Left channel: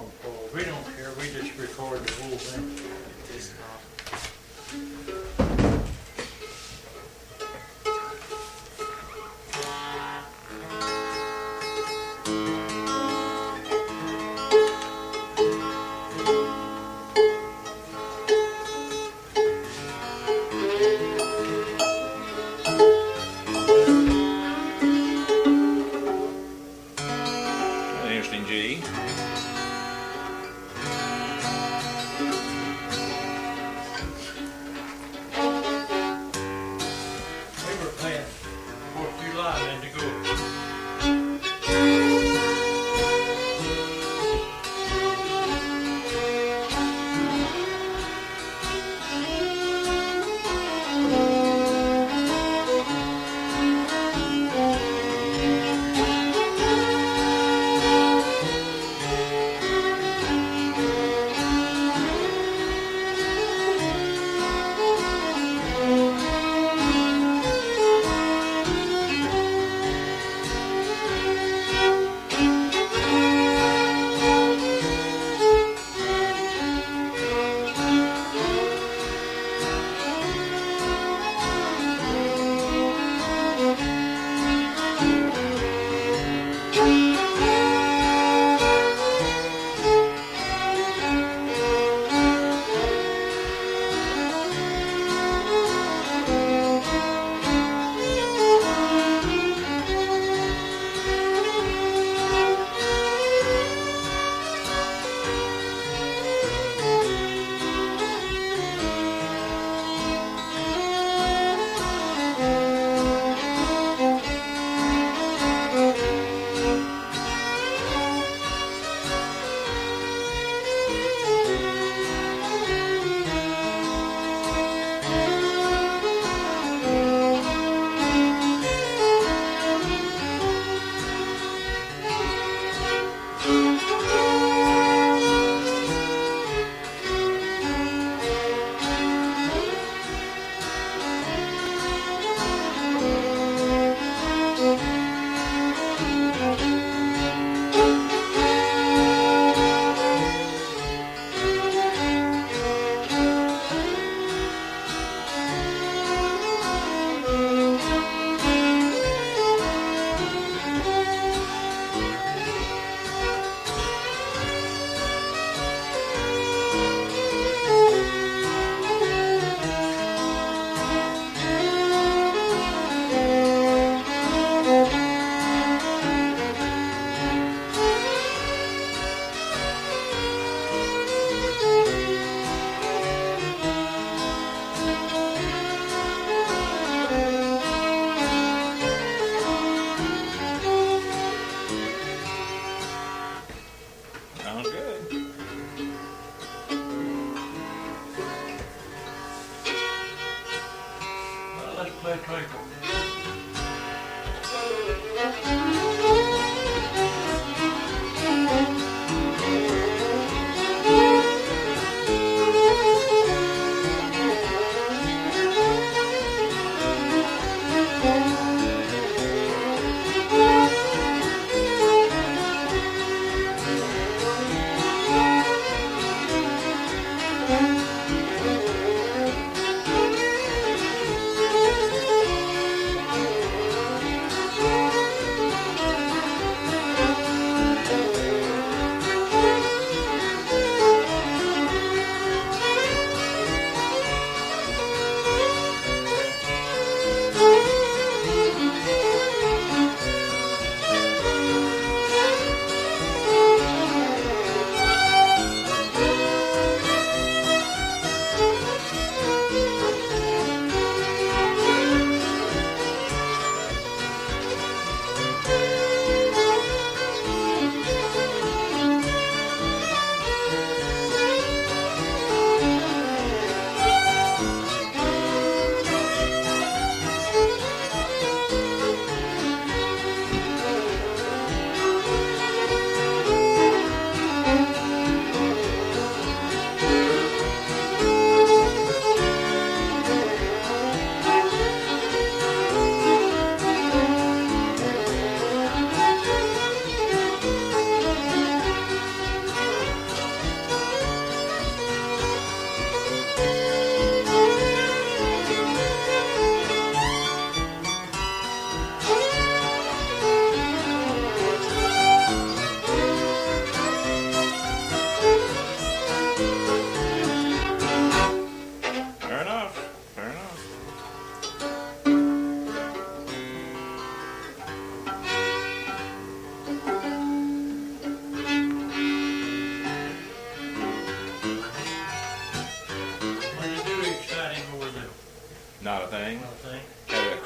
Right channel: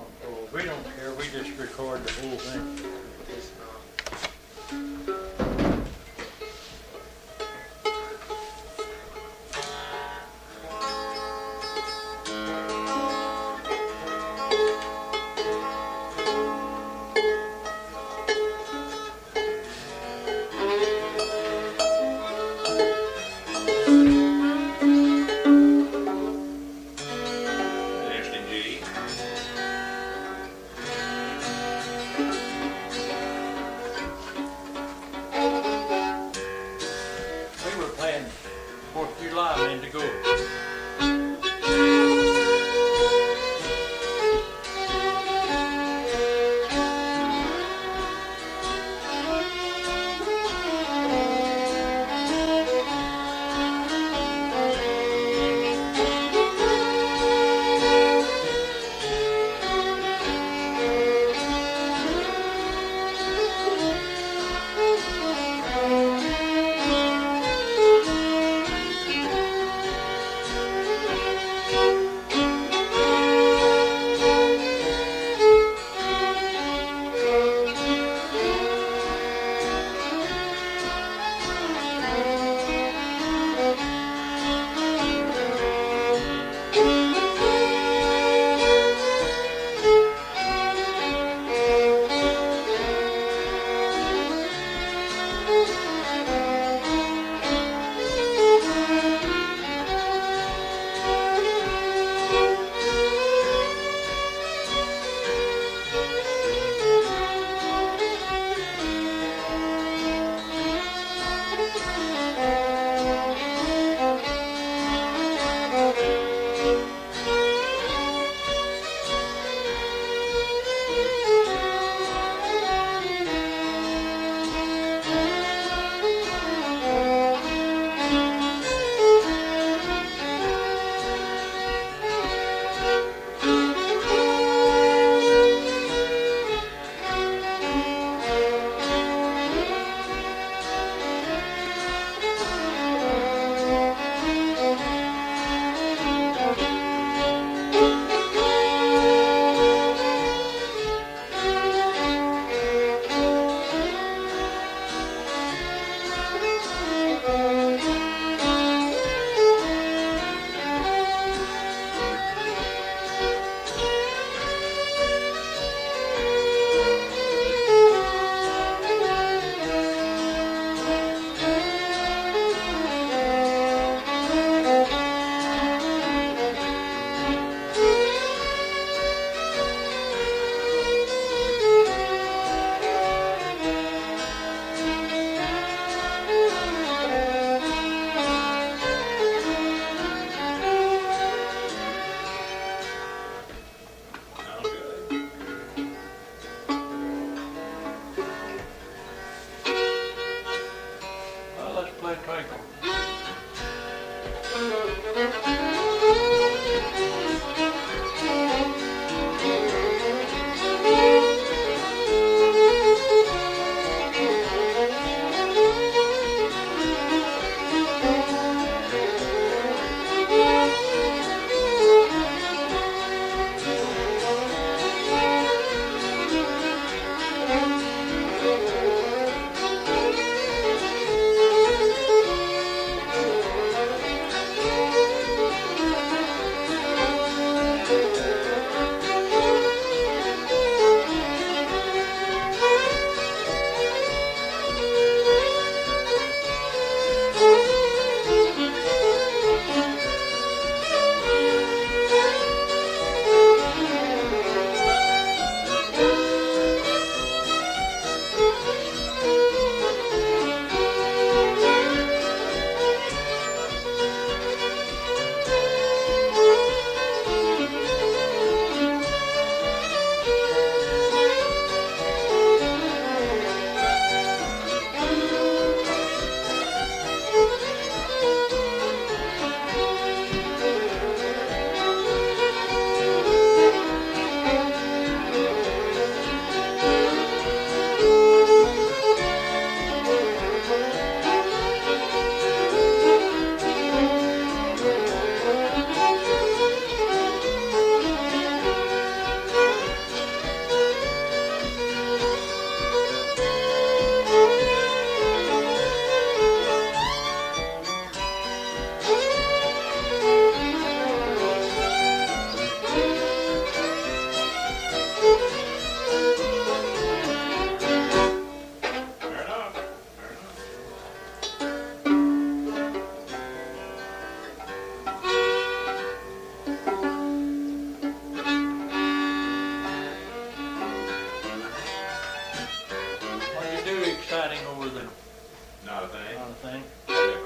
encore. We don't care, we just record the whole thing. It's not.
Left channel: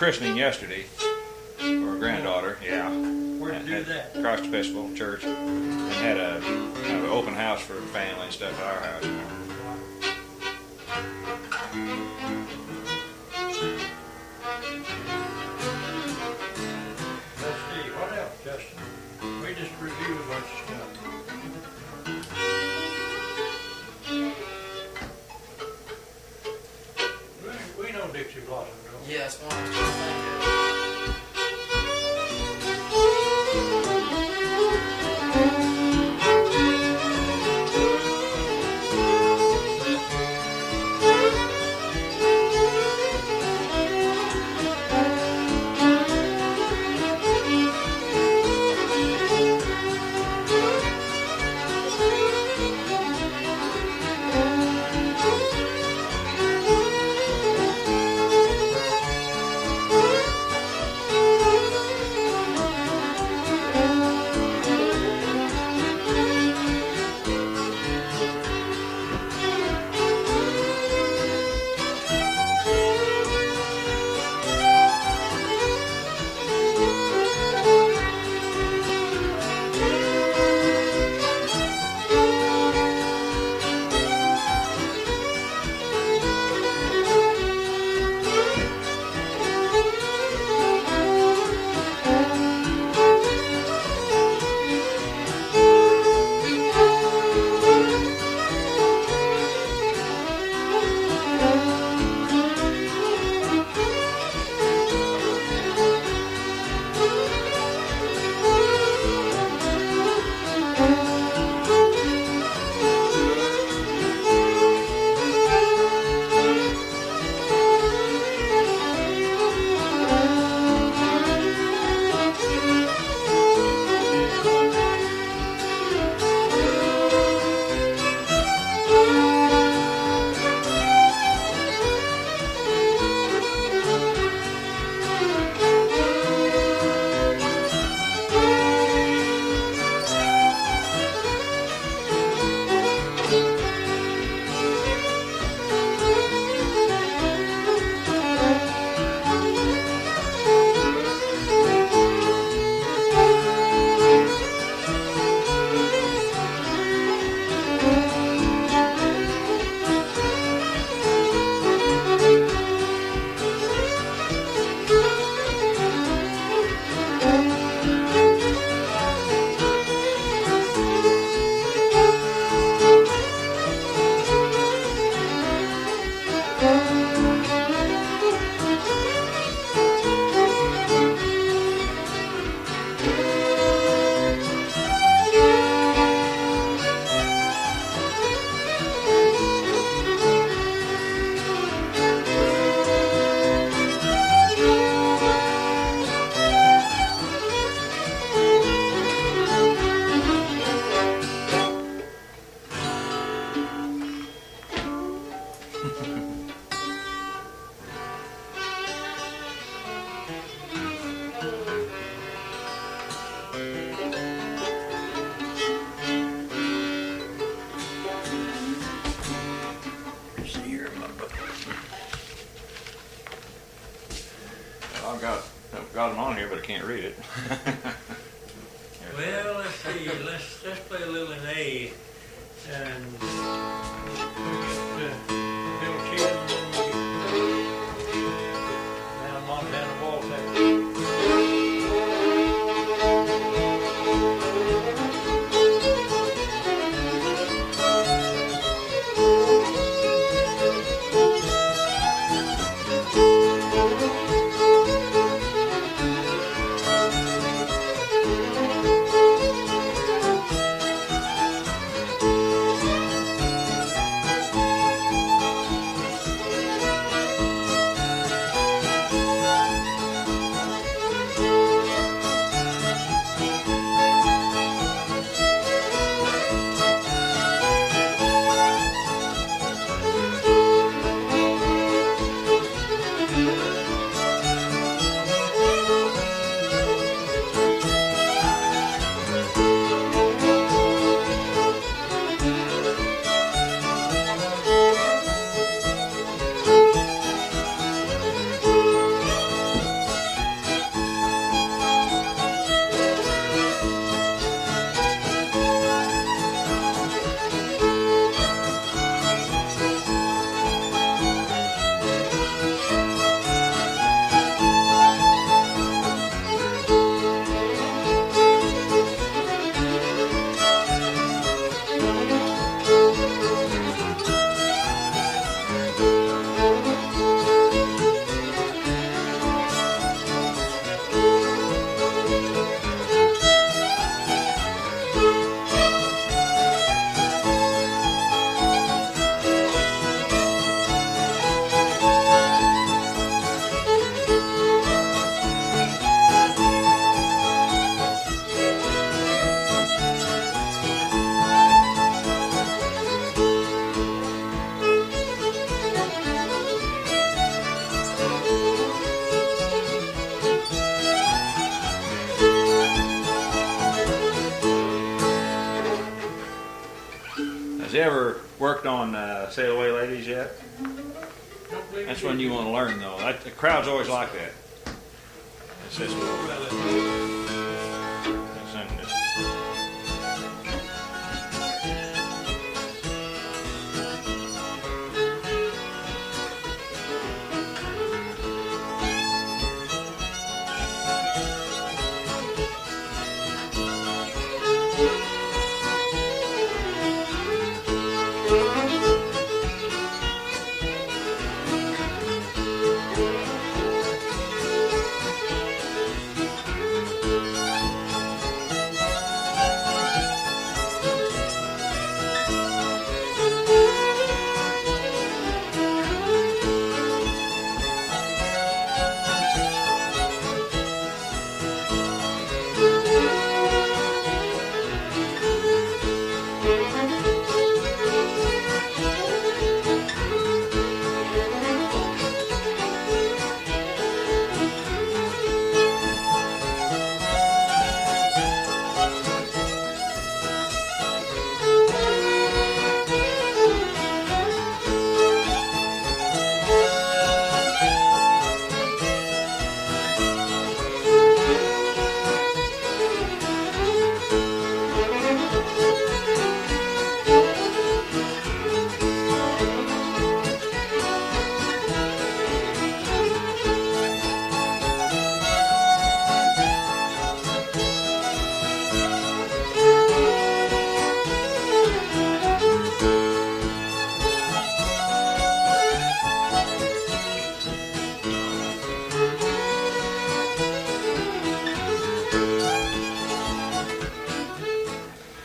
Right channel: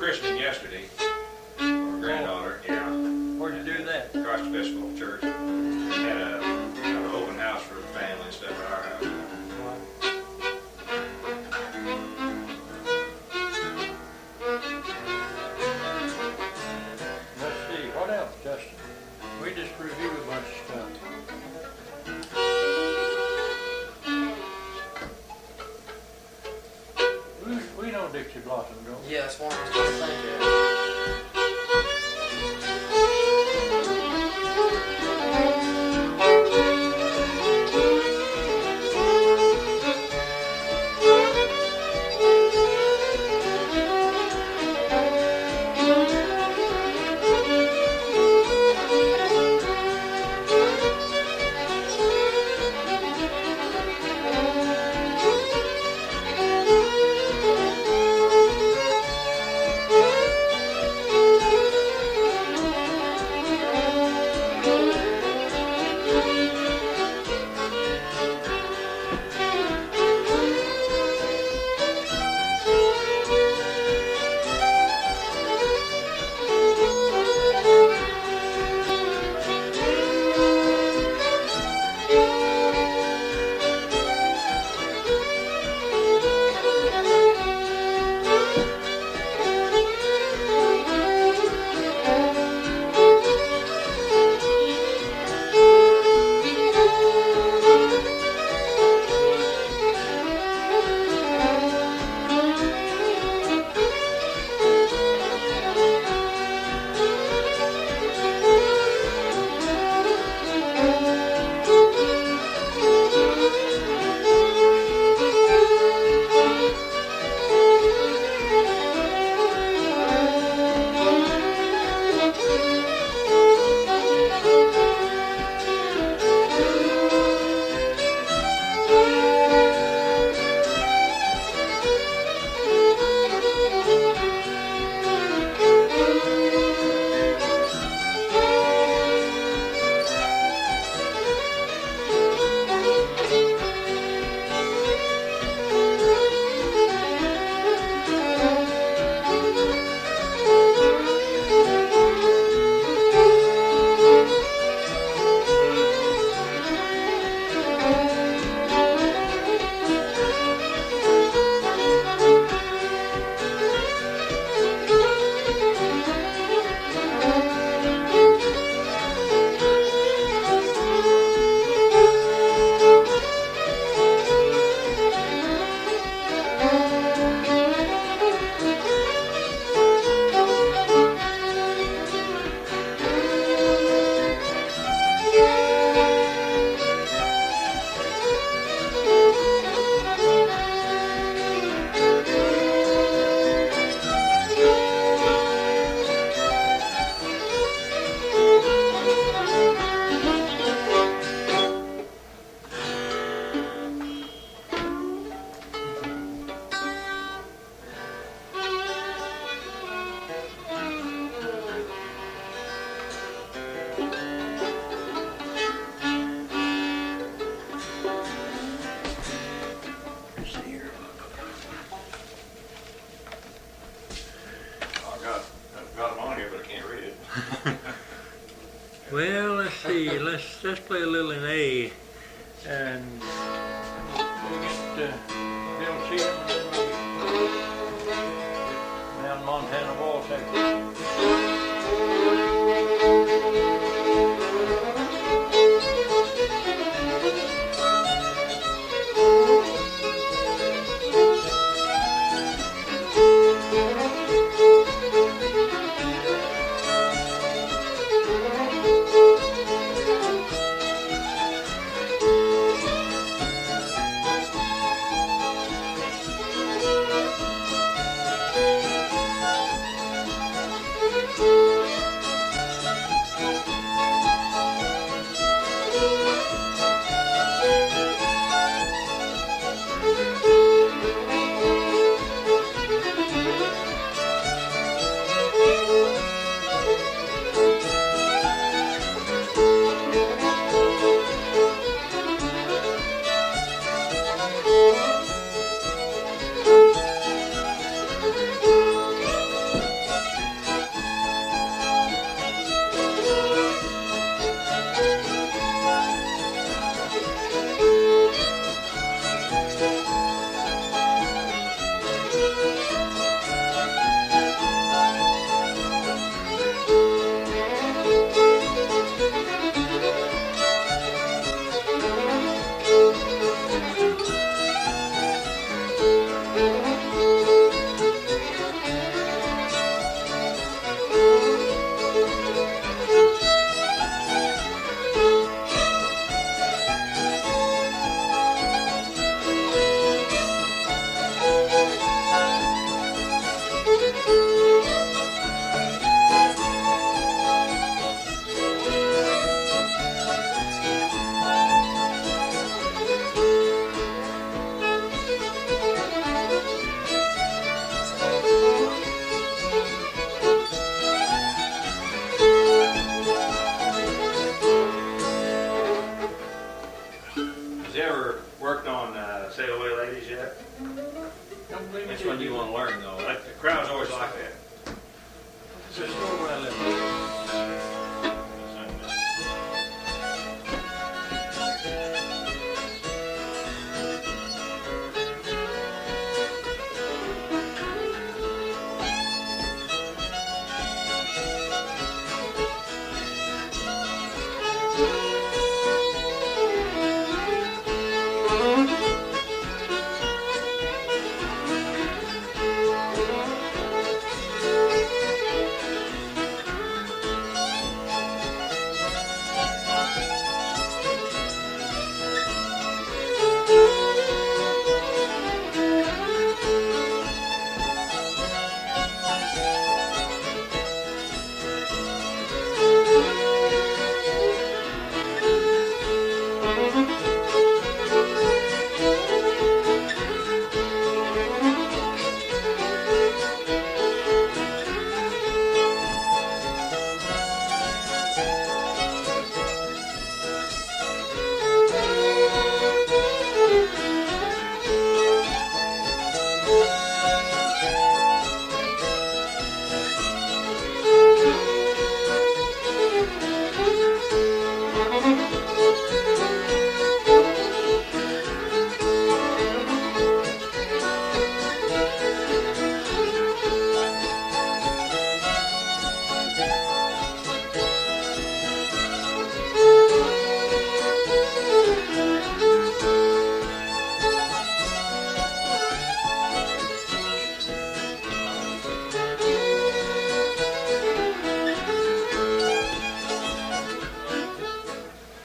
christening yesterday for a granddaughter. Yeah. Where'd you do that? Across the Festival Church. And had a kind of an open house for the family and stuff at our house. Let's see, what else, Justin? We just reviewed a bunch of stuff. We know Dixie Blossoms, don't we? Yeah, that's one I was trying to think of. got them on here, but I can't read it. Well, let's see. Let's play a little in A, and we'll get Bill Cheatham, and then we'll get down Montana Waltz. Has he ever worked on Sail Away Ladies yet? Don't believe That's me. when you want to learn though. The crowd's always like that. It's just,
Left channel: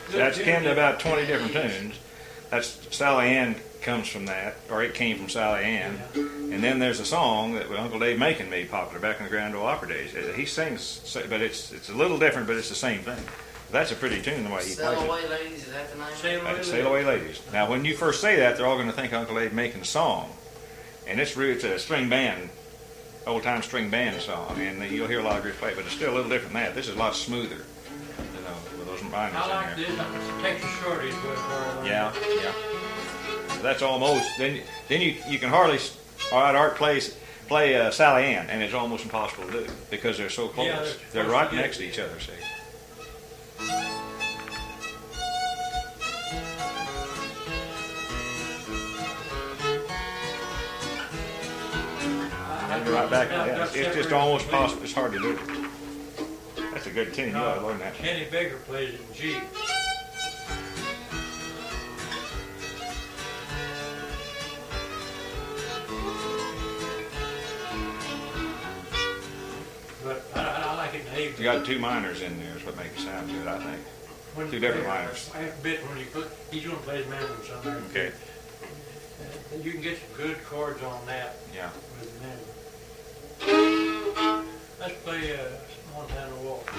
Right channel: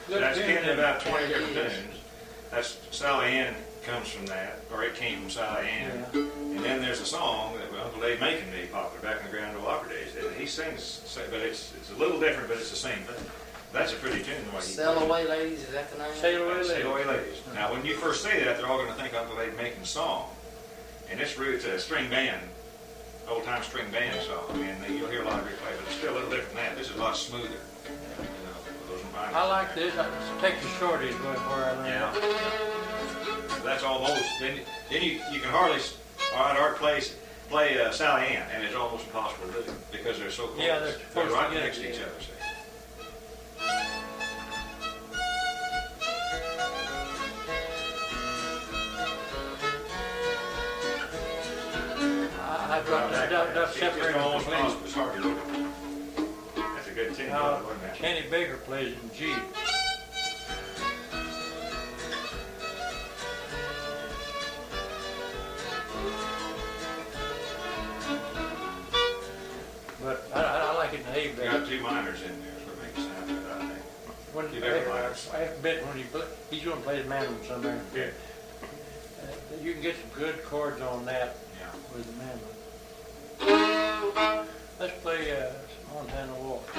Well, that's canned about 20 different tunes. That's Sally Ann comes from that, or it came from Sally Ann. Yeah. And then there's a song that Uncle Dave Macon made popular back in the Grand Ole Opry days. He sings, but it's a little different, but it's the same thing. That's a pretty tune the way he plays Sail it. Away Ladies, is that the name? Sail Away Sail Away Ladies. Now, when you first say that, they're all going to think Uncle Dave Macon's song, and it's a string band, old-time string band song, and you'll hear a lot of groups play, but it's still a little different than that. This is a lot smoother, you know, with those minors I in like there. this. Texas Shorty is going for it. Yeah, yeah. So that's almost. Then you can hardly. All right, Art play Sally Ann, and it's almost impossible to do because they're so close. Yeah, they're close right together, next to each yeah. other. See. Right back. Yeah. It's just almost possible. It's hard to do. That's a good tune. You ought to learn that. Kenny Baker plays it in G. But I like it in A. You got two minors in there. Is what makes it sound good, I think. When- Two different minors. I bet when you put, he's gonna play the mandolin sometime. Okay. You can get some good chords on that Yeah. with the mandolin. Let's play Montana Waltz.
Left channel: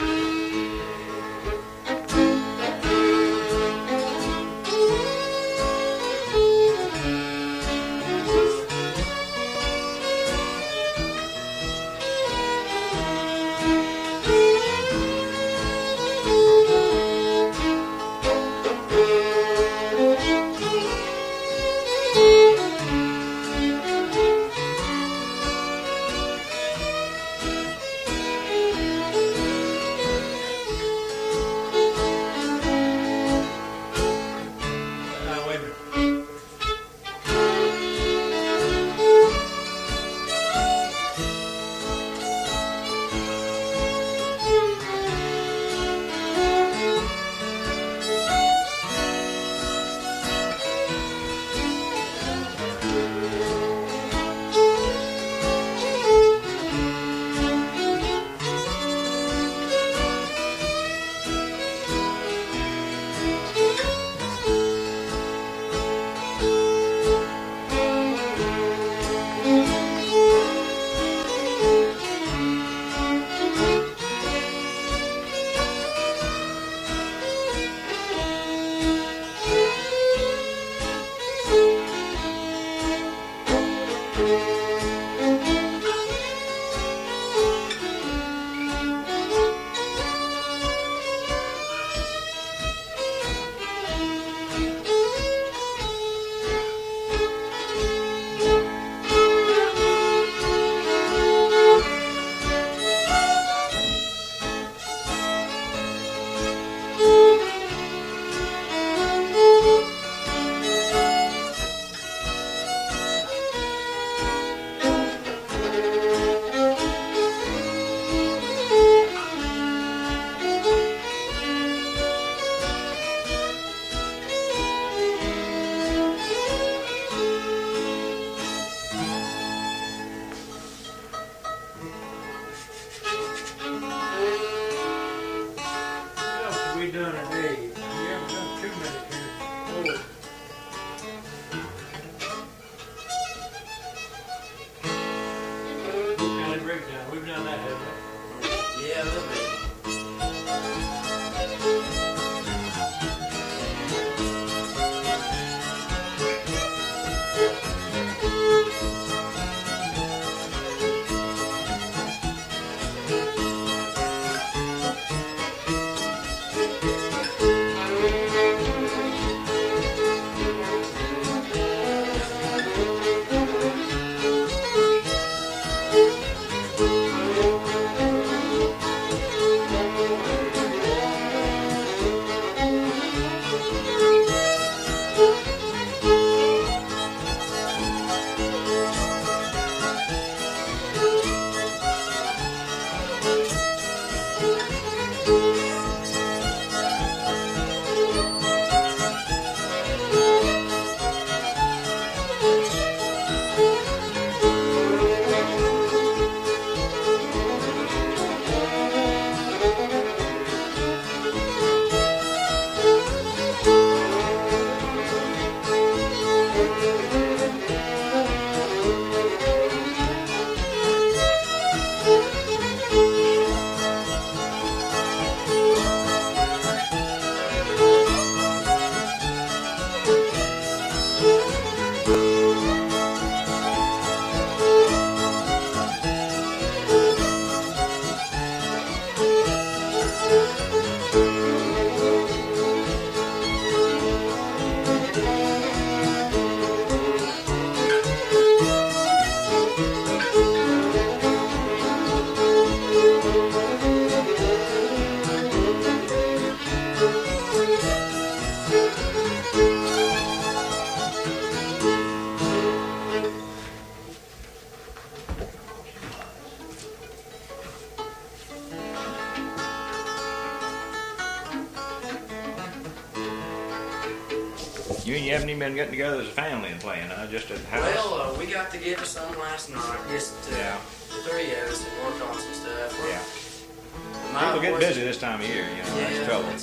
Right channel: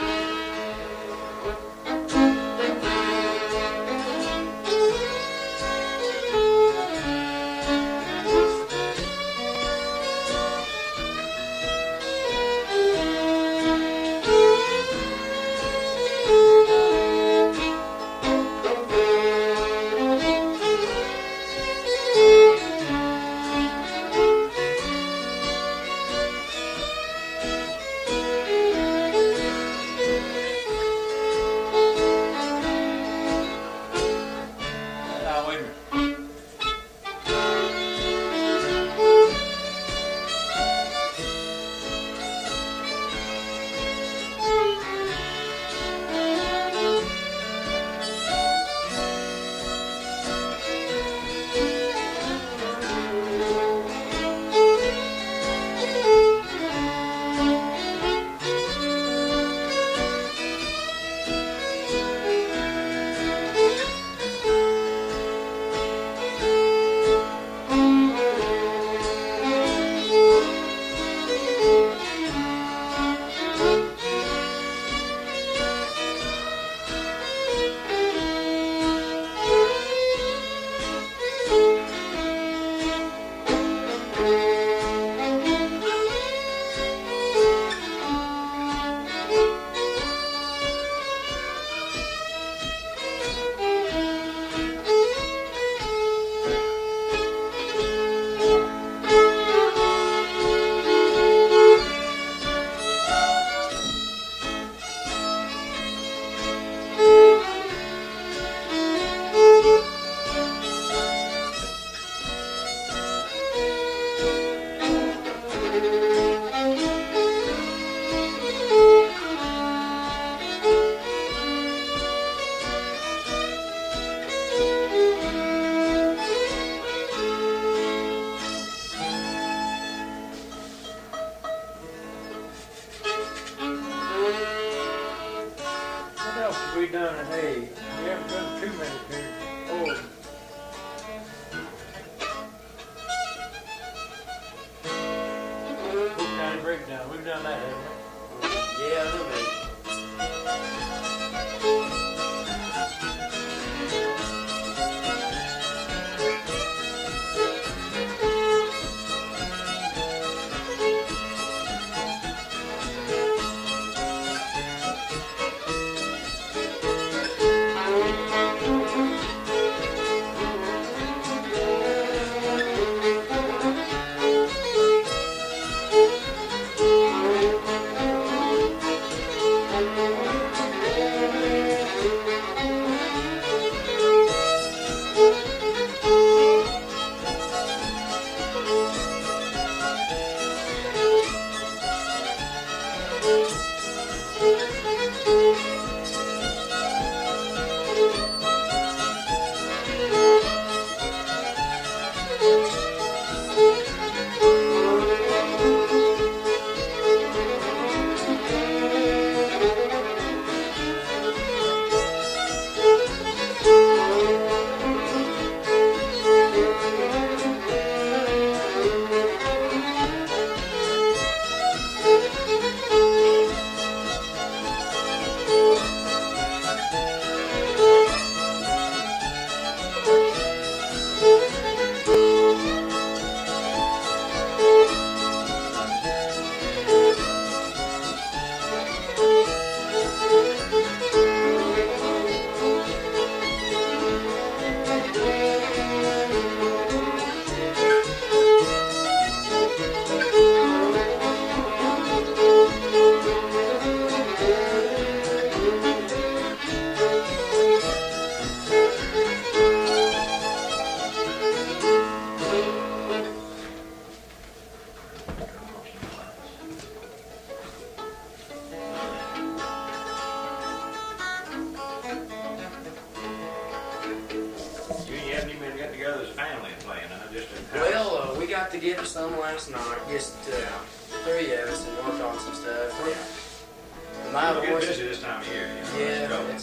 You haven't even been getting together as a family and playing, huh? Just at the house? Well, we got together some last night, just Yeah. the three of us, and worked on some stuff. Yeah. My People get voice- busy this time of year, you know. That's Yeah, trouble.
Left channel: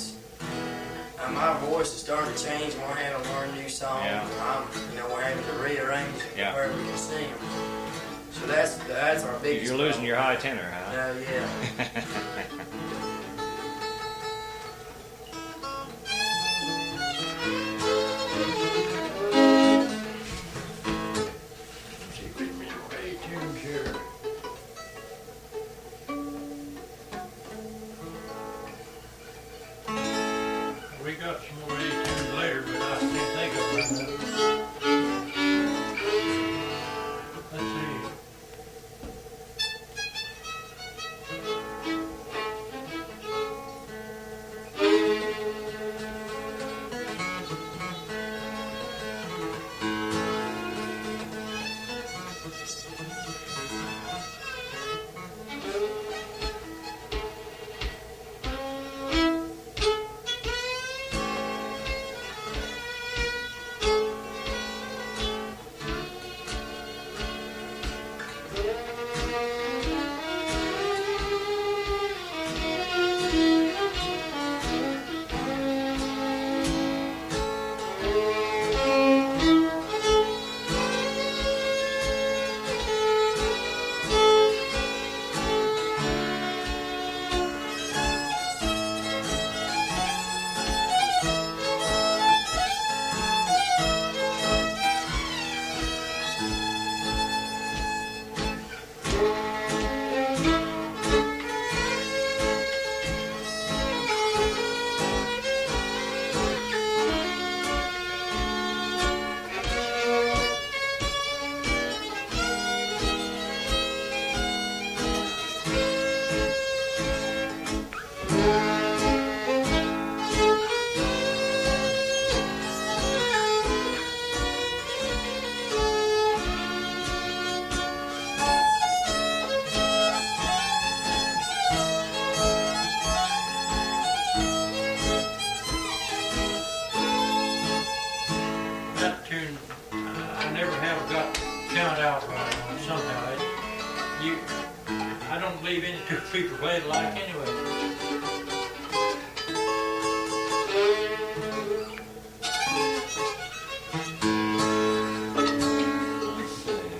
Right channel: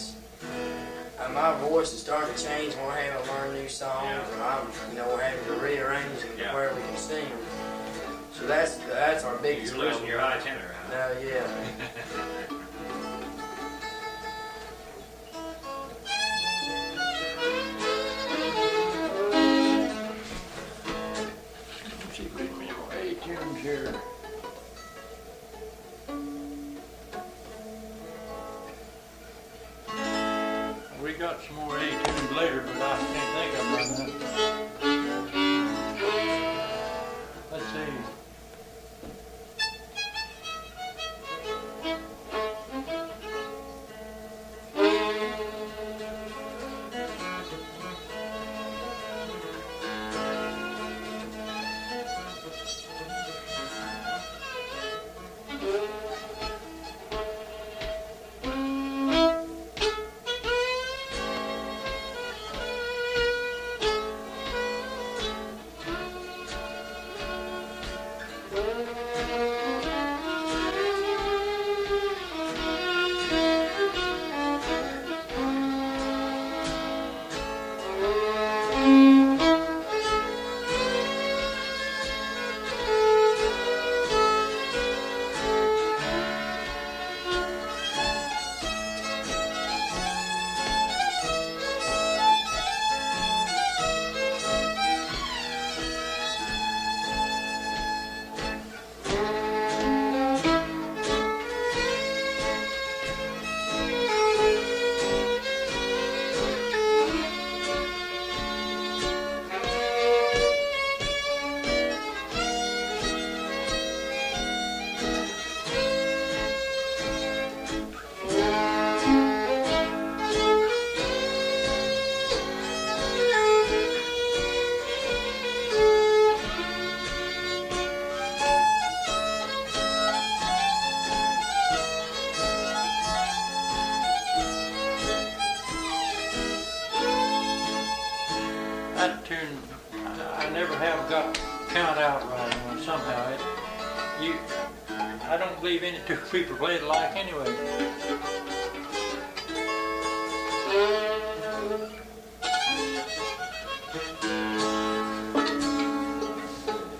my voice is starting to change when we're having to learn new songs, Yeah. and we're having to rearrange them Yeah. where we can sing them. So that's our biggest. You're losing problem. your high tenor, huh? Yeah. Let's see, wait a minute, A tunes here. We got some more A tunes later, but I can't think of them right now. Let's see. That tune, I never have got count out right on it somehow. I don't believe any two people play it alike anyway.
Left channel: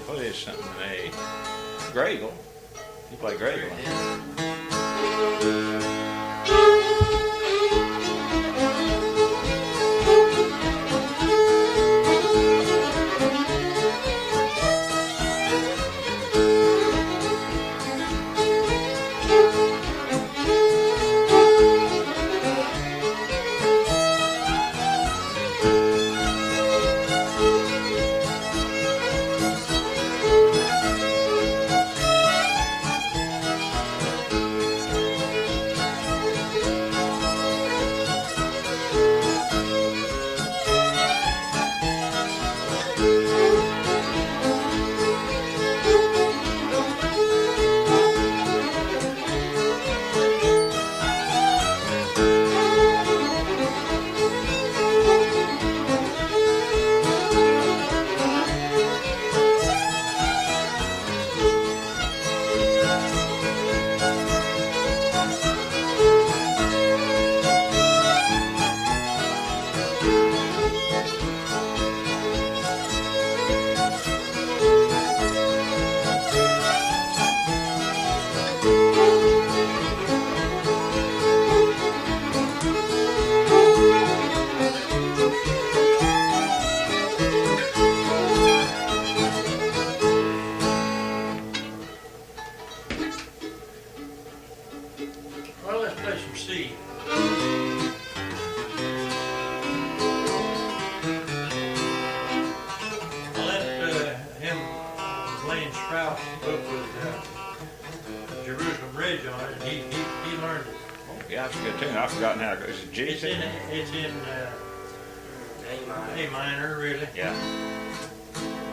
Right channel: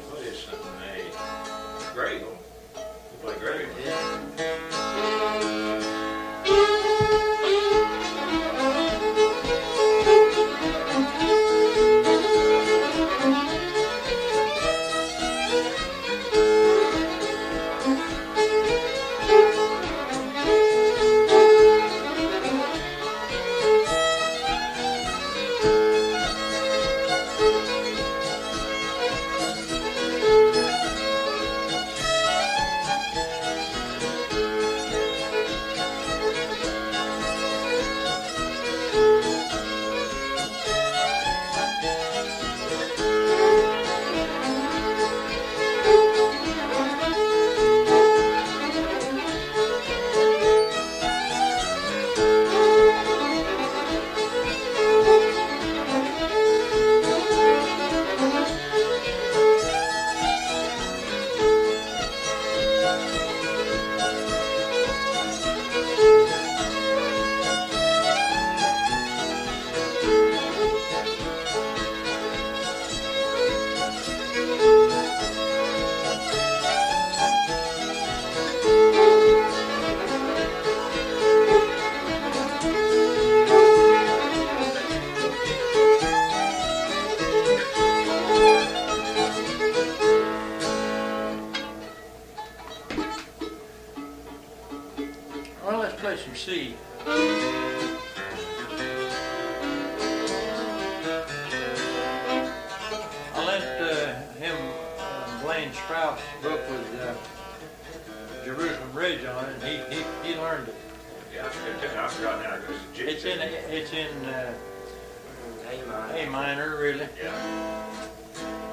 What is something in A? Gradle. You play Gradle. Yeah. Well, let's play some C. I lent him Blaine Sprout's book with Jerusalem Ridge on it, and he learned it. Yeah, that's a good tune. I've forgotten how to go. Is it G? It's in A minor. A minor, really. Yeah.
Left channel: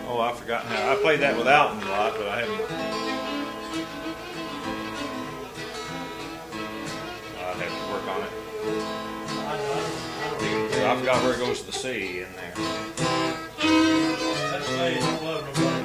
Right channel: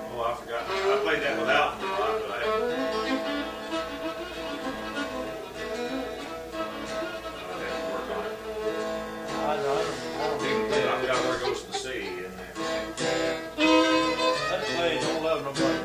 Oh, I've forgotten how. I played that with Alton a lot, but I haven't. I'd have to work on it. I don't even I forgot where it goes to the sea in there. That play Don't Love Nobody.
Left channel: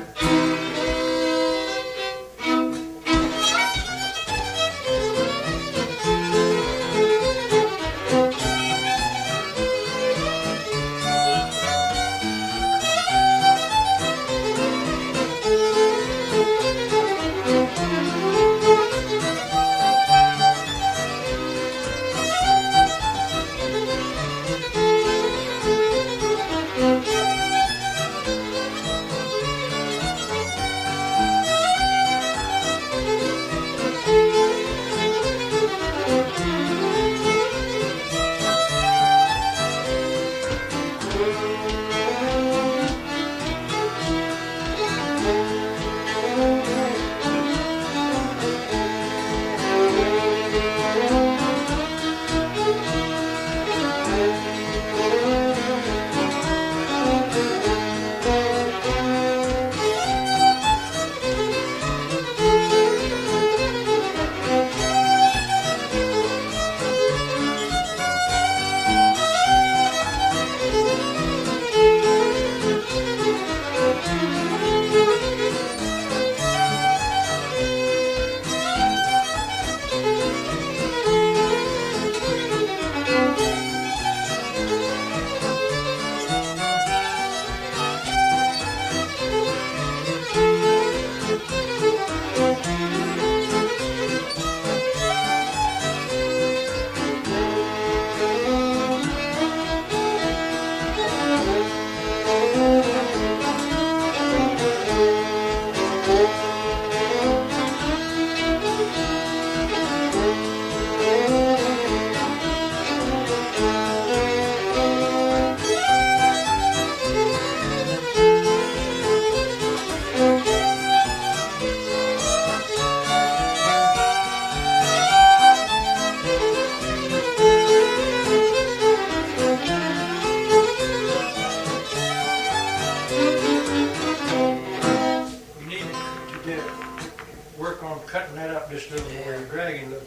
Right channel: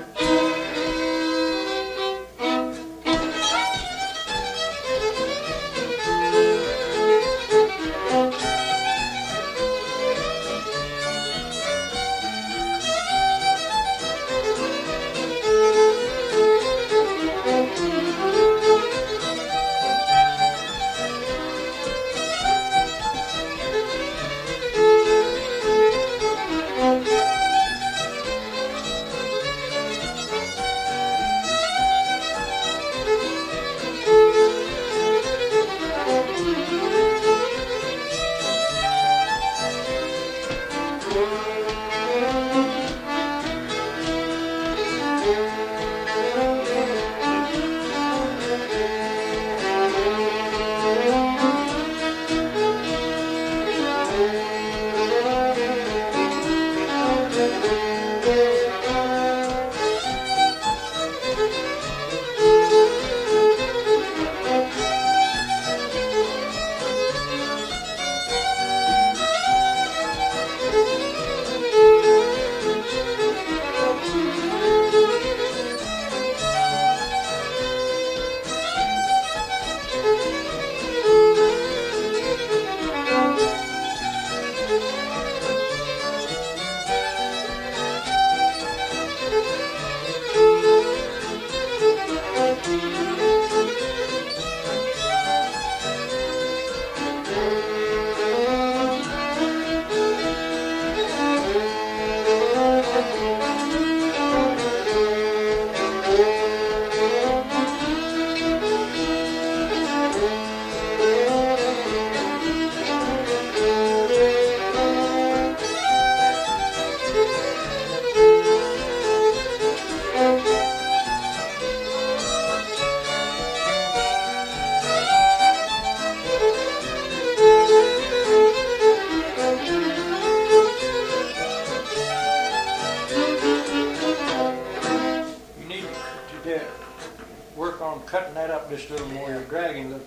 Cutting that up just a little more, you're dragging the.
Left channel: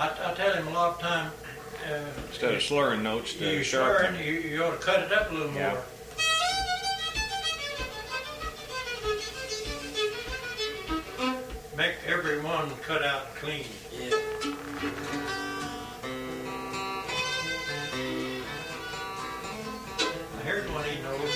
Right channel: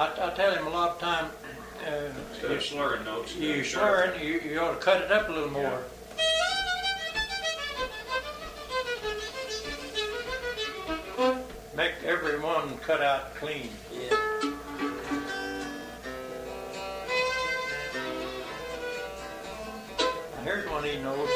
I tell him a lot of time. Instead of slurring notes, you're slurring, you ought to cut it up a little more. Yeah. Make every one cut out clean. Yeah. Now here's one he knows.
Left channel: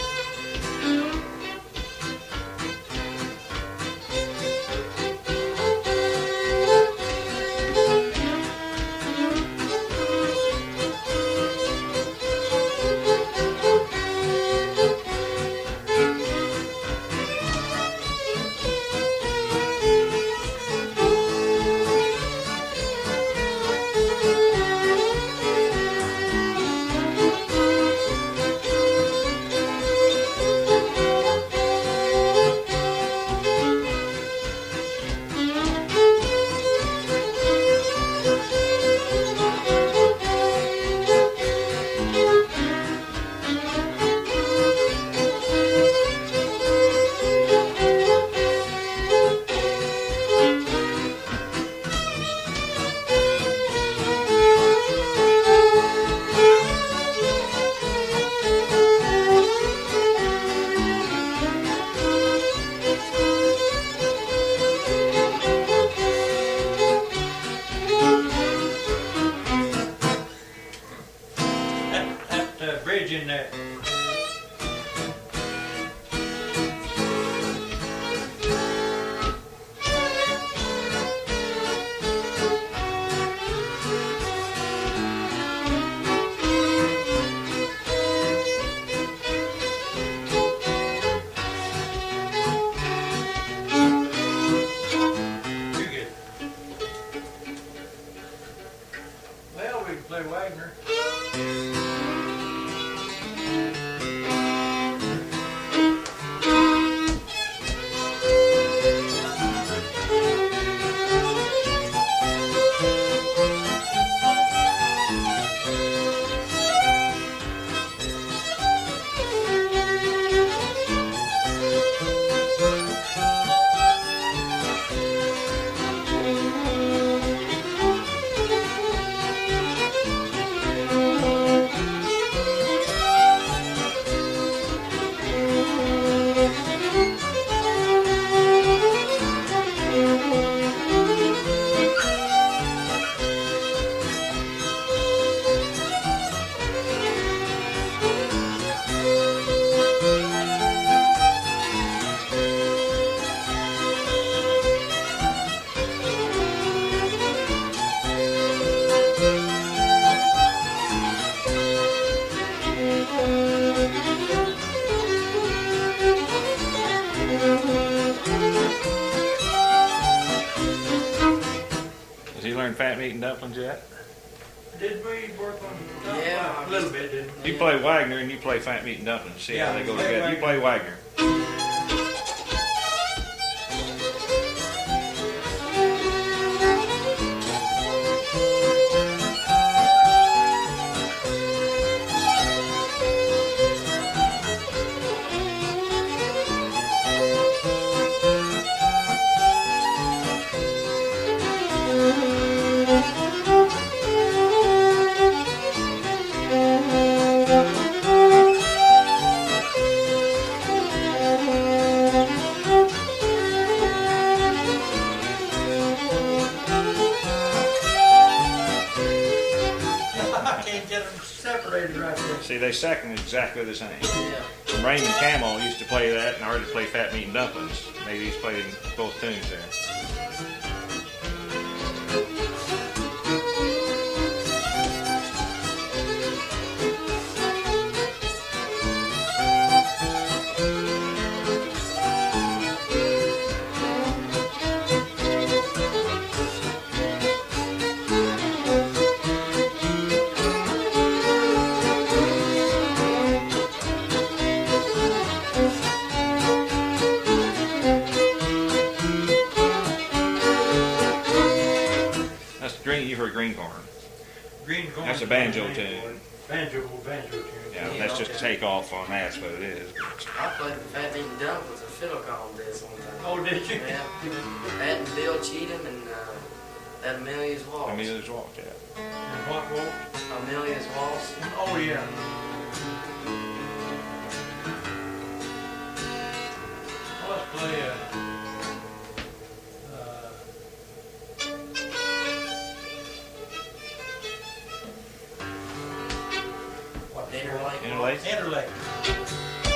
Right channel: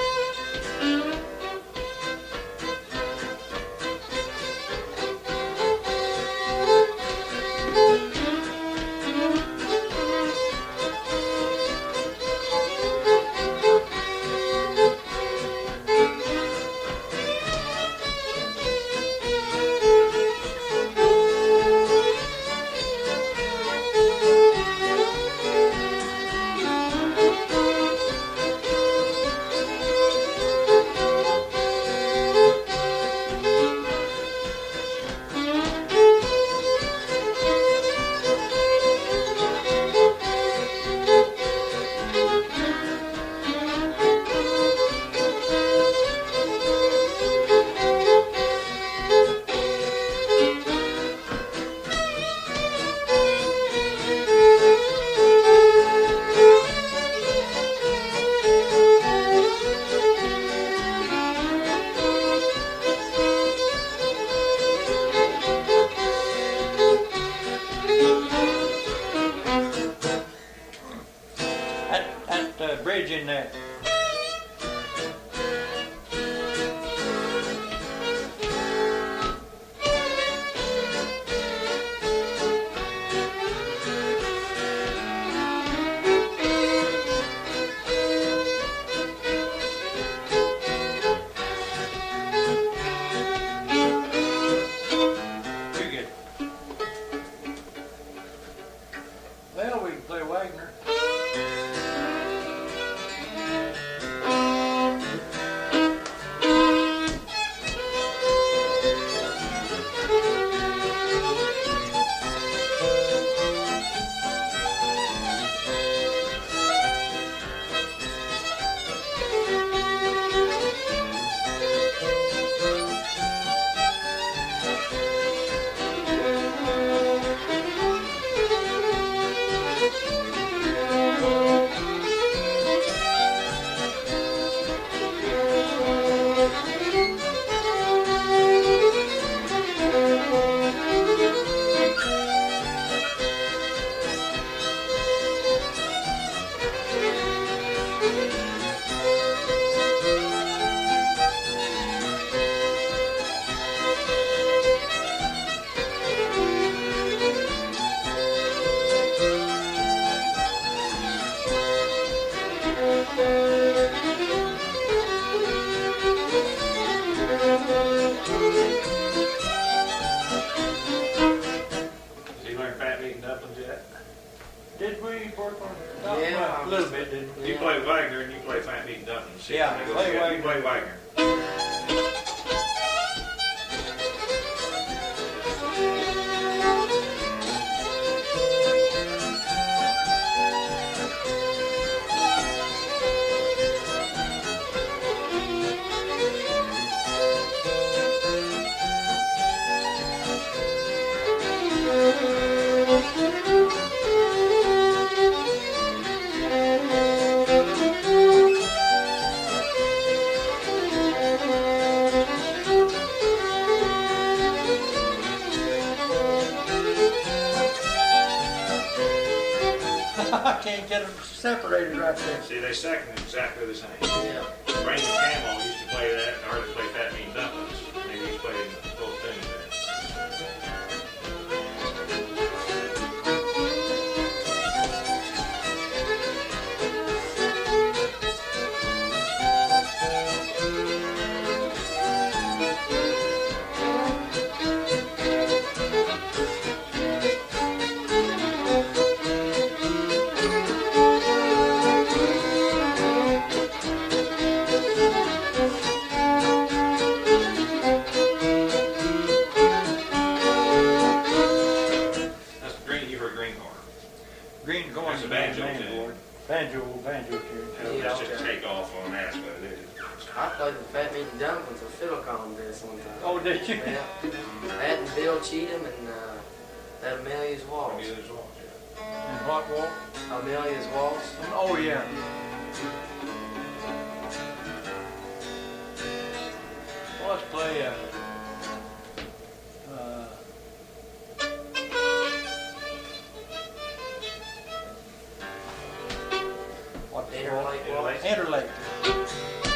in there. You get it. Well, we can play Wagoner. Has he learned fat meat and dumplings yet? Did we work on? Yeah, A little bit, didn't we? You play Wagner and you play fat meat and dumplings. See how Yeah, they go play together. You play Wagner. Wagner. I can't get them separated right there. See, they second exactly the same. Yeah. Raymond Camel used to play that, and I heard it play fat meat and dumplings. Maybe he's played in both tunes there. That's the green. You heard green corn. Green corn. That's a banjo tune. Banjo tune. Yeah, Yeah, that's just a okay. takeoff on that's what it is. I played the Fat Meat and Dumplings with a fiddle contest one time. Oh, did you? Yeah. That and Bill Cheatham and that Amelia's Waltz. Amelia's Waltz, yeah. And what walk? Amelia's Waltz. Oh, yeah. Well, let's play, what the Interlake Interlake? Waltz. Interlake.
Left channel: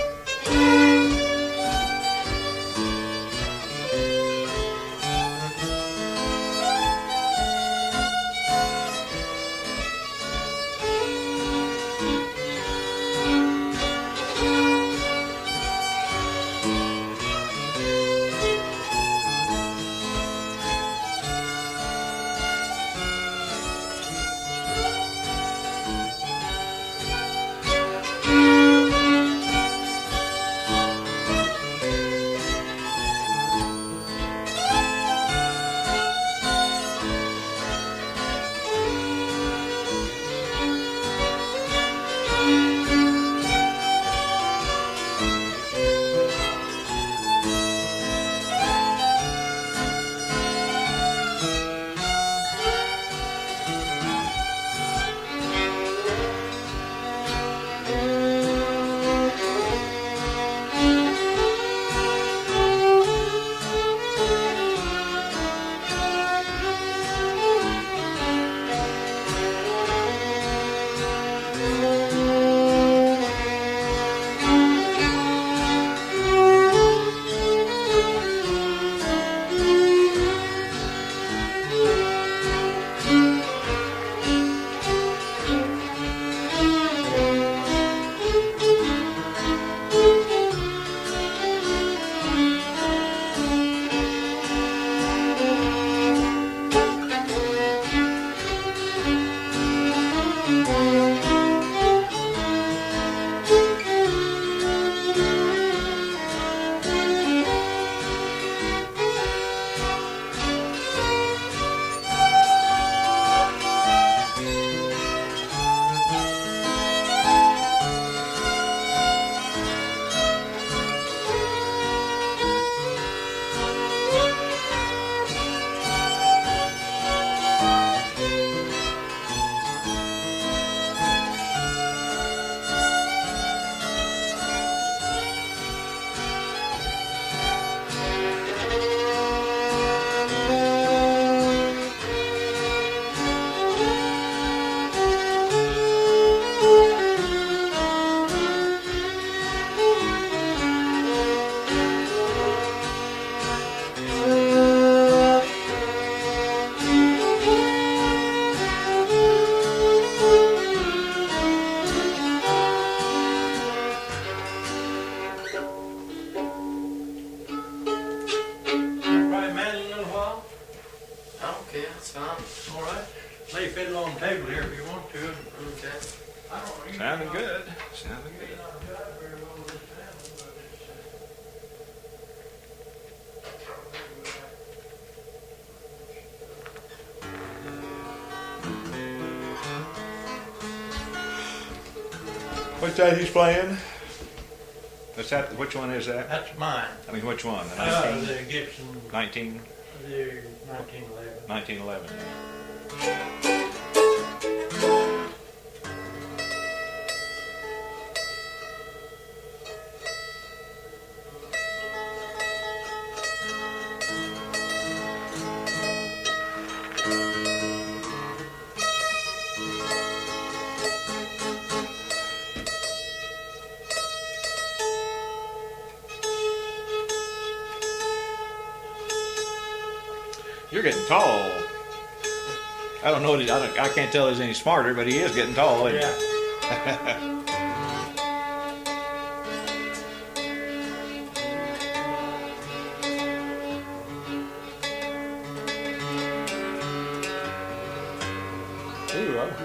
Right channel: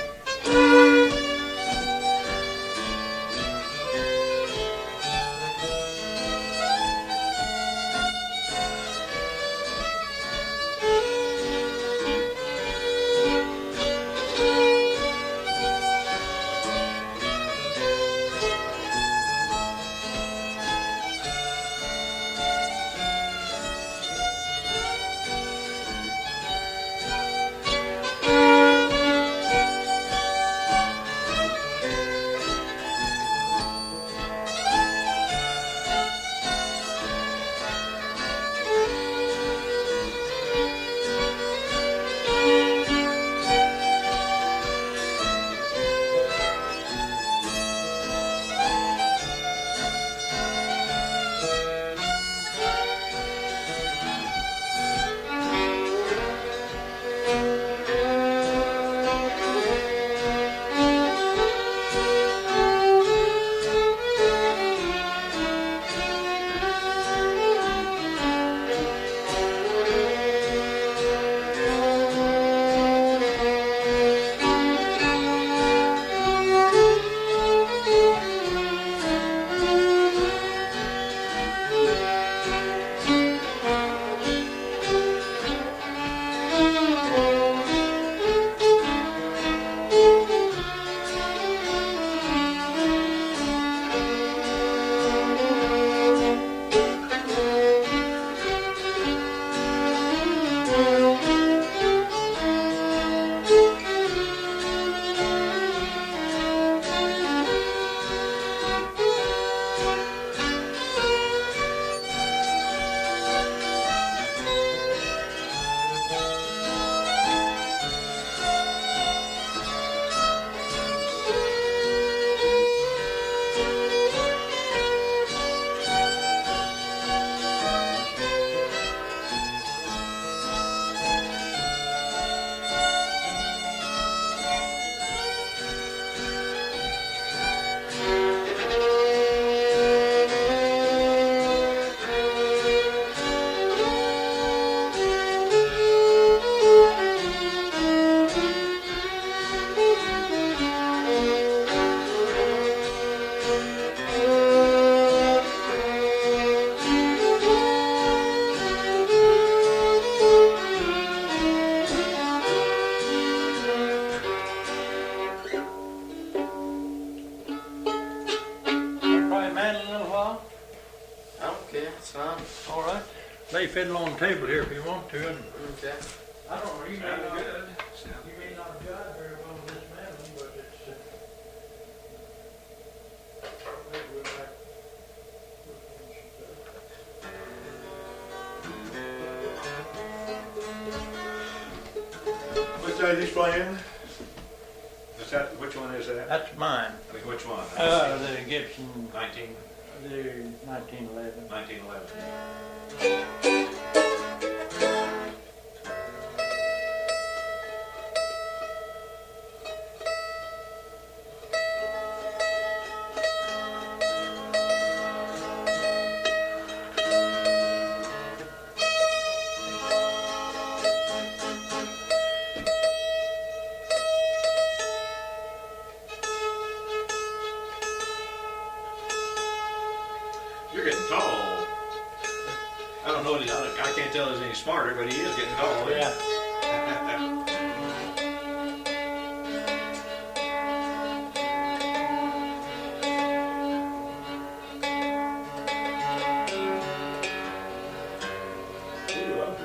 All right. Lay fiddle on the table here if you want to. And Okay. I don't know. You Sounding may not- good. Sounding You may good. not jive very well with this mandolin, but it's. We'll like- What's that he's playing? What's that? Which one is that? That's mine. I mean, which one? The Gibson, 19, the 1911. 1911. You're getting tall. I don't know. I can't tell he's any smarter, but he is getting tall. Yeah. There you are.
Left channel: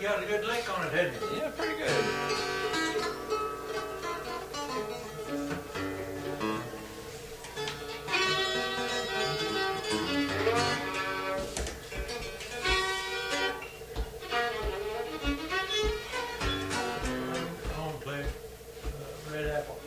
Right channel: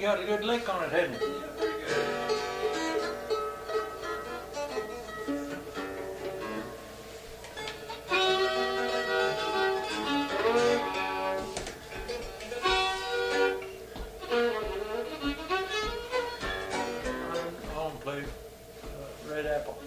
Got a good lick on it, hadn't you? Yeah, pretty good. Home plate, red apple.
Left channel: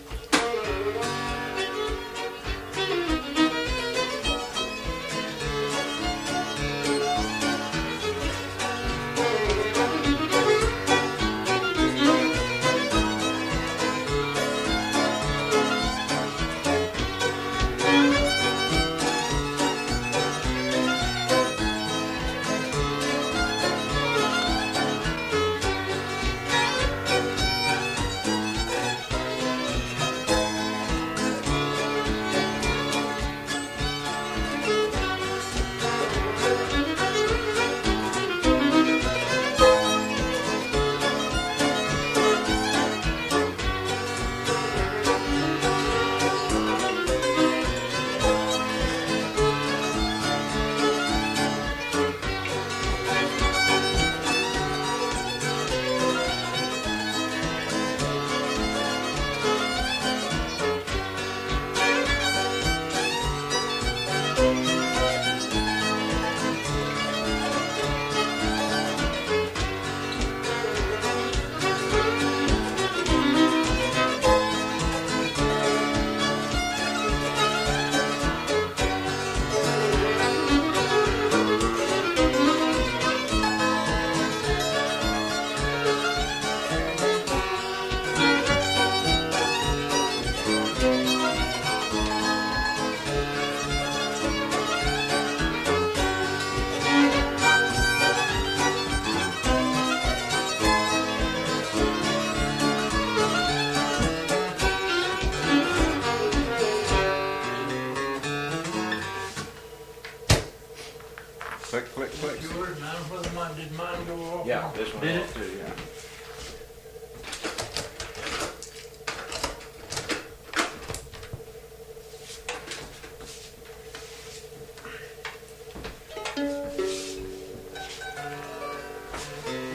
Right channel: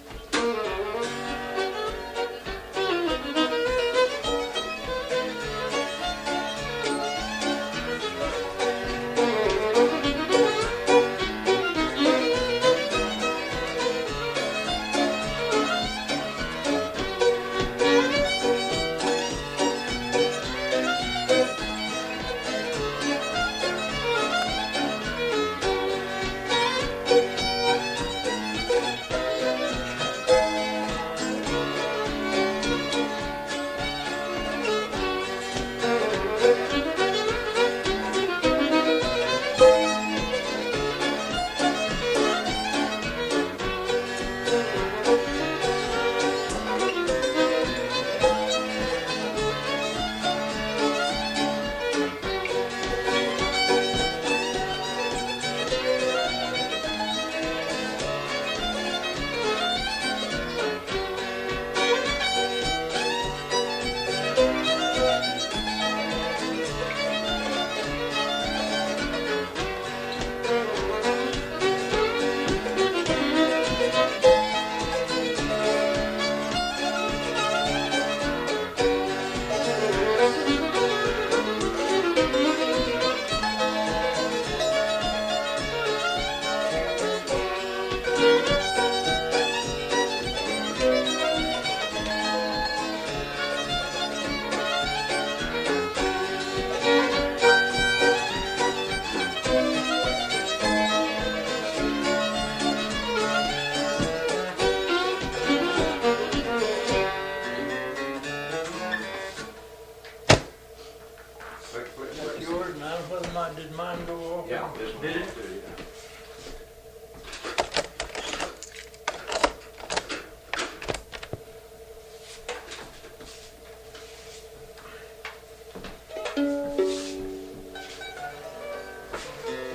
whether did mine go off? Yeah, this one Did it? off too, yeah.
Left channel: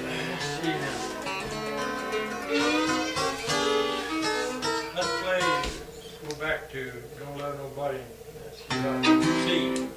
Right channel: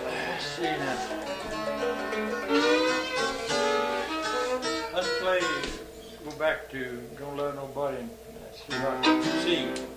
Let's see now. Let's play, go back to Don't Love Nobody. Let's see what I can see.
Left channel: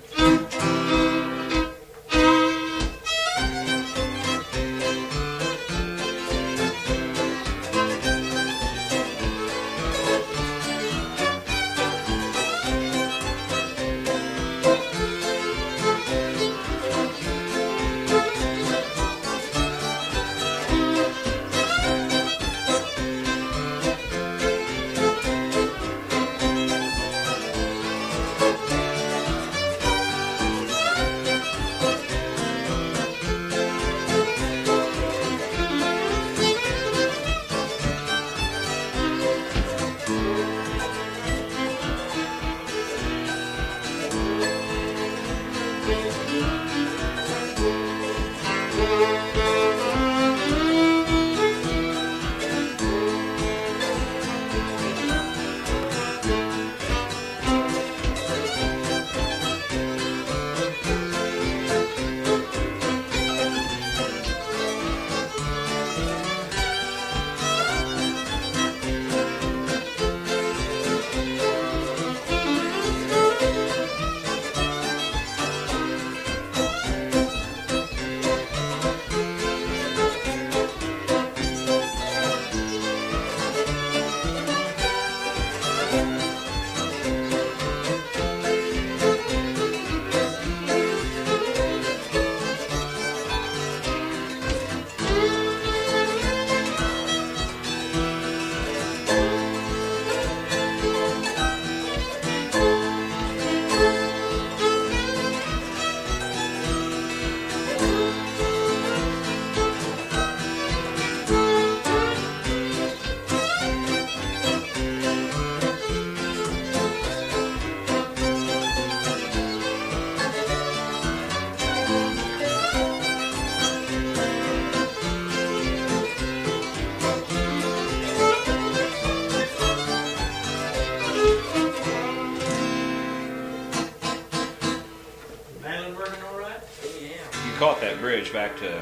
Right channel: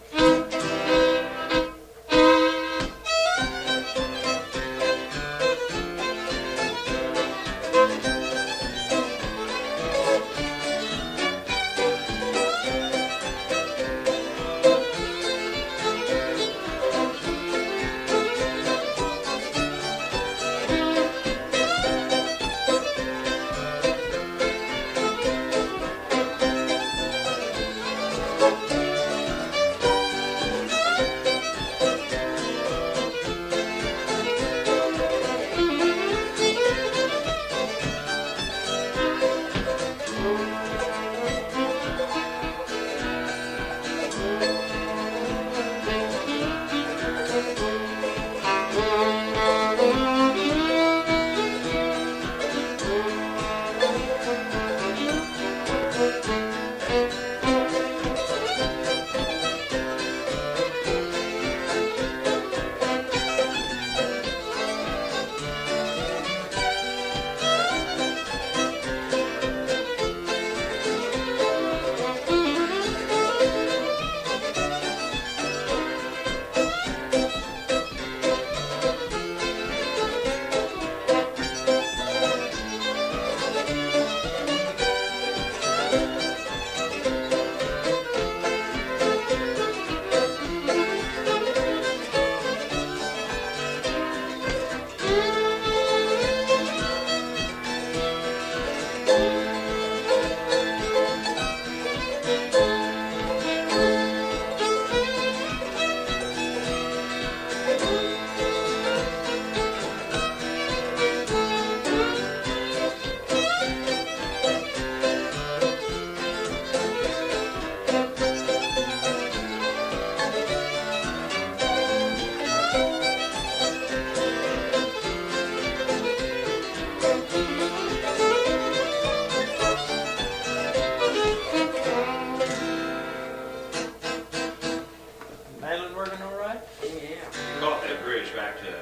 Caught that bridge back to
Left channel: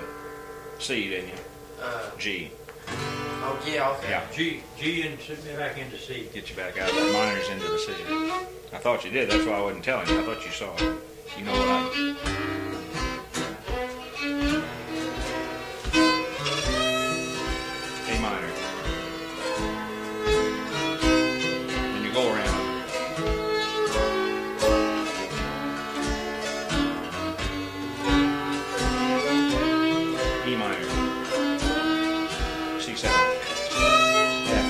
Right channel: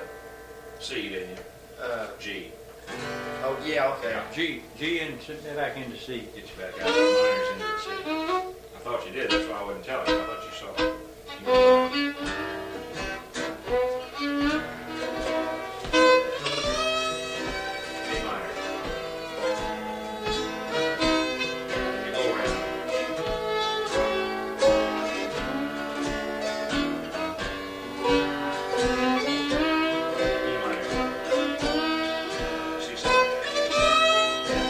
C, didn't you? G. Oh, yeah, okay. Yeah. G and sit me back into C. Get you back out of the minors into the C. I thought you did. That's why I wasn't telling you. I thought you saw it. You know what? A minor. And you go around. E minor. C7. Yeah.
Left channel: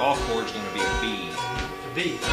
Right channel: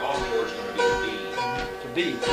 off chord's going to be a B. It's a B. B.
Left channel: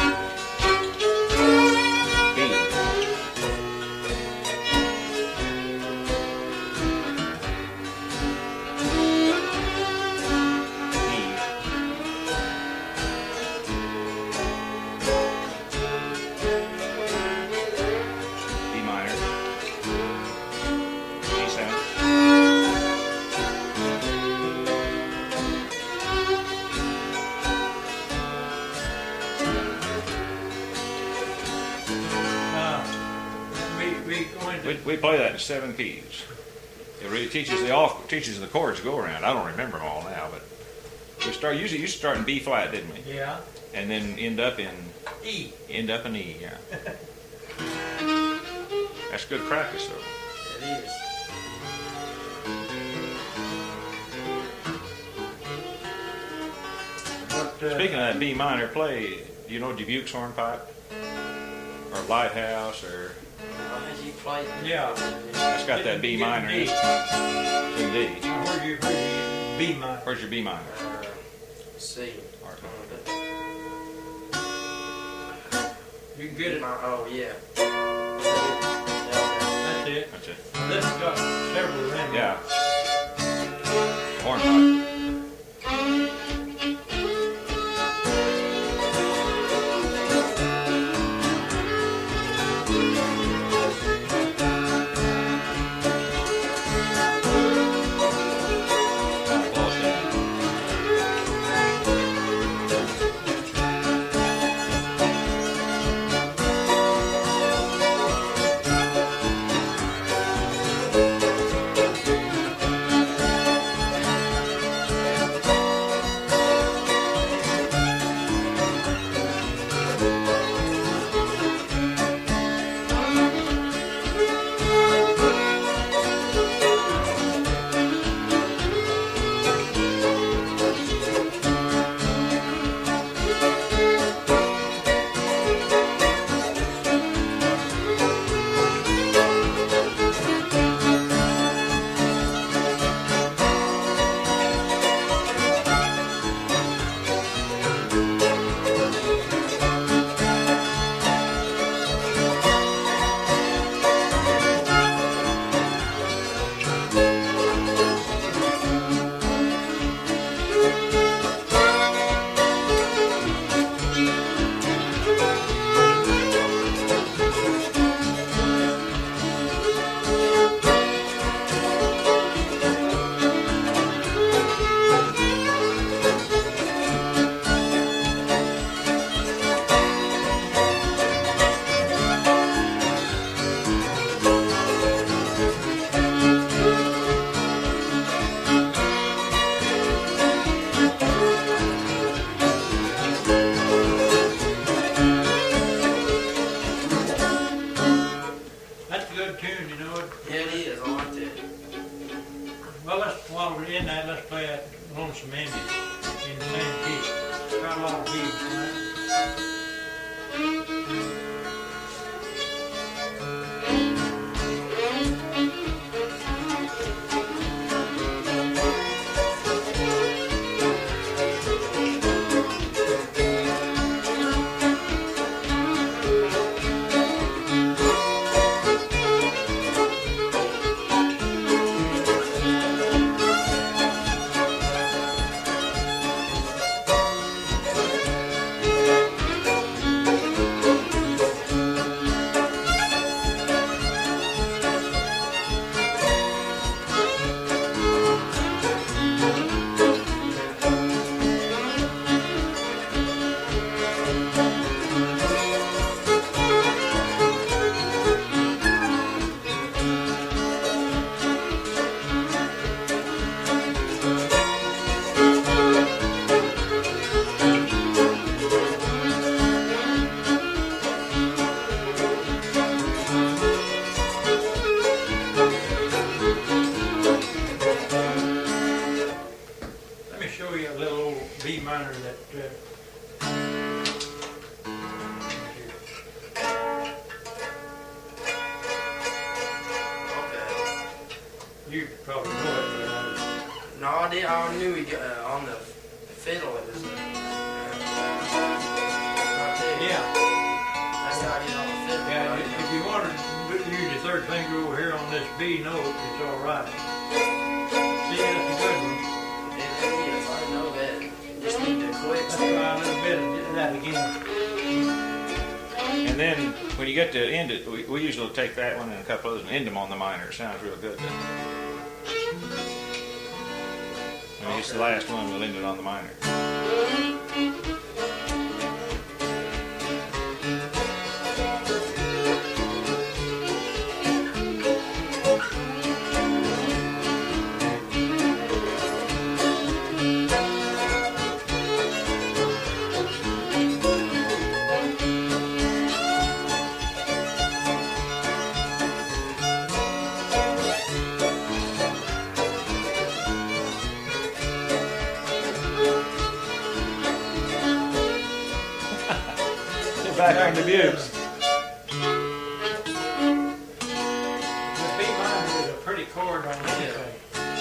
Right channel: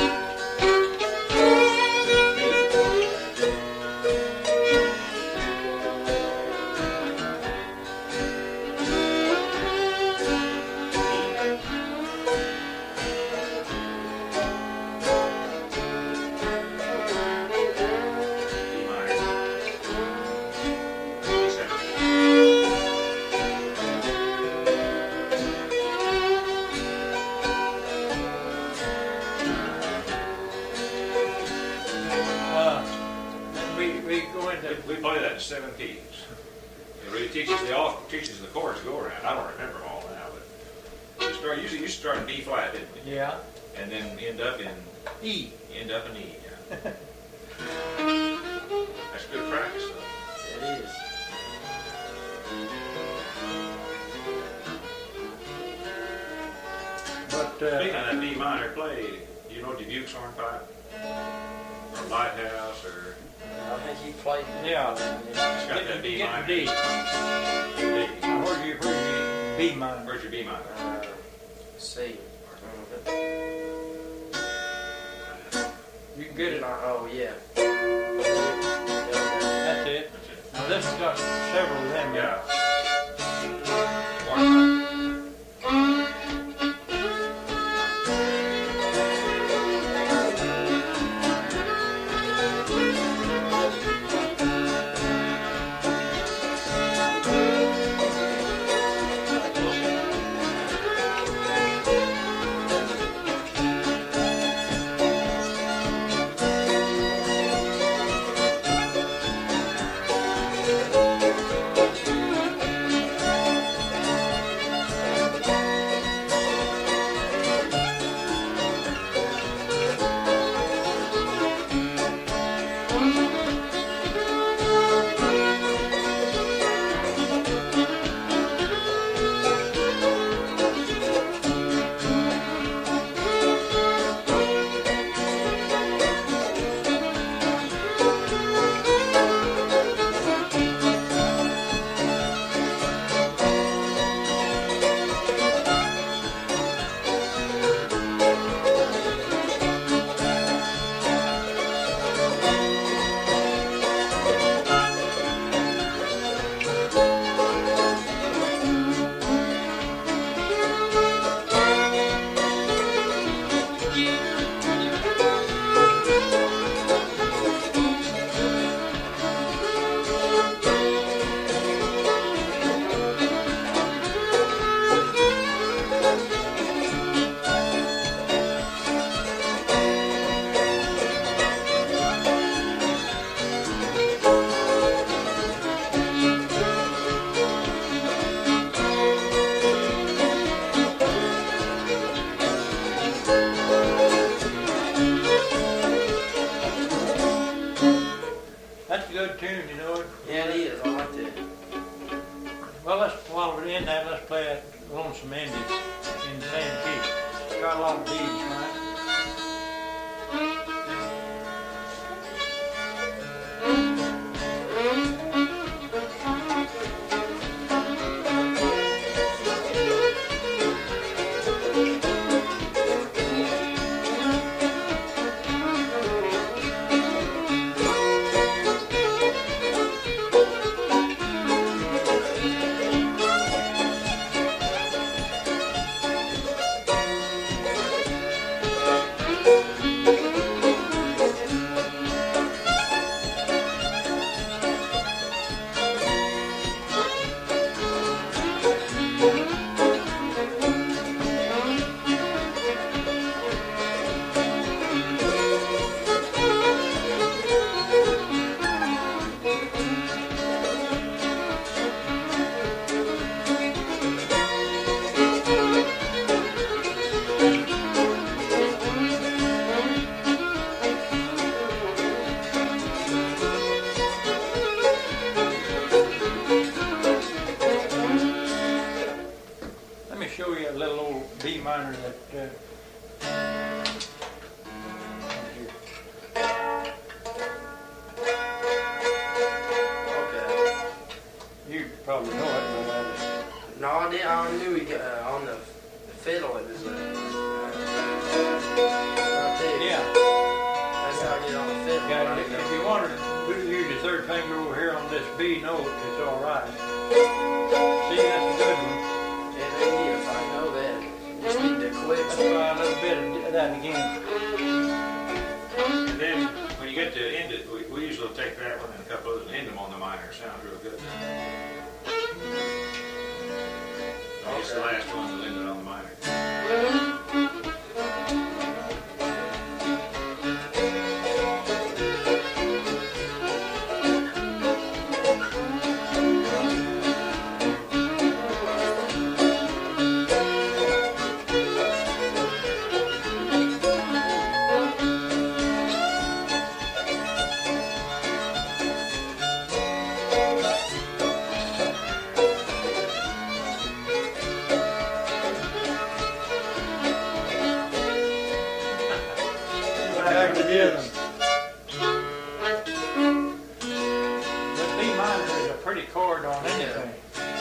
We play that in 7 keys. It really teaches the chords to go around. I don't remember them all now, but we usually used to start in B flat, didn't we? Yeah. And then end up in E. End up in E, yeah. That's good practice, though. It is. But Speaking of that B minor play, do you know Dubuque's hornpipe? Or Lighthouse, or I think you played. Yeah. it's got that B minor. D. In D. Now, where's your B minor? Where's your B minor? C. You can get it. Oh yeah. That's it. That's it. Now, this has got several of them. Yeah. Hornpipe. While we're in that, let's play that Lonesome Indian in the same key. Got a lot of beats on that. B minor that Okay. You probably know it, but No, I did. I knew he got on the fiddle. It was B note, it's all right. See, that's a good one. Yeah, it is. I know that. Just need to quit. Let's try a little bit of that again. And then when you get to end it, we usually take that one and a couple others and end them on the minor. It sounds real good. When it's the last one, we'll end it on the minor. Back on the mute. The B minor is a pretty chord on anything.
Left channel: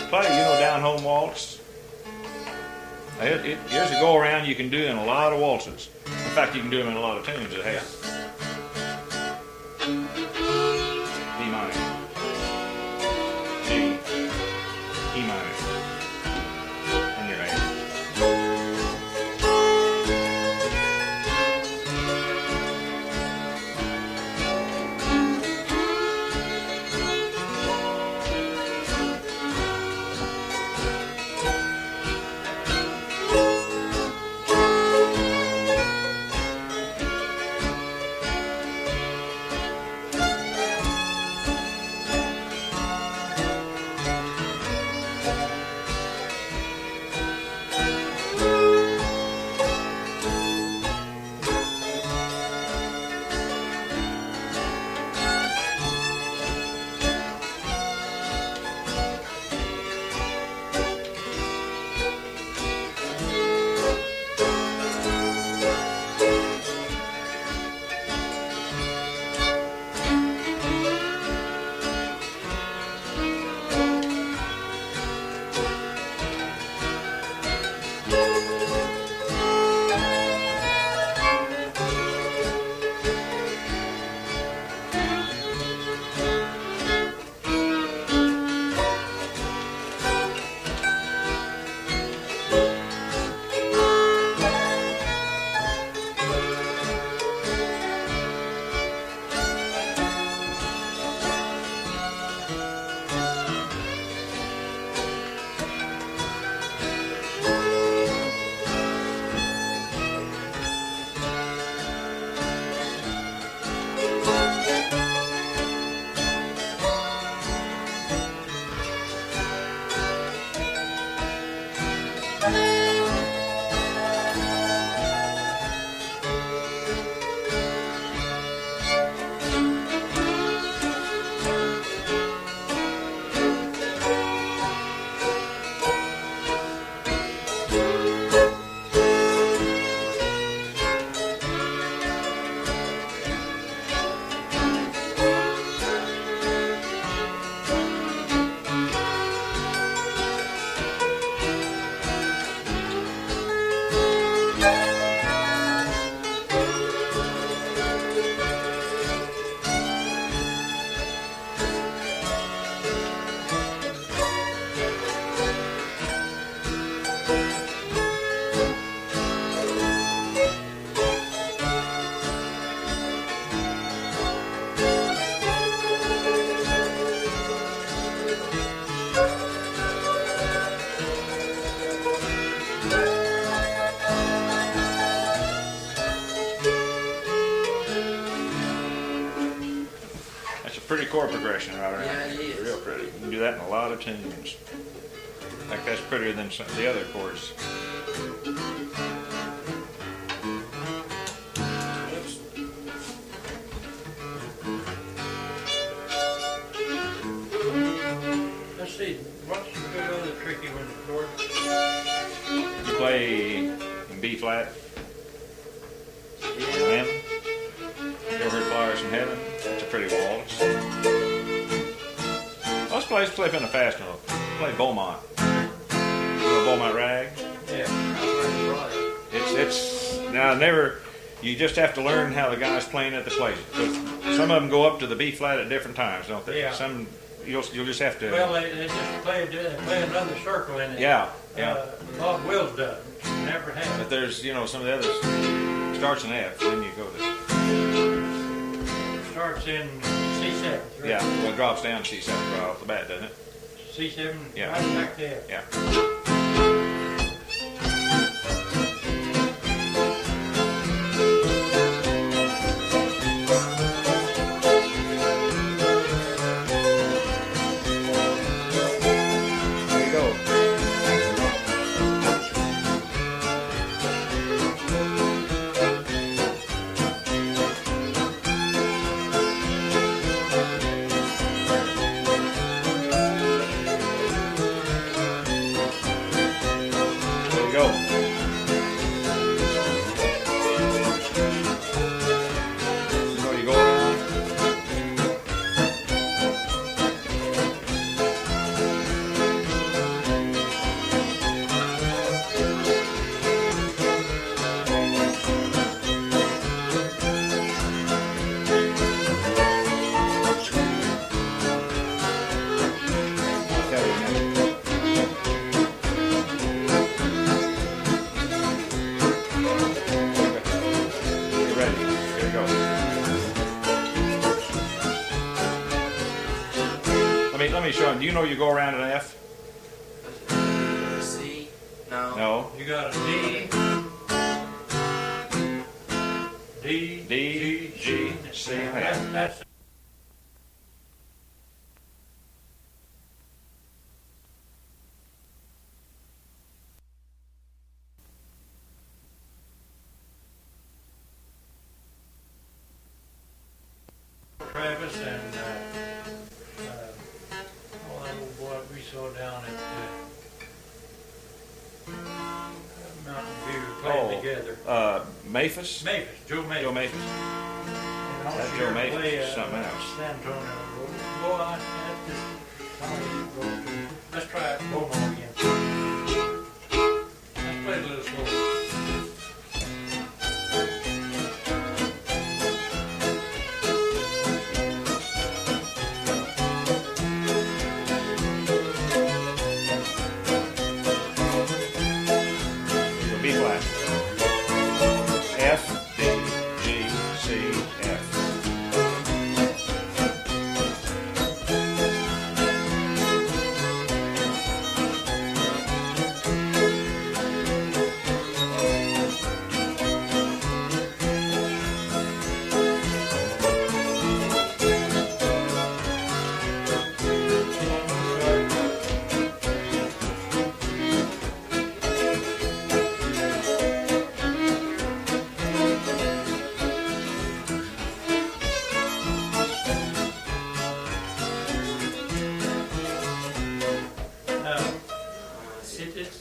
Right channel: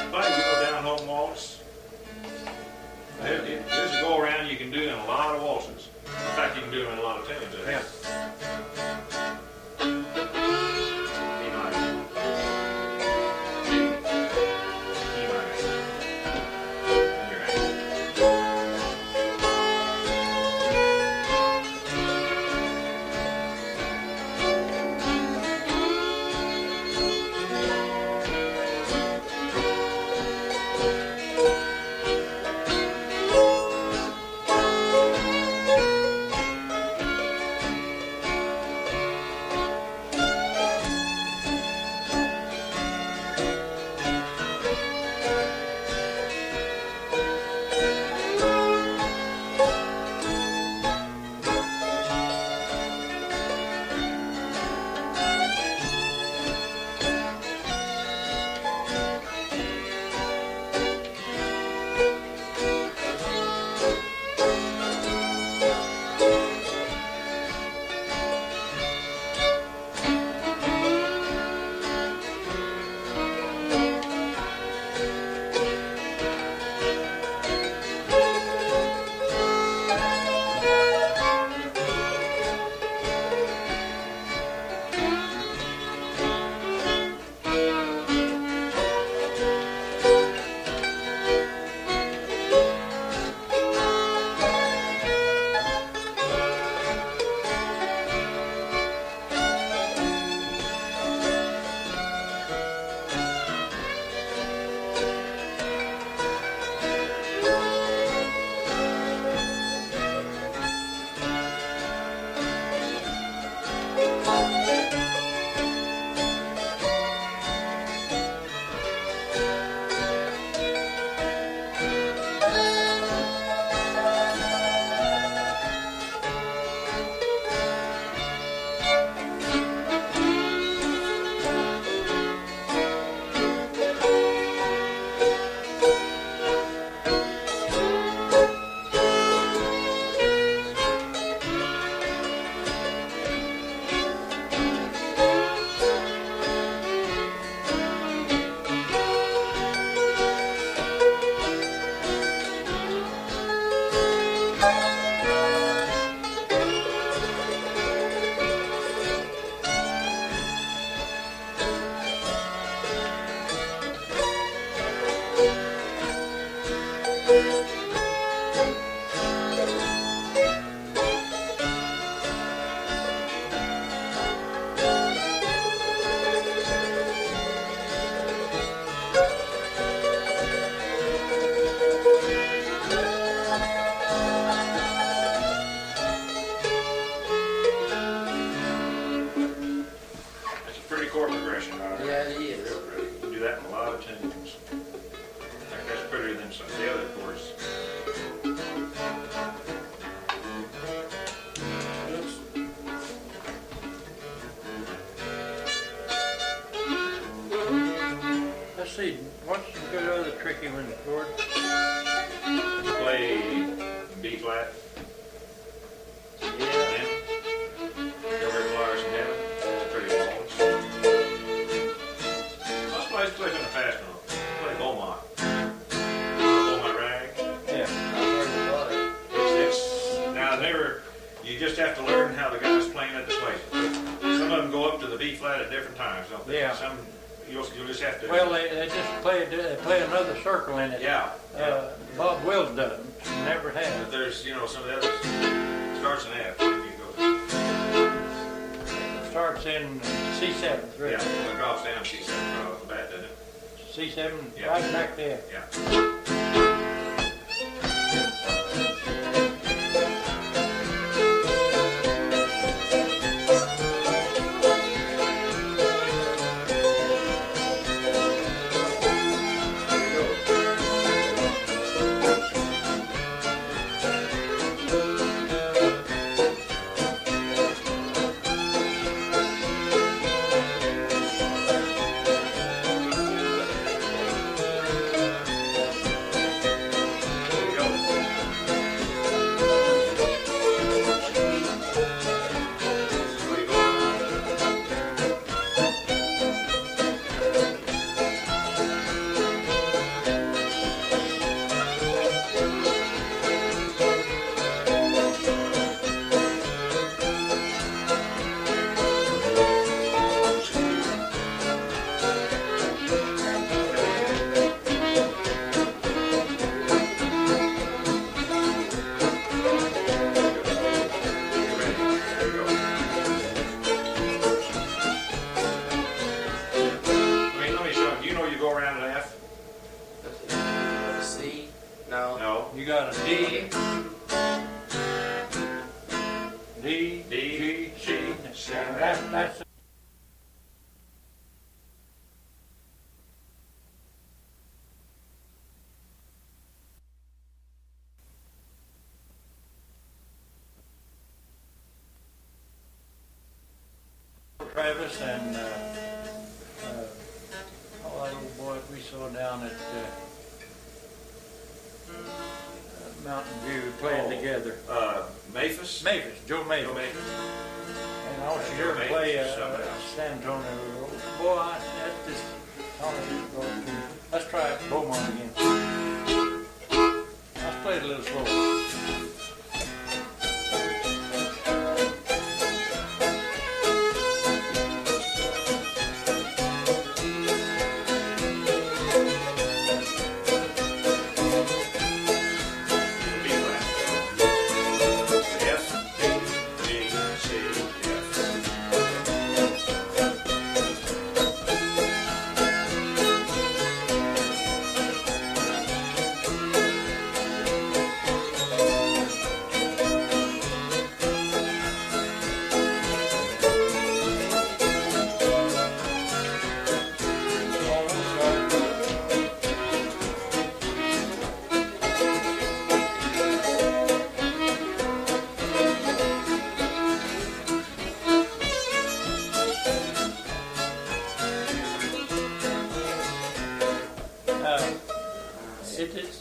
Play, down home waltz. Here's a go around you can do in a lot of waltzes. In fact, you can do them in a lot of tunes that have. B minor. G. E minor. In your hand. Chord progression right there. Yeah, it is. Real pretty. You can do that in a lot of tunes. Like that's prettier than some of the other chords. Let's see, what's the good other tricky one, George? You play in B flat. Yeah. Over Flowers in Heaven. That's a pretty waltz. Most plays play from the fast note. Play Beaumont. Beaumont rag. Yeah. It's now never. You just have to learn how the guy's playing at the place. Some of them go up to the B flat at different times, don't they? Yeah. Some you'll just have to. Well, they just play another circle in it. Yeah. Bob Wills doesn't. Never has. But there's some of the others starts in F. Then you go to. Starts in C7. Right? Yeah. Well, it drops down C7 right off the bat, doesn't it? C7. Yeah. Right back to F. Yeah. Do you know you go around an F? C? No. No. You got a D. D, G, C, and F. That's Travis and that old boy we saw down at Mountain View playing together. Maphis? Maphis, Joe Maphis. Joe Maphis. And I was That's here Joe to play Maphis, something else. San Antonio. Boy, that's just let's try it Beaumont again. Let's play it a little slower.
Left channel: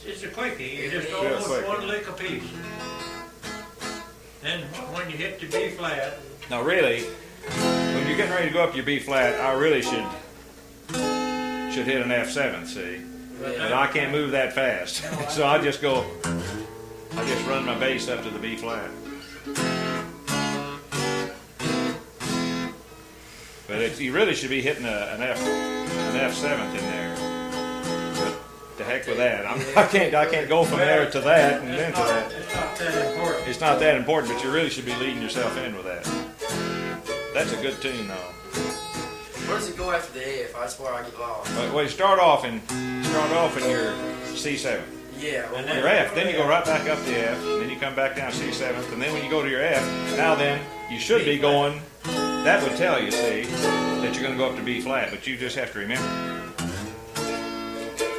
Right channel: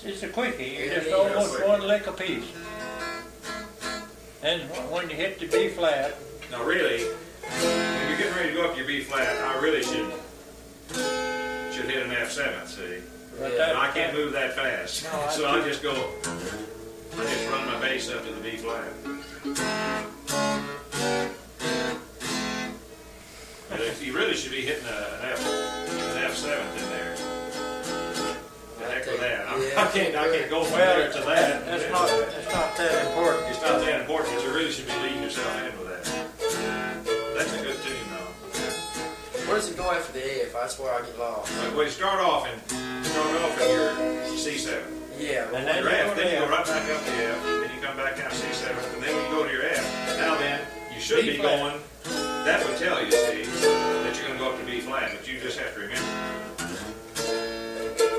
It's a quickie. You just almost one lick a piece. And when you hit the B flat. Now really, when you're getting ready to go up your B flat, I really should hit an F7, see? And I can't move that fast. No, So I just run my bass up to the B flat. But you really should be hitting an F7 in there. To heck with that. I can't go from there to that and then to that. It's not that important. It's not that important, but you really should be leading yourself in with that. That's a good tune, though. Where does it go after the F? That's where I get lost. Well, you start off in your C7. Yeah. And Your F, then you go right back up the F, and then you come back down C7, and then when you go to your F, now then, you should be going, that would tell you, see, that you're going to go up to B flat, but you just have to remember.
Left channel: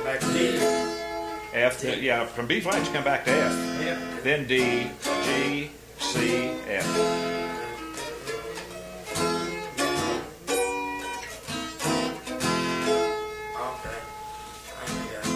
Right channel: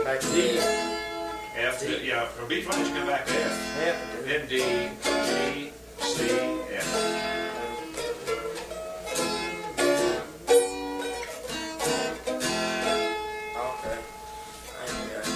Back to D. F, D. yeah, from B flat you come back to F. F. Then D, G, C, F. Okay. I ain't got it.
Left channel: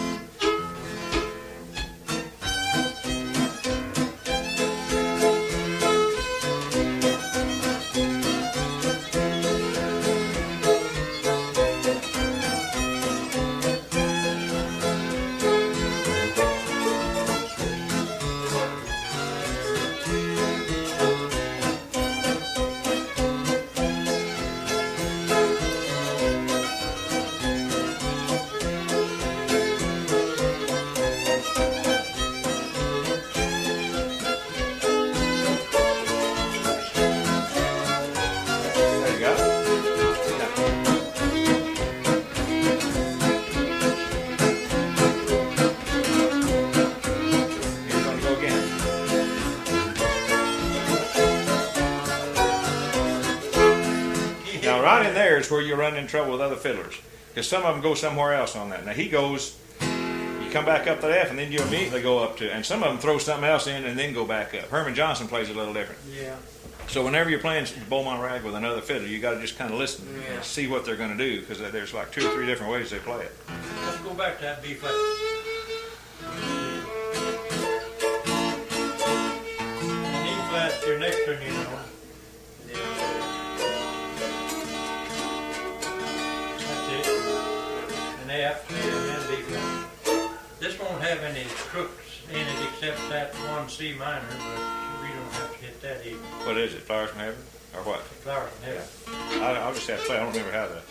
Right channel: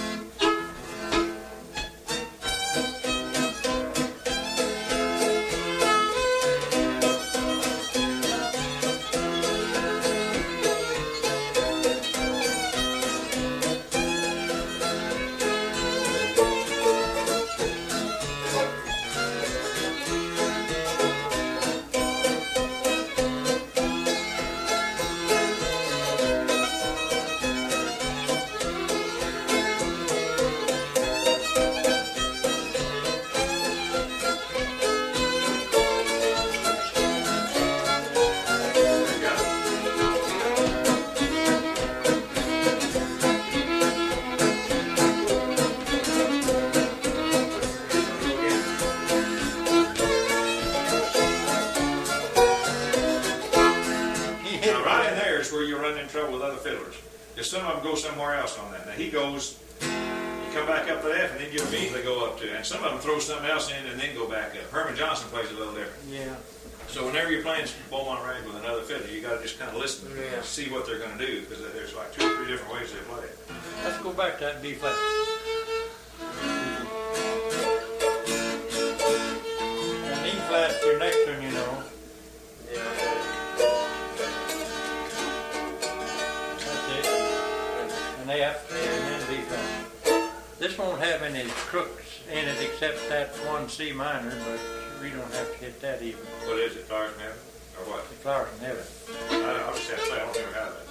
is where you run in trouble with other fiddlers. Because some of them go somewhere else on that. Now he goes, you come back up to F and then you immediately go up to, and some of them throw something else in and then go back up. Herman Johnson plays a little different. Yeah. So whenever you're playing Beaumont Rag with another fiddler, you got to just kind of listen Yeah. and see what they're going to do, because there's like 2 or 3 different ways they play it. Let's go back to that B flat. And E flat's your next one, you know. Yeah. That's it. An F and then B flat. This won't have any crooks in it except that one C minor, but we don't have to hit that either. What is it, Flowers from Heaven, or what? The Flowers from Heaven. I'll just have to play. I don't remember how that.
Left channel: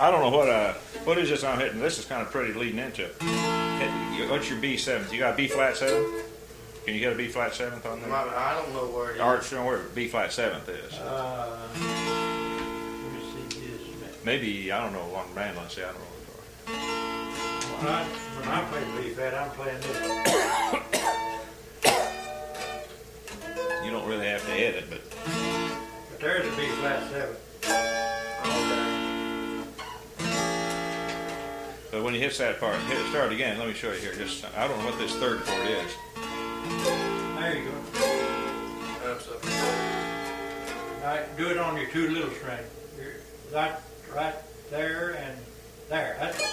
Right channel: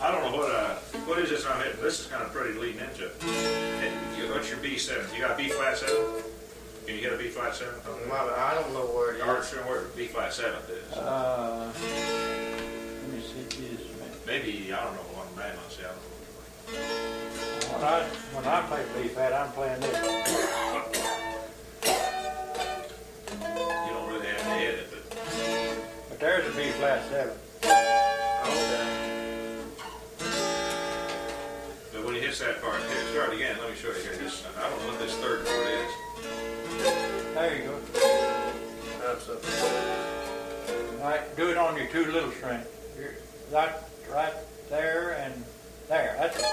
I don't know what is this I'm hitting. This is kind of pretty leading into it. What's your B7? You got a B flat 7? Can you hit a B flat 7th on that? I don't know where it is. Or don't where B flat 7th is. Let me see this. Maybe, I don't know, on mandolin, see, I don't know. When I play B flat, I'm playing this. You don't really have to hit it, but there's a B flat 7. Okay. But when he hits that part, hit it, start again. Let me show you here. Just I don't know what this third chord is. There you go. That's up. All right, do it on your 2 little strings. That right there and there. That's it.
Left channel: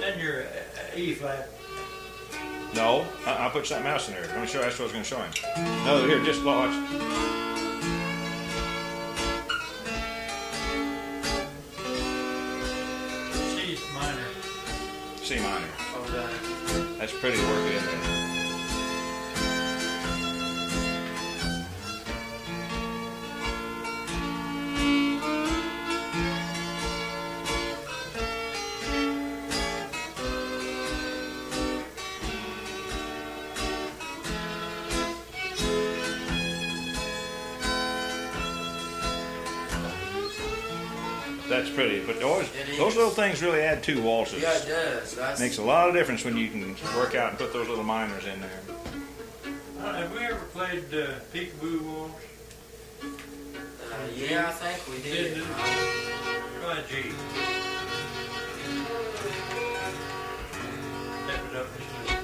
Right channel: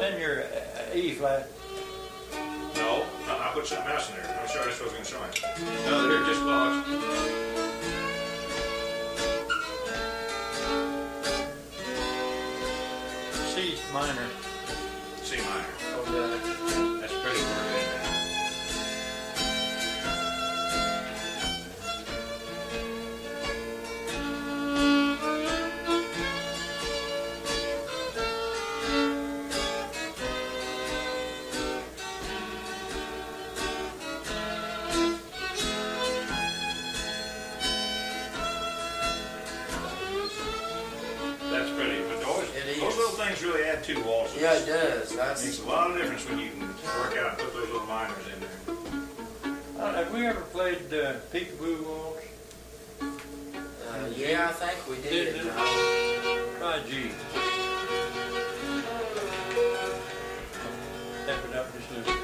Then your E flat. No, I'll put something else in there. Let me show you. That's what I was going to show him. No, here, just watch. C minor. C minor. Okay. That's pretty working in there. That's pretty, but those little things really add 2 waltzes. Yeah, it does. Makes a lot of difference when you can work out and put those little minors in there. Have we ever played Peekaboo Waltz? Yeah, I think we did. Did it? Try G. Step it up just a little.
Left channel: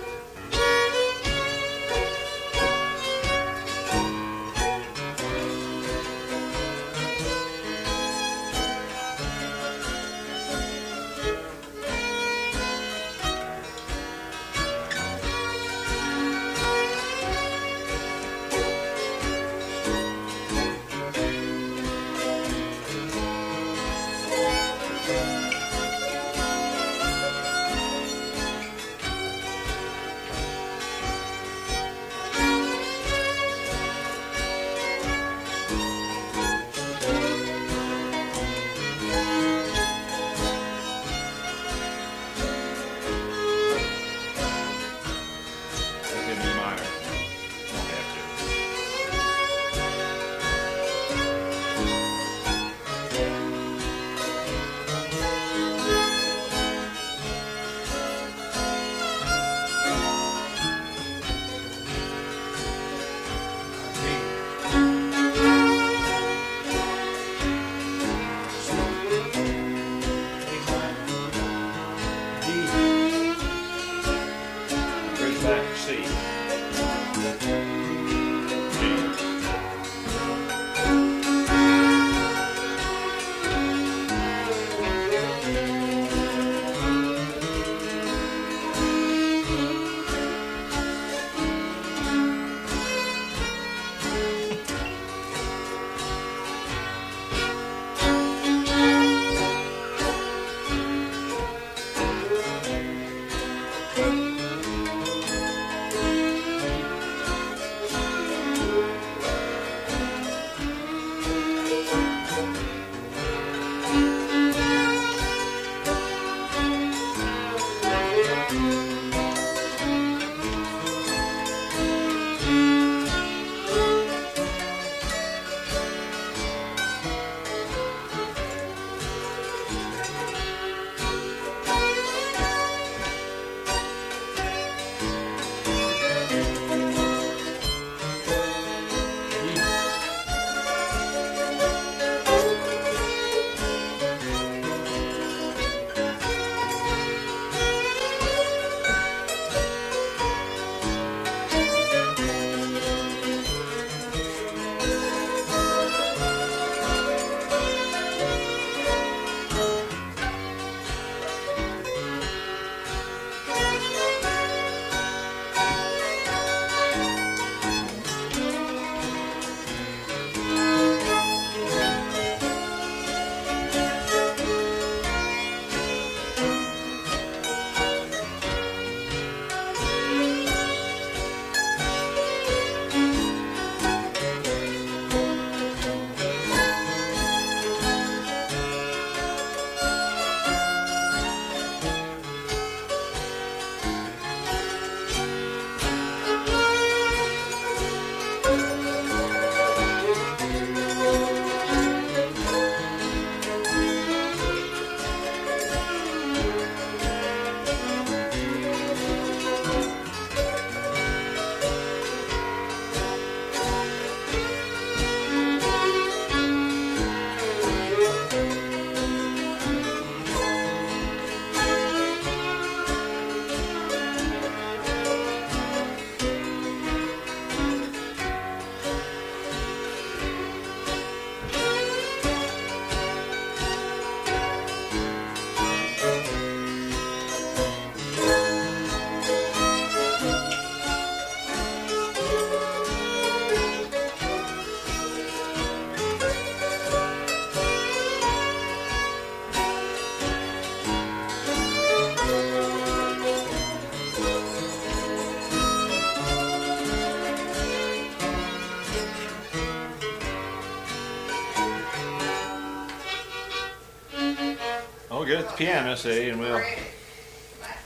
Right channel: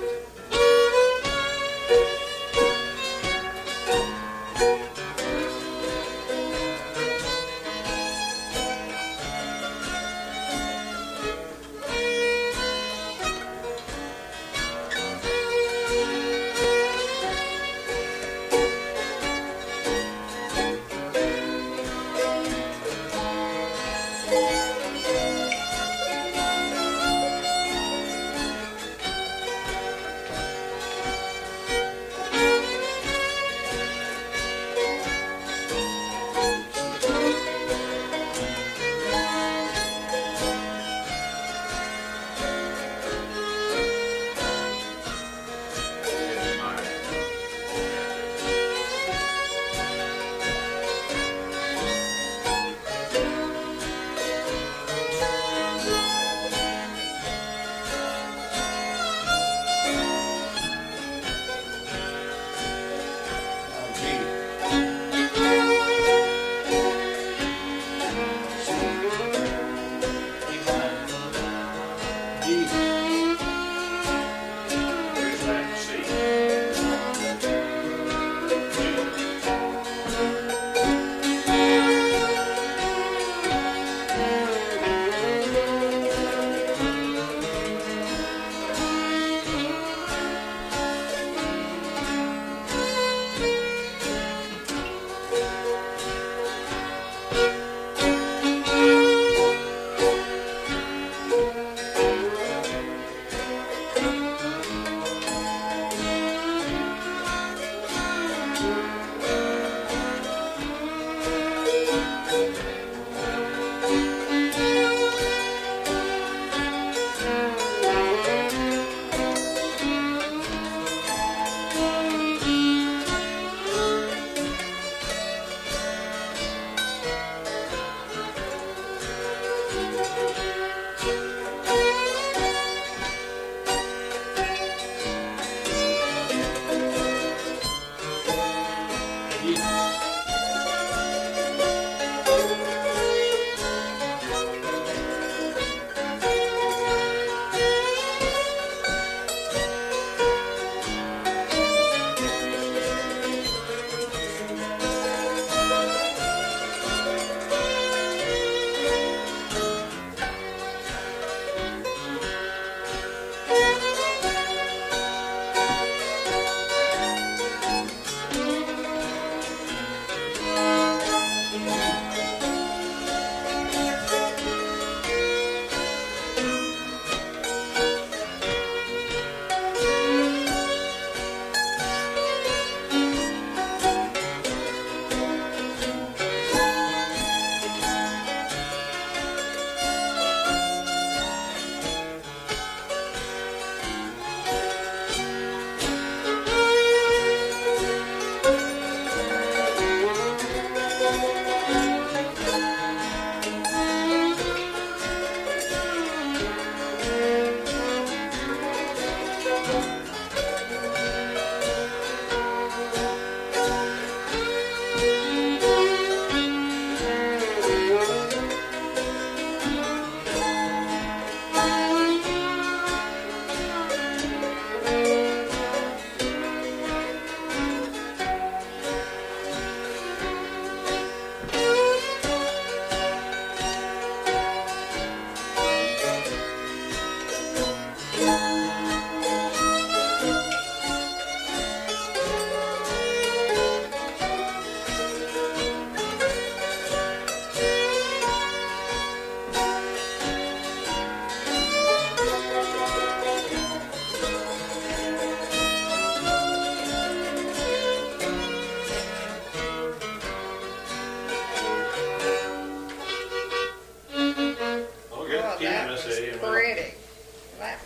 piano, see, and we'll. Pretty.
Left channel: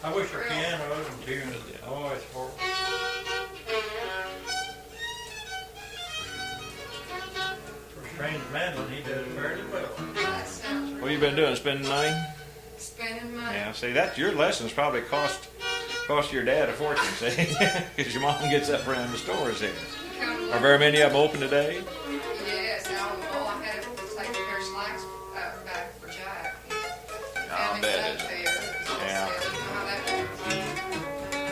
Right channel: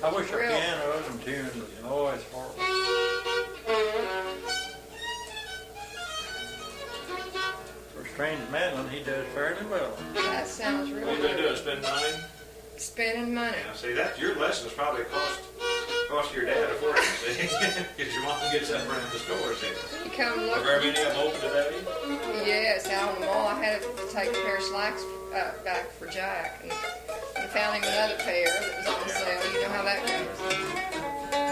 I wish our Real. piano wasn't tuned. Oh, it's horrible. For strange mandolin, he does fairly well. That sounds real What you been good. doing? Spending money? Spending money. Yeah. See, that your lessons probably cost your dad a fortune. See, because your mom gets up around the stores here. Come Are look. very many of them open today? Yes, out on the mall. I had to take a pair of slacks back for Jack. He found him bet. another pair that was on Yeah. sale. You know how that goes.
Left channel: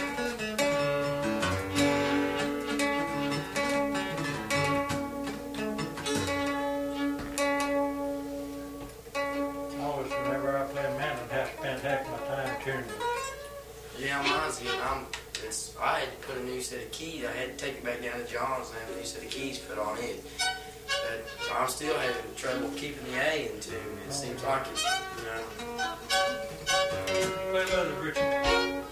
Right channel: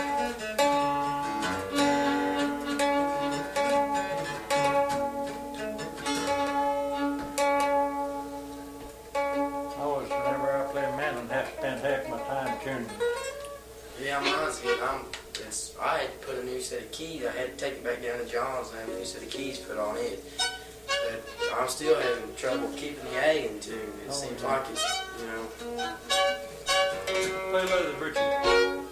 I always, whenever I play a mandolin, have to spend half my time tuning it. Yeah, mine's good. I had to put a new set of keys. I had to take it back down to John's and have a new set of keys put on it. But I'm still having trouble keeping the A in tune. It seems like it's, you know. Play leather, Richard.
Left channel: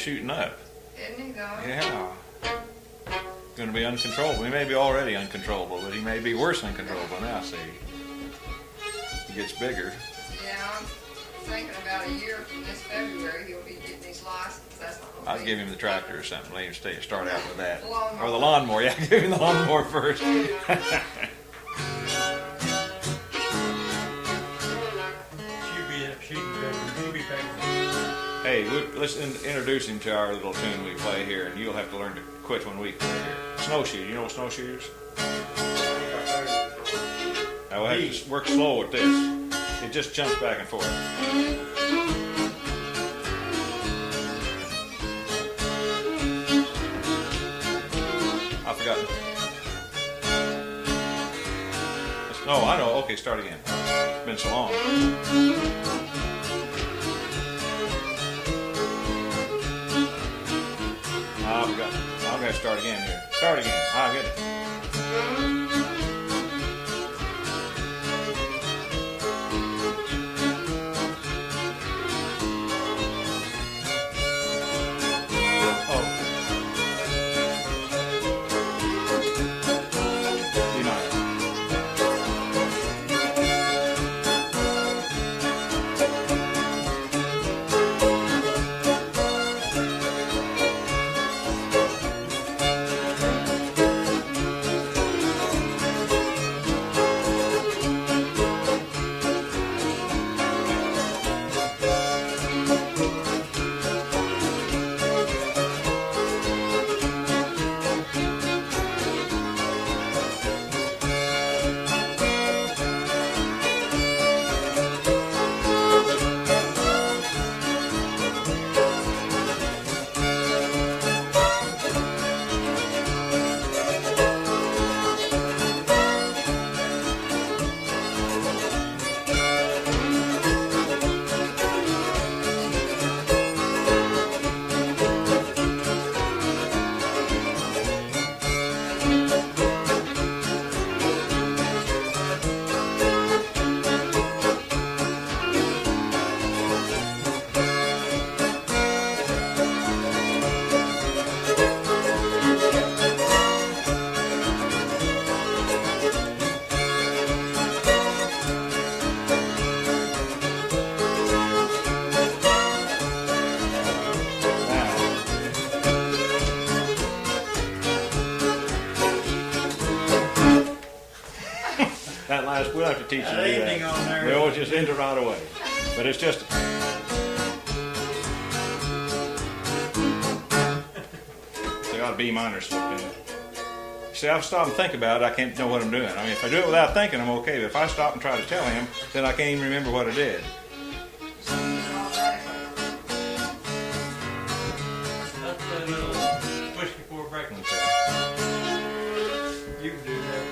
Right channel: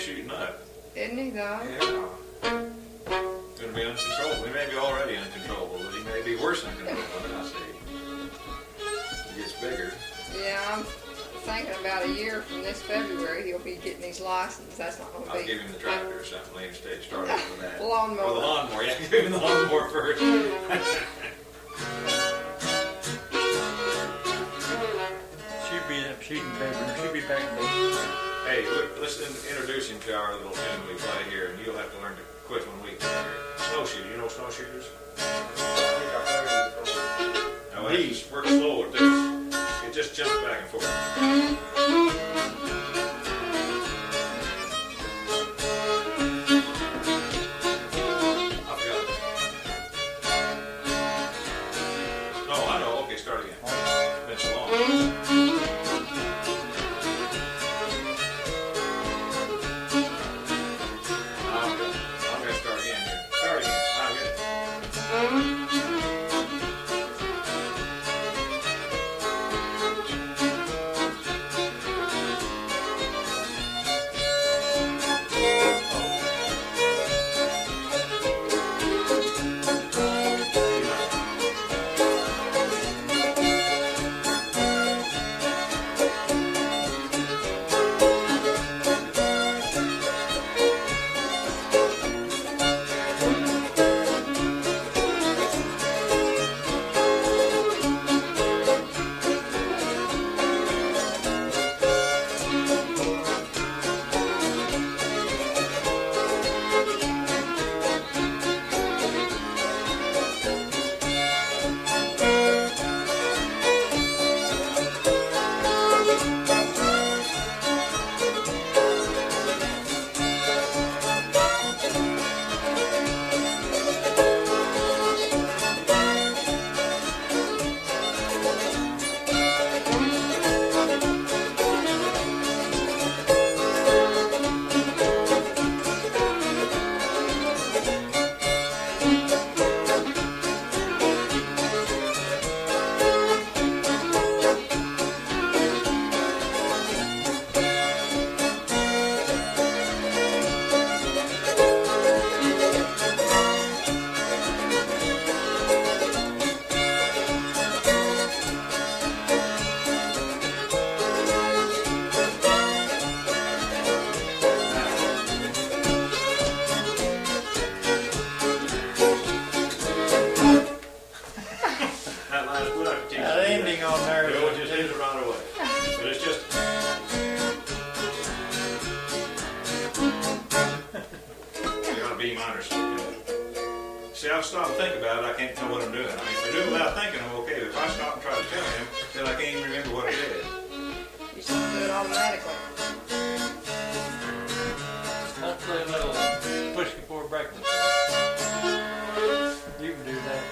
shooting up. Isn't he though? Yeah. Going to be uncontrollable. He may be already uncontrollable, but he may be worse uncontrollable now, see. He gets bigger. Yeah, I'm thinking about a year from this February he'll be getting his license. That's not gonna I'll be. give him the tractor or something. Let him start out with that. Lawnmower. Or the lawnmower. Yeah, give him the lawnmower first. She'll be back. Hey, let's introduce him to our little tune we play here, and you'll have to learn to quit when we play here. Snowshoe. You know snowshoers? I will have to work slow with this. It just jumps back and forth. I forgot. Oh, I know. Okay, start again. It's been so long. I'm going to start again here. Start again. I'll get it. That last, we'll have to teach you to That do ending that. on there. No, it just ends it right away. But it's just. You got a B minor slipped in it. See, I've stopped and think about it, I can't know what I'm doing. I mean, if I do it without thinking, I'm okay. But if I stop and try to tell him, then I can't even remember what I did. You just do it automatically. Let's play a little push before breakfast. You can do that.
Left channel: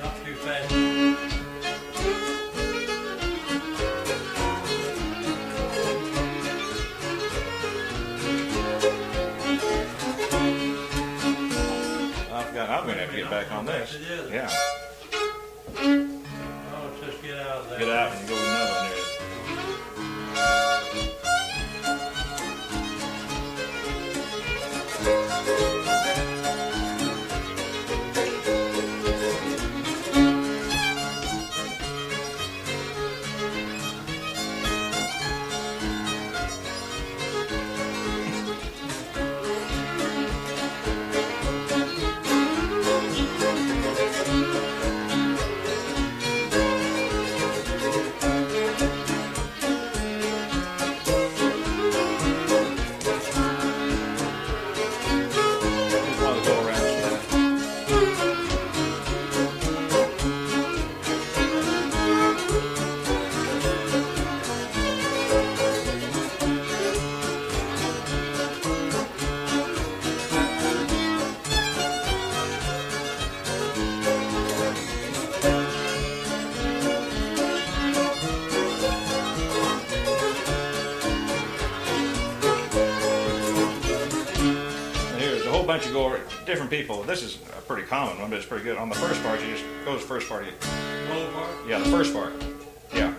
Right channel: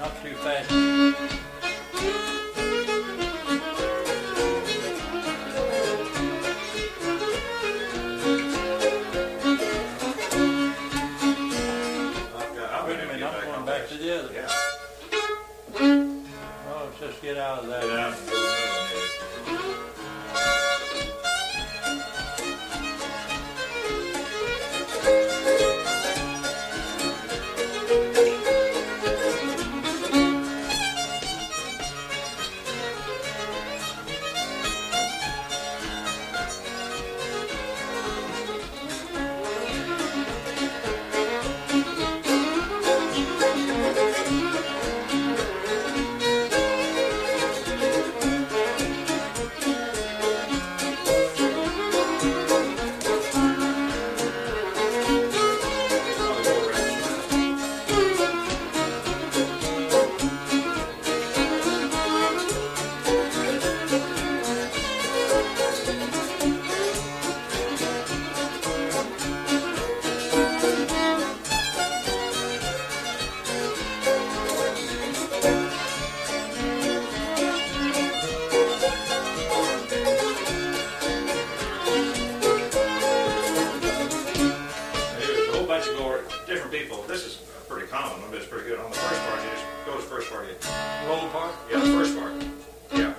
Not too fast. I'm gonna have to get back on back this. to the other. Yeah. Oh, let's just get out of there. Get out and go another one there. I'll go around this way. There's a whole bunch of different people. This is a pretty common one, but it's pretty good. On the first part, you just go to the first part. Roll part. Yeah, the first part. Yeah.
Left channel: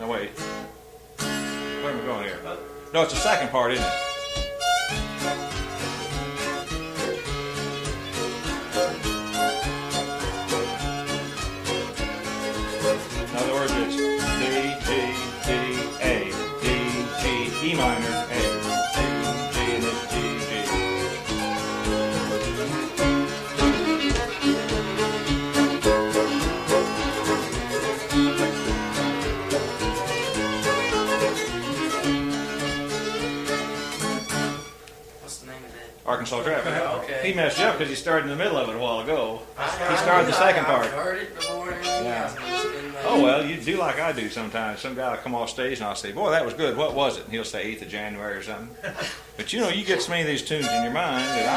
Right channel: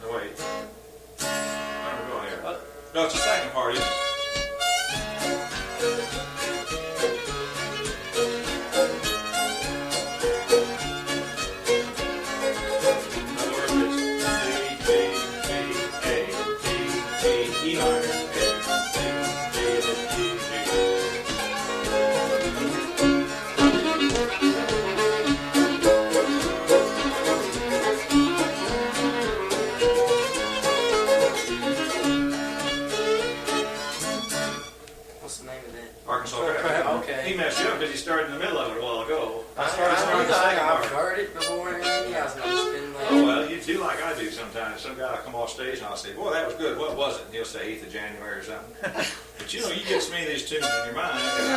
No, wait. Where am I going here? No, it's the second part, isn't it? In other words, it's D, D, D, A, D, D, E minor, A, D, D, and then D, D. What's the name of that? Arkansas Traffic. Okay. He messed you up because he started in the middle of it a while ago. I started the second part. I've heard it before and everything else, and I just didn't know. Oh, well, you do like I do sometimes. Some guy will come off stage and I'll say, boy, that was good. What was it? And he'll say 8th of January or something. But you know, you get so many of these tunes in your mind that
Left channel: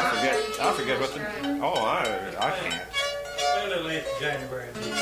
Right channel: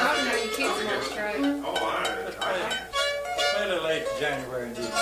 I forget what they. Oh, I can't. Play a little 8th of January. Indeed.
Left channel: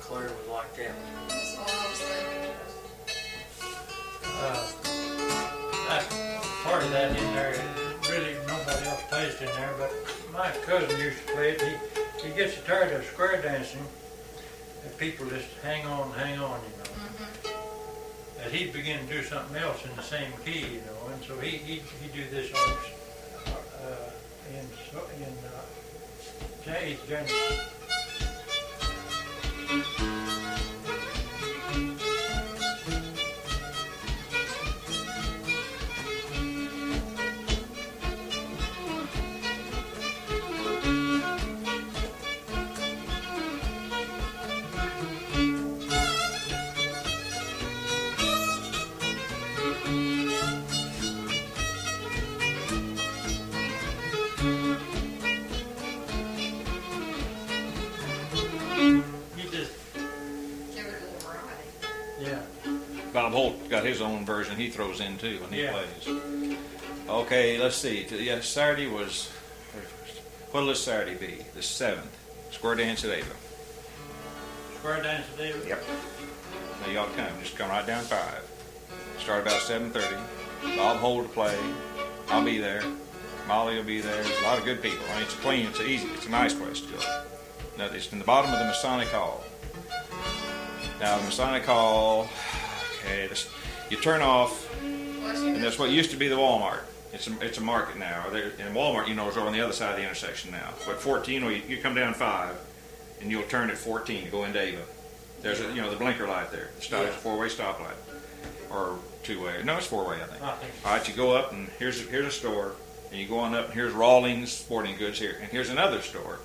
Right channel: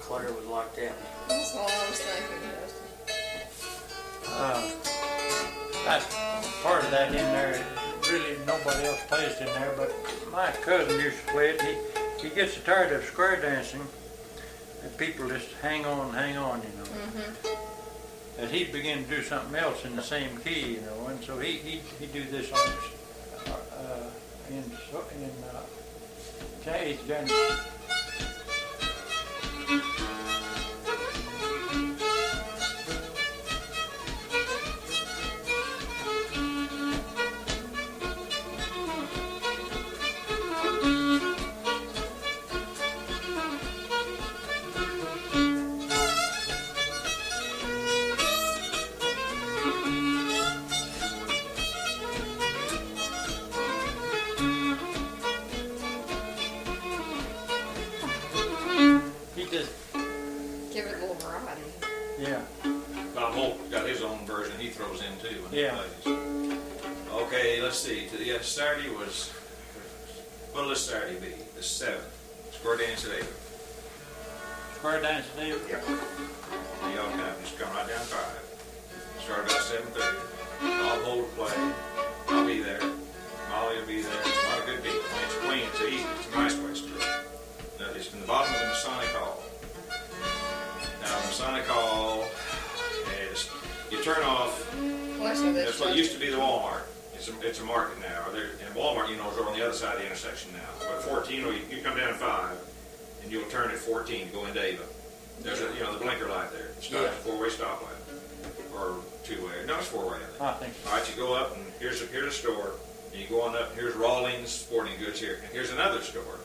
Claire would like that. That's all I was thinking. That part of that in there, really nobody else plays in there, but my cousin used to play it. He gets tired of square dancing, and people just hang on, you know. That he'd begin to do something else in the same key, you know, and so he do this on Okay, it's January. You just, Give it a little variety. yeah. Bob Holt got his own version he throws in too when he Yeah. plays. Okay, let's see. Yeah, Saturday was, what'll this Saturday be? The 7th. Square dance at Ava. Square dance deal. Yep. So y'all just come right down 5. Start about 7:30. Bob Holt will play. I'll be there. Molly will be there. A lot of good people. I mean, it's clean. It's easy. It's a nice place to go. Now, it's in the bottom of the Masonic Hall. Now, Masonic Hall, okay, you turn off. That's what used to be the Walmart. It's a market now. And Walmart, you know, is over on the other side of the intersection now. But 14, you come down 5, and you'll turn at 14 to go into Ava. There's a, the blinker light there. It's a 4-way stoplight, or 2-way. No, it's 4-way, I think. I think. All right, you go up, and here's a store, and you go on up. And here's Rawlings Sporting Goods here, and here's another store.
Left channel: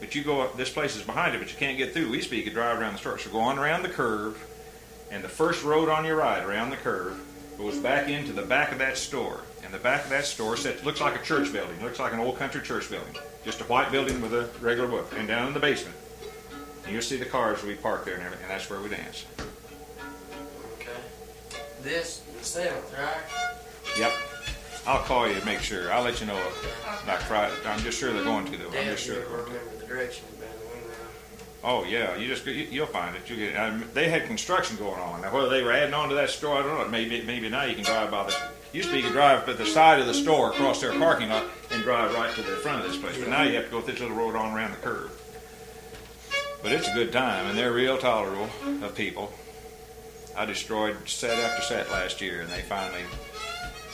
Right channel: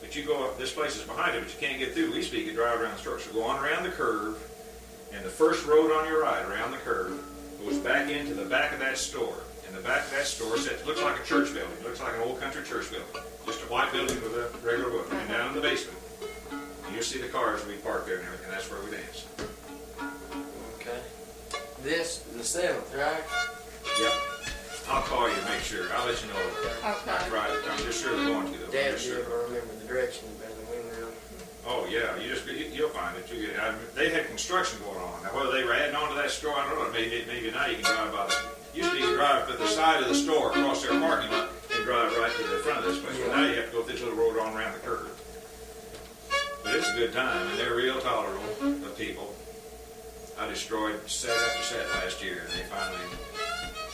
But you go up. This place is behind it, but you can't get through. We used to be, you could drive around the store. So go on around the curve, and the first road on your right around the curve goes back into the back of that store. And the back of that store looks like a church building. Looks like an old country church building. Just a white building with a regular book. And down in the basement, and you'll see the cars we park there and everything. And that's where we dance. Okay. This, the 7th, right? Yep. I'll call you to make sure. I'll let you know Okay. about Friday. I'm just sure they're going to though. I'm Dad, just you sure. ever remember the directions better than we will. Oh yeah, you'll find it. They had construction going on. Now whether they were adding on to that store, I don't know. Maybe now you can drive by the. Used to be you could drive to the side of the store across their parking lot and drive right to the front of this place. But now you have to go this little road on around the curve. But it's a good time, and they're real tolerable of people. I destroyed set after set last year, and they finally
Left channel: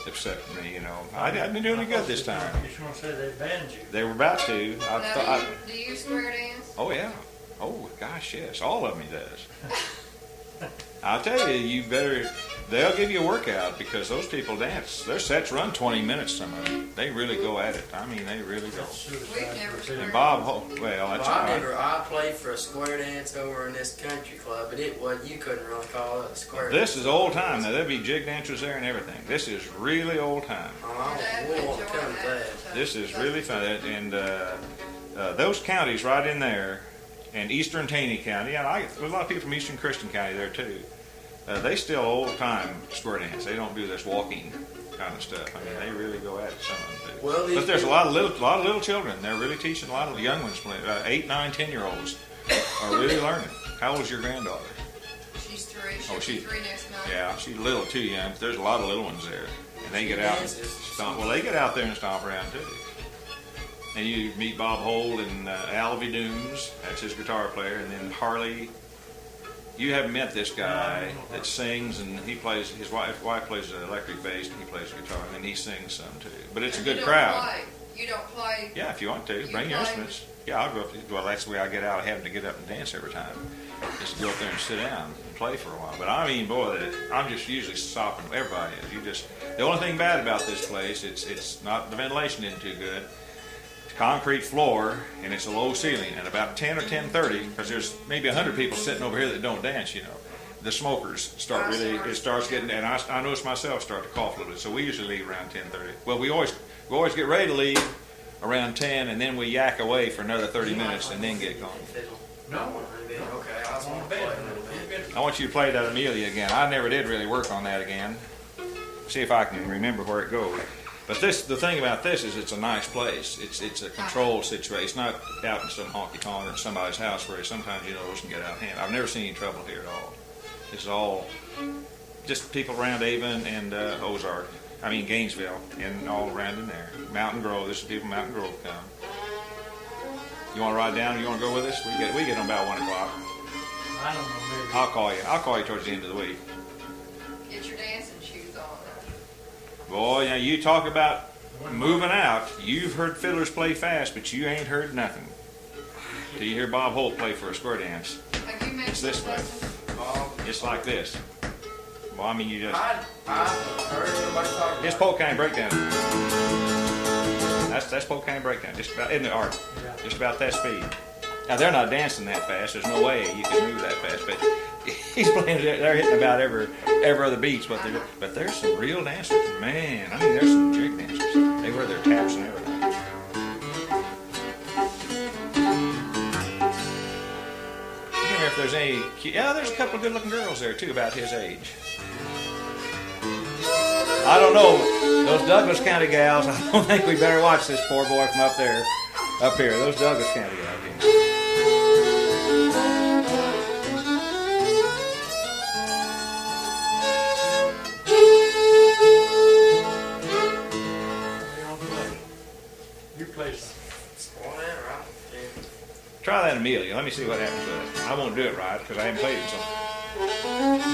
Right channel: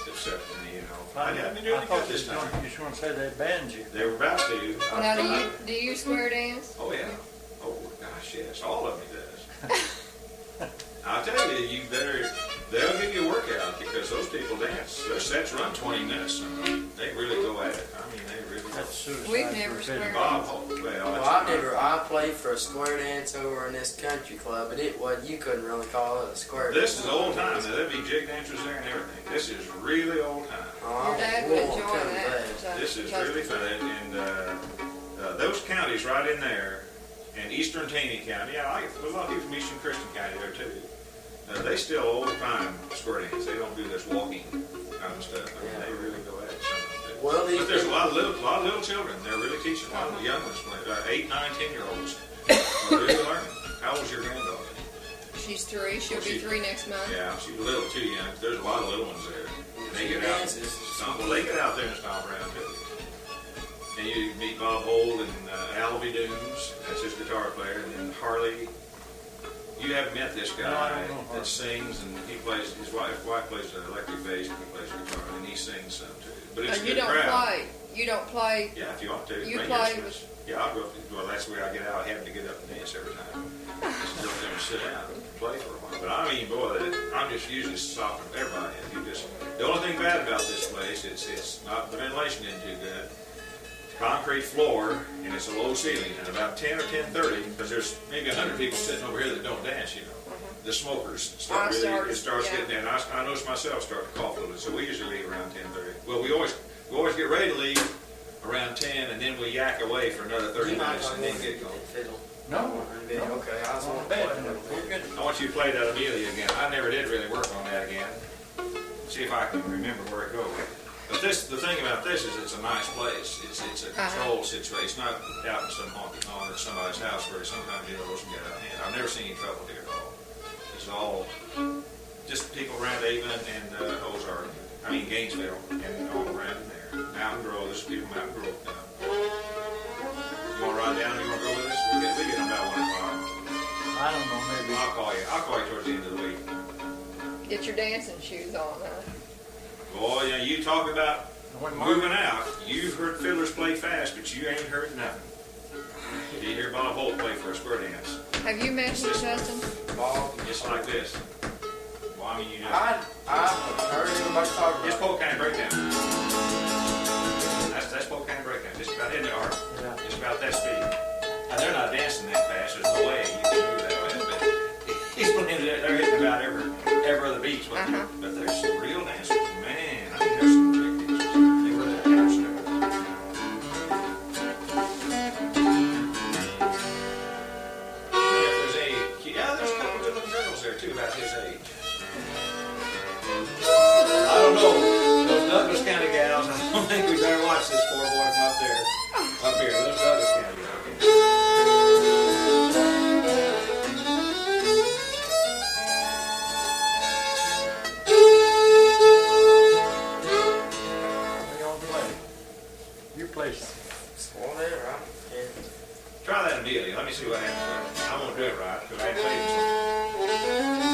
accepted me. I've been doing good this time. You just want to say they banned you. They were about to. Now, do you square dance? Oh yeah. Oh gosh, yes. All of me does. I'll tell you, they'll give you a workout because those people dance. Their sets run 20 minutes some of them. They really go at it. I mean, they really go. That's suicide. We've never for a squared fiddle. Bob Holt, I played for a square dance over in this country club, and you couldn't really call it a square dance. This is old time. Now, there'll be jig dancers there and everything. This is really old time. Your dad would enjoy that. This is really fun. And those counties right in there, and Eastern Taney County, there's a lot of people from Eastern Christian County there too. They still old time square dance. They don't do this walking kind of stuff. I mean, they really go at it. Some of them do. Well, But there's a lot of little children. They're really teaching a lot of the young ones, 8, 9, 10-year-olds are really learning. How old's your granddaughter? She's 3. She'll be she's- 3 next month. Yeah, she's a little too young. But there's a lot of little ones there. And they get out and stomp. Well, they get out there and stomp around too. And you meet Bob Holt and Alvy Dooms. That's his guitar player. And then Harley. You haven't met this guy that sings, and he plays. His wife plays the electric bass, and he plays guitar, and he sings some too. But it's a good crowd. You don't play. Yeah, if you want to, You bring play instruments. Yeah, I'll go up. Well, that's the way I get out. I have to get up and dance every time. Just go up there and sit down and play for a while. But I mean, boy, I'm just usually stopping everybody. The only thing bad about this place, it's not the ventilation isn't too good. Concrete floor, and it's a low ceiling, and about 10 or 10:30, because there's maybe 100 people sitting over here that don't dance, the smokers it starts getting, and I notice myself start to cough a little bit, so we usually leave around 10:30. Well, we always get ready to leave around 10, and then we yak away for another 30 minutes, and then get going. No. Okay, I was on Bad. bed. I want you to play that Amelia again. I never did really work on that again. See if I can remember where it goes. But the thing about this is it's a nice place. It's a controlled situation. It's not out in some honky tonk or somebody's house where sometimes those can get out of hand. I've never seen any trouble here at all. It's all just people around Avon and Ozarks. I mean Gainesville and all around in there. Mountain Grove. There's people from Mountain Grove come. You want to ride down? You want to go with us? We get them about 1 o'clock. I don't know, maybe. I'll call you. I'll call you towards the end of the week. Get your dancing shoes on. Boy, you talk about moving out. You've heard fiddlers play fast, but you ain't heard nothing. Do you hear Bob Holt play for a square dance? Have you mentioned Justin? Ball. Just like this. Well, I mean, you just... I heard everybody talking His about Polk County breakdown. That's Polk County breakdown. Just about, isn't it, Art? Yeah. Just about that speed. Now, they're not dancing that fast. There's no way you can move that fast. But he's playing, they're hitting about every other beats. But there's some real dancers. Man, I mean, there's some big dancers. They wear their caps and everything. Yeah, there's a couple of good-looking girls there, too, about his age. I don't know. Those Douglas County gals, I don't think we better watch this poor boy from up there. Up here, those Douglas County gals. What you gonna play? You play something. whatever. Yeah. Try that Amelia. Let me see what happens with it. I won't do it right because I haven't played it. So.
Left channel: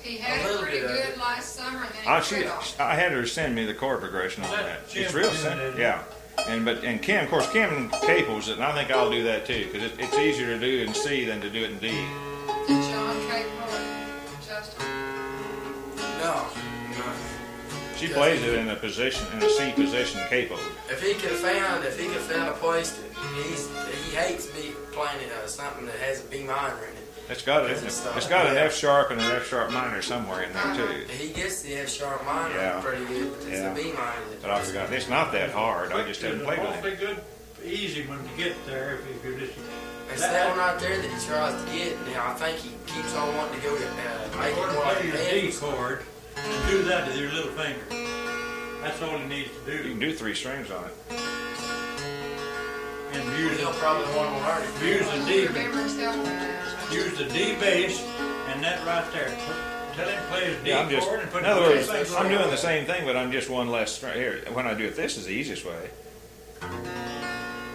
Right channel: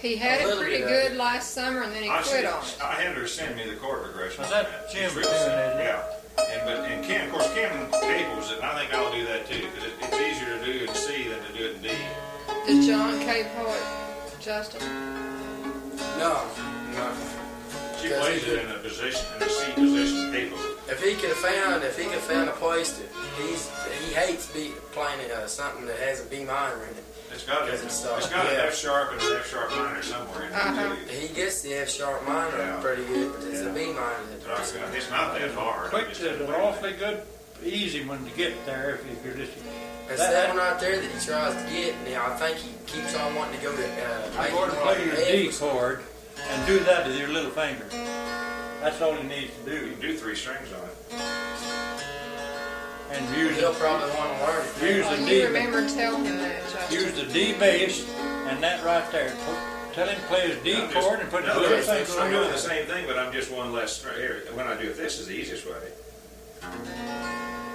He had it pretty good last summer, and then he quit on it. I had her send me the chord progression. Was that Jim It's real doing simple. it? Yeah. And Ken, of course, Ken capos it, and I think I'll do that too, because it's easier to do in C than to do it in D. Did John capo it, Justin? No. She plays it in a position, in a C position capo. If he could have found a place to, he hates playing something that has a B minor in it. It's got an F sharp and an F sharp minor somewhere in there too. He gets the F sharp minor pretty good, but it's the B minor But I forgot. It's not that hard. I just didn't It's play an with awfully it. good, easy one to get there if you could just. It's that one right there that he tries to get. Now I think he keeps on wanting to go to Or to play your D chord and do that with your little finger. That's all he needs to You do. can do 3 strings on it. And use He'll probably want to learn it. Use Well, the you D. remember telling him that, Justin. Use the D bass and that right there. Tell him to play his D I'm just- chord and put in other the words, finger I'm on doing it. the same thing, but I'm just one less string. Here, when I do it, this is the easiest way.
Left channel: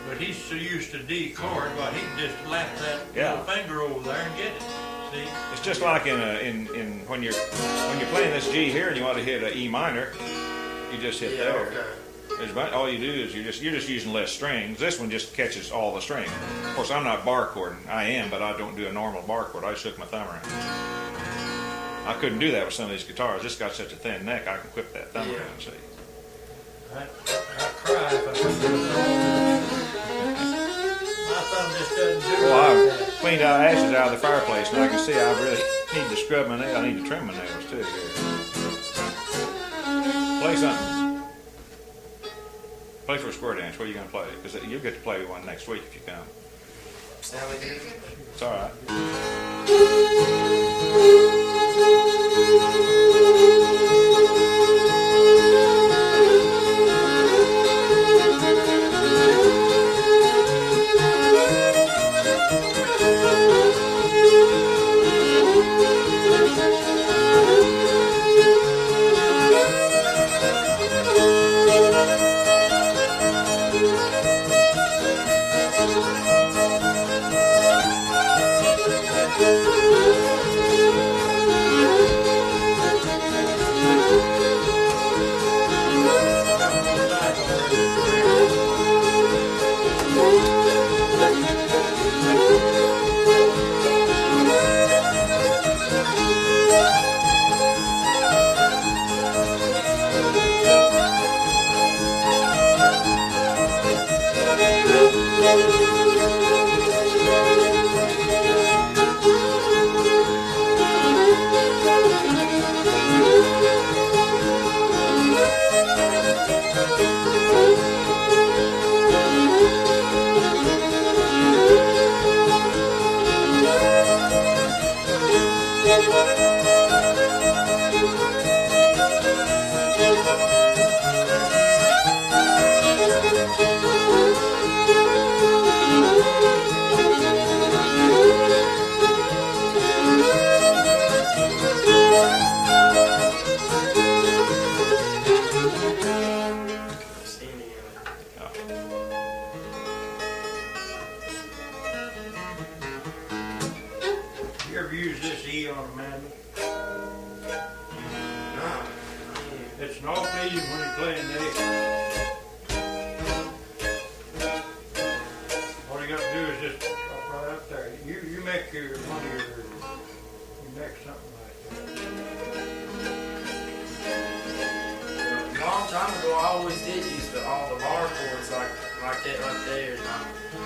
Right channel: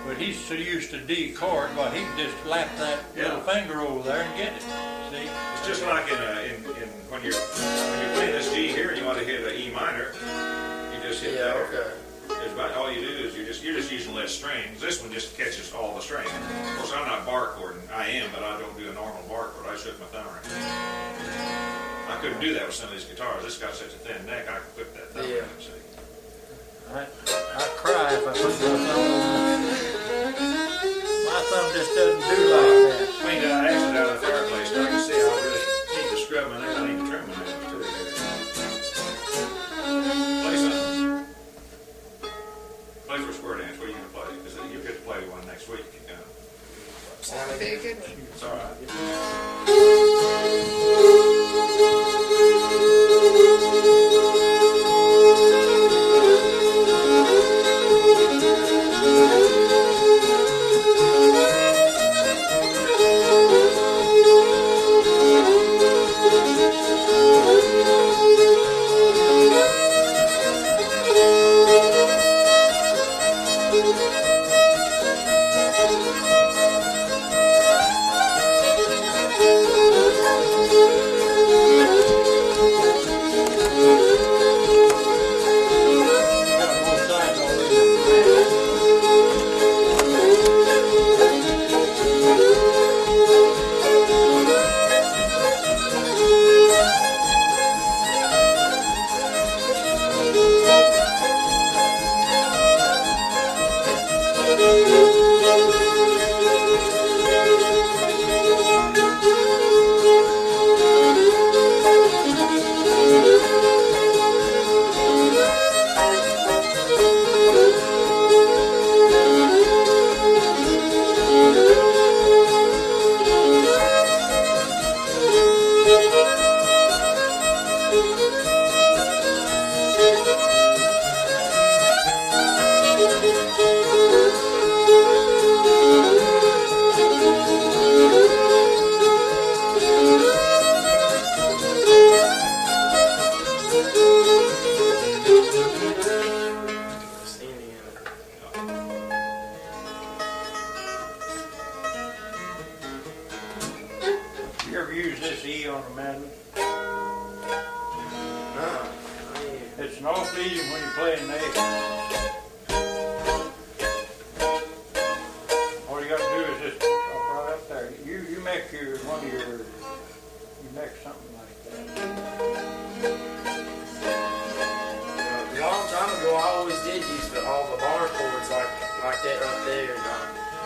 But he's so used to D chord, well, he can just lap that little finger over there and get it. See? It's just like when you're playing this G here and you want to hit an E minor, you just hit Yeah, there. okay. All you do is you're just using less strings. This one just catches all the strings. Of course, I'm not bar chording. I am, but I don't do a normal bar chord. I just hook my thumb around. I couldn't do that with some of these guitars. This got such a thin neck, I can whip that thumb around. See. I cry if I put my thumb on. My thumb just doesn't do Well, like I that. cleaned out ashes out of the fireplace, and I can see I really need to scrub my nails. I need to trim my nails too. Play something. Play for a square dance. What are you going to play? Because you'll get to play one next week if you come. Sound like Be a it. good one. It's all right. an awful easy when you're playing the A. All you got to do is just up right up there. You make you make something like that. A long time ago, I always did use all the bar chords like that right there. And,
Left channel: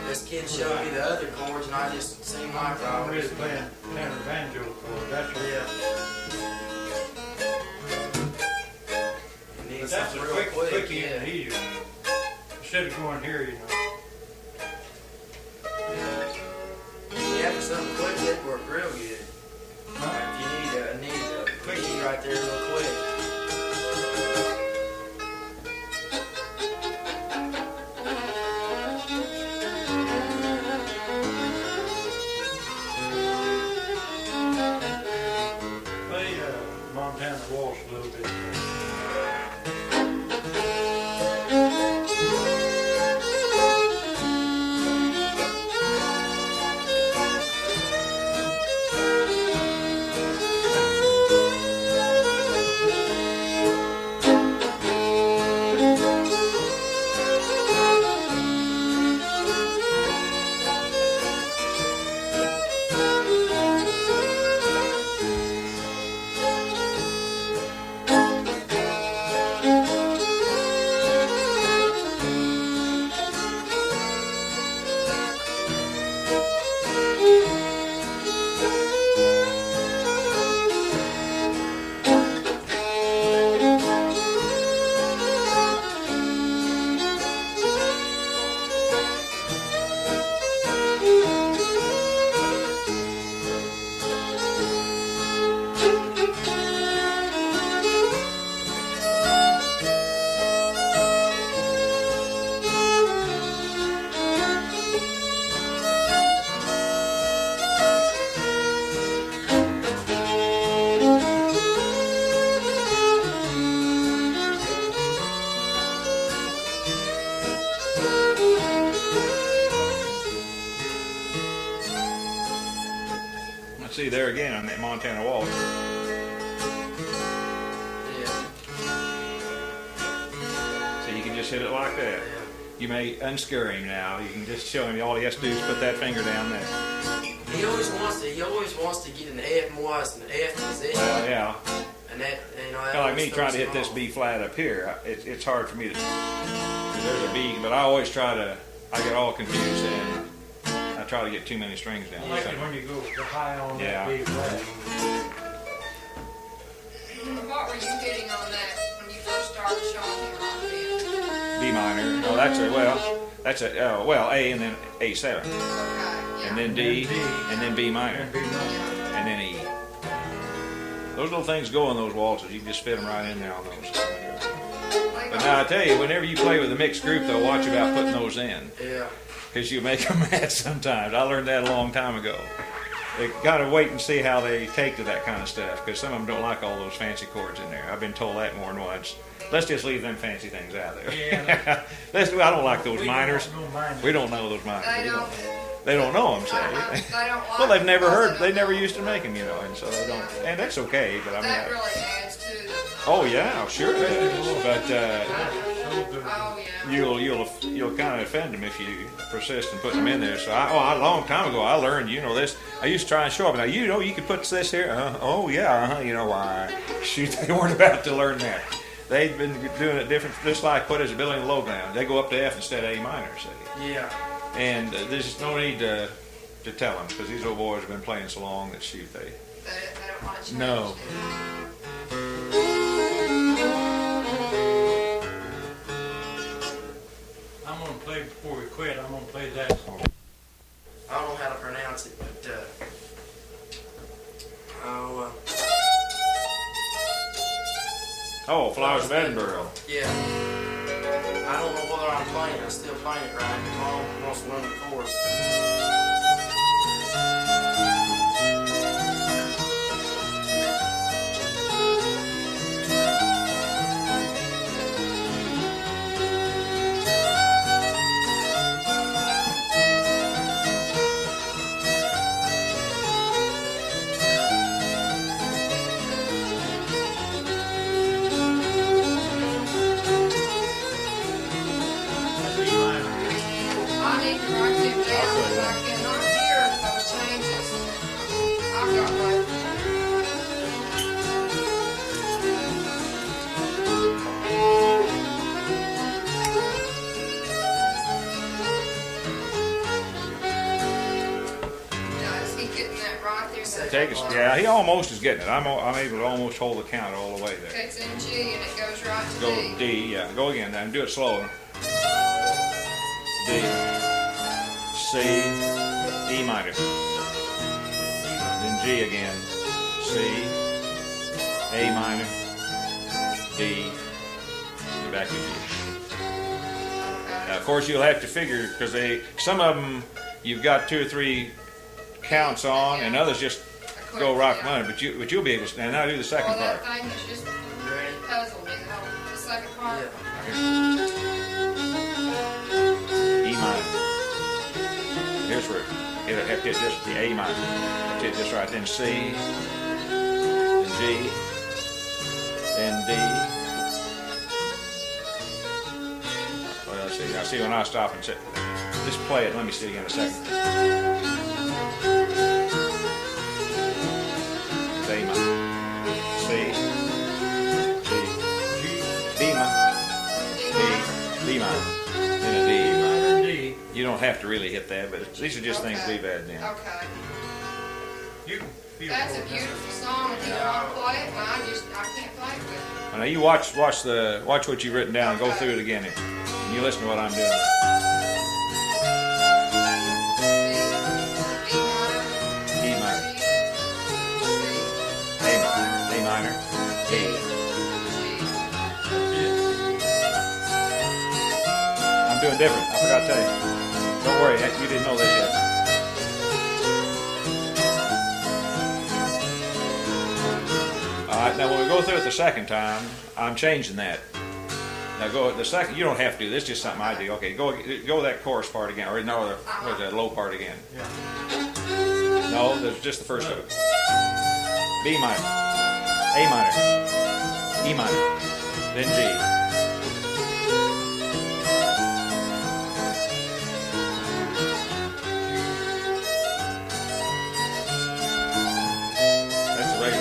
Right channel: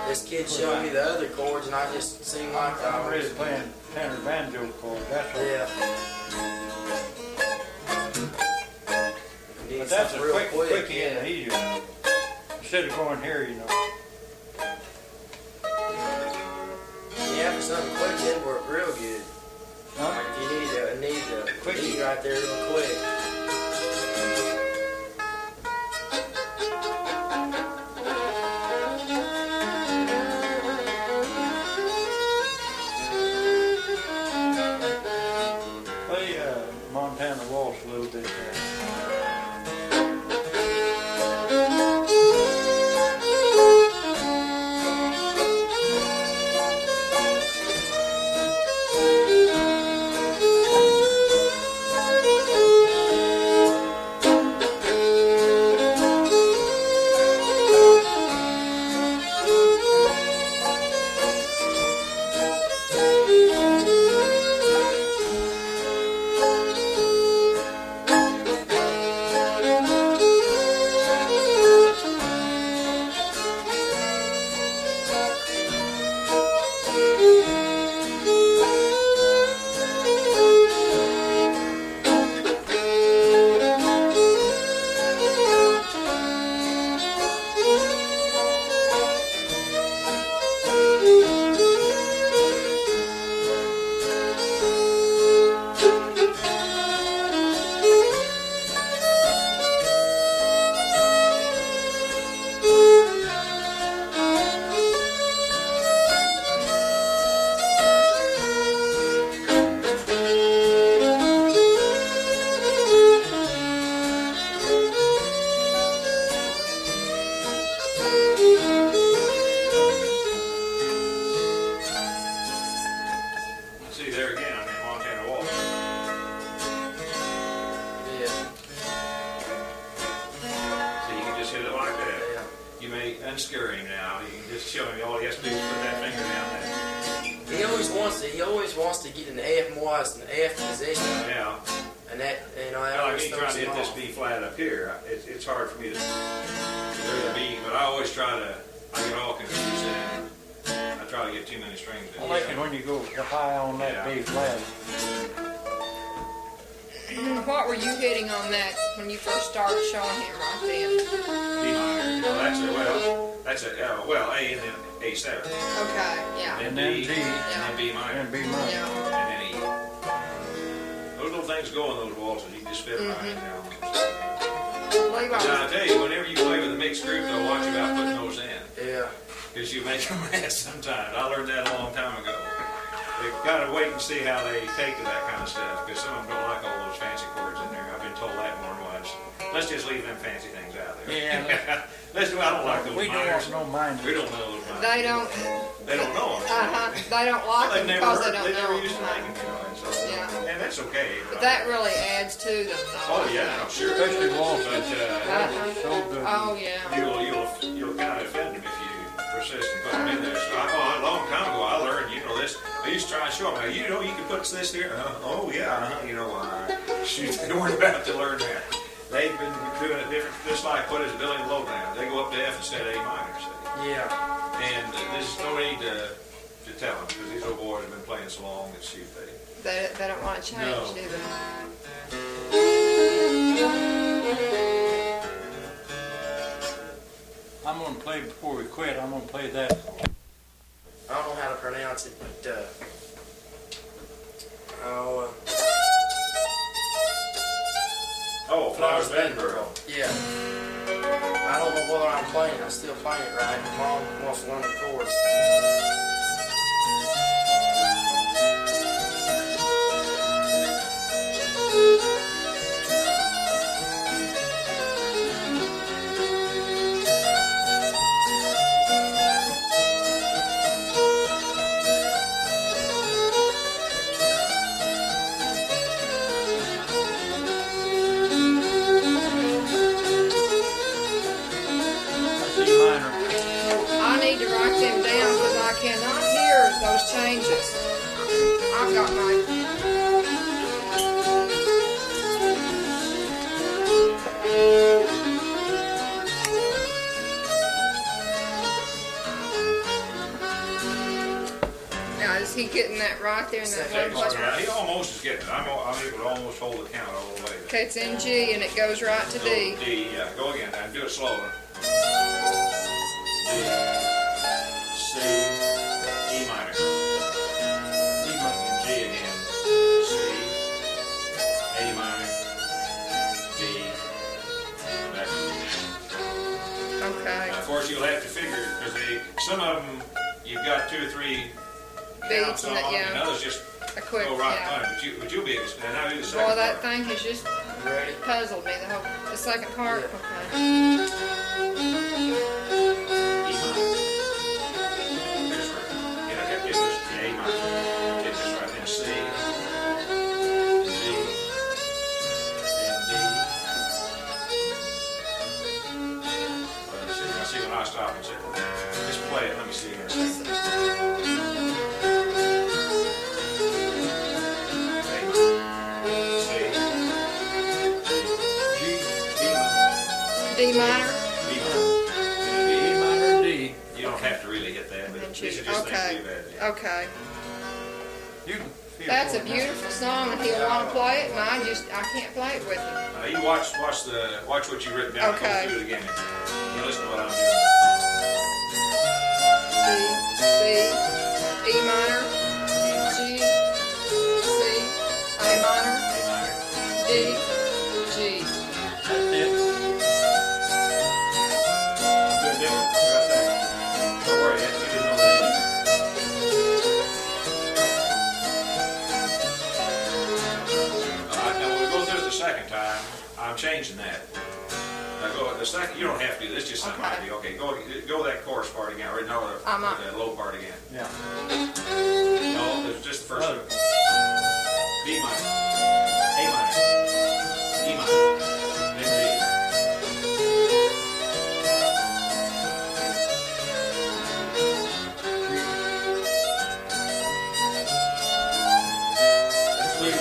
this kid showed me the other chords, and I just seemed like I I'm really was playing tenor banjo chord. That's what. yeah. Need But that's a something real quick. quickie and easy. Instead of going here, you know. Yeah, for something quick, that'd work real good. Huh? Like if you need a quickie right there real quick. Play Montana Waltz a little bit there. See there again, I'm at Montana Waltz. Yeah. So you can just hit it like that. Yeah. You may unscare him now. You can just show him all he has to do is put that finger down there. He always wants to get in the F more as an F position. Yeah. And that, you know, Kind of like me trying to hit this B flat up here. It's hard for me to. There's a B, but I always try to. I get all confused and I try to get too many strings I down. like it when you go high on that Yeah. B flat. What were you hitting on that when you first started showing him right then? D minor. Well, that's a A and then A7, Okay, yeah. and then And then D, D. and then B minor, And B minor. Yeah. and then E. Those little things go in those waltzes. You can just fit them right in there on those. Levi, But now I tell you, whenever you play with a mixed group, though, watch about putting those in, Yeah. because you make them mad sometimes. I learned that a long time ago. They gotta wait and see how they take to that kind of stuff, because some of them don't like all those fancy chords in there. I've been told that more than once. Let's just leave them fancy things out there. Yeah. I don't like those minors. We don't mind. We don't know those minors. they don't, They don't know them. So. they don't like Well, they've them never because heard. they They don't never know used to them. make them, you know, and so they don't. Yeah. And that's okay. But But I that mean, really adds to the. oh yeah, sure. Especially long. But So good. Oh, yeah. you'll kind of offend them if you persist and put them in there. So a long time ago I learned, you know, this. I used to try and show them. Now you know you can put this here. Oh yeah, you know shoot, they weren't about to learn that. They've been doing it different, just like what is it, building a low down. They go up to F instead of A minor, see. Yeah. And there's just no need to tell them, because these old boys have been playing so long that shoot, They don't want to change, No. do they? I'm gonna play before we quit. I'm gonna play that song. I don't know how to pronounce it, but Oh, Flowers of Edinburgh. yeah. I don't know whether I'm playing. I'm still playing it right. Mom wants to learn the chords. second part. Yeah, he almost is getting it. I'm able to almost hold the count all the way there. Okay, it's in G and it goes right to Go D. D, yeah. Go again and do it slow. D, C, E minor. Then G again. C, A minor, D, back to G. Okay. Now, of course, you'll have to figure because some of them you've got 2 or 3 counts on, yeah. and others just A quick, go right yeah. one. But you'll be able to. Now do the second Well, that part. thing has just Ready? puzzled me. The second part. Yeah. Okay. E minor. Here's where it'll hit this. The A minor. Hit this right. Then C. Then G. Then D. Well, let's see. Now see when I stop and say, just play it. Let me see again a second. It's A minor. C. D. B minor. D minor. B minor. Then a D. E minor and D. You don't have to really hit that, but these are just things Okay. we've had then. Okay. You can feel That's a for it now. beautiful song, and he'll want to play it, and I can't play it with him. Now you watch what you've written down and go Okay. through it again, and you listen to what I'm doing. C, E minor, E minor, G, C, A minor, A minor. D, G. That's it. I'm doing different. I forgot to tell you. Don't worry, you didn't know this yet. All right, now when we go through it the second time, I'm changing that. Now go the second. You don't have to do this. Just something I do. Okay, go that chorus part again, or no, or the low part again. Yeah. No, there's just the first of it. B minor, A minor, E minor, then G.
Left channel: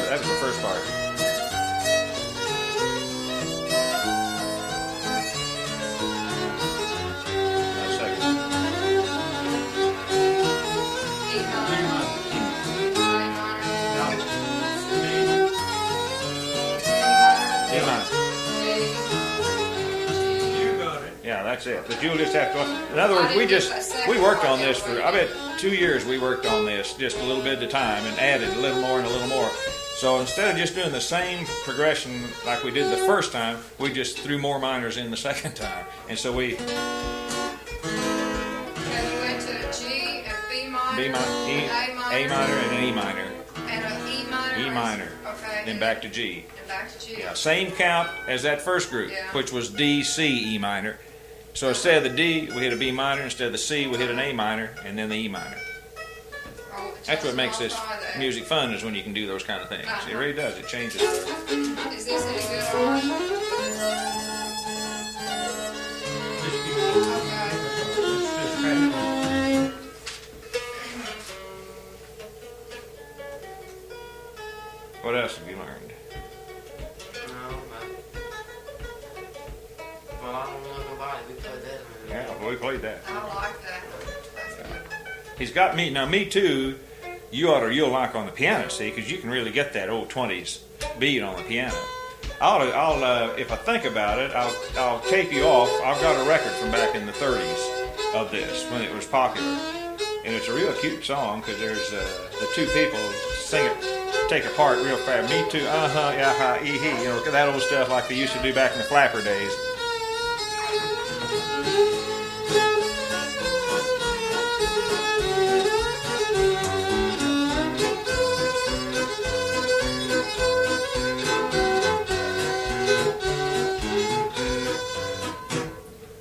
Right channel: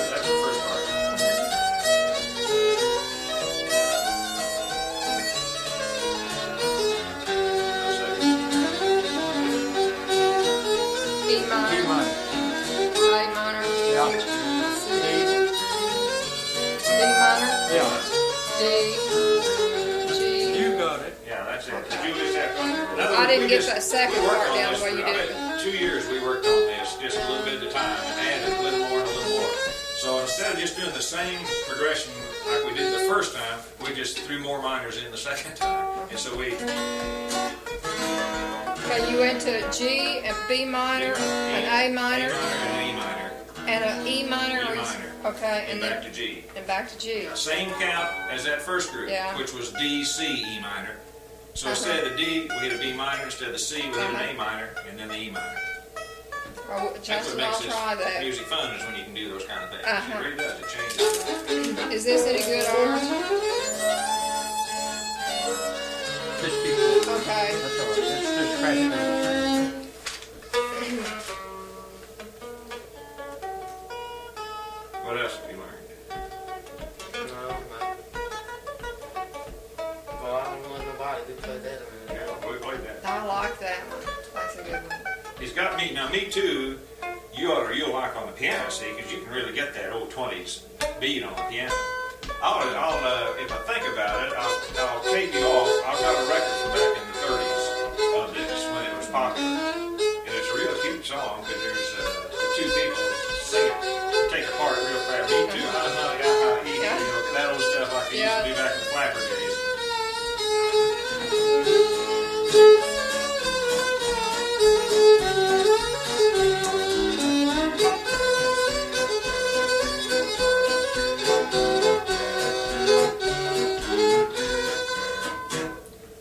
That's the first part. Now second. E minor, E minor. A minor, Yeah. C, D minor, A minor. D, G. You got it. Yeah, that's it. But you'll just have to. In other I words, didn't we get just that second we worked part on down this the way for you I did. bet 2 years. We worked on this just a little bit at a time and added a little more and a little more. So instead of just doing the same progression like we did the first time, we just threw more minors in the second time. And so we Okay, you went to G and B minor, and A minor, and an E minor, and an E minor. E or is- minor, Okay, and back to G. and back to G. Same count as that first group, Yeah. which was D, C, E minor. So instead of the D, we hit a B minor. Instead of the C, we hit an A minor, and then the E minor. Oh, That's Justin, what makes I'll this try that. music fun, is when you can do those kind of things. It Uh-huh. really does. It changes. Is this any good, Orange? Just keep going. Okay. That's all right. Let's just crash it. What else have you learned? No, well, I don't know nobody who played that in Yeah, there. well, we played that. I like that one. That's a good one. He's got me now. Me too. You'll like on the piano, see, because you can really get that old 20s beat on the piano. I'll if I think about it, I'll tape you off. I've got a record from back in the 30s of this when it was popular, and it's a real cute song because there's the two people sing it, take it apart real fast. Me too. Yeah, you know, that old stuff like they used to do back in the flapper days.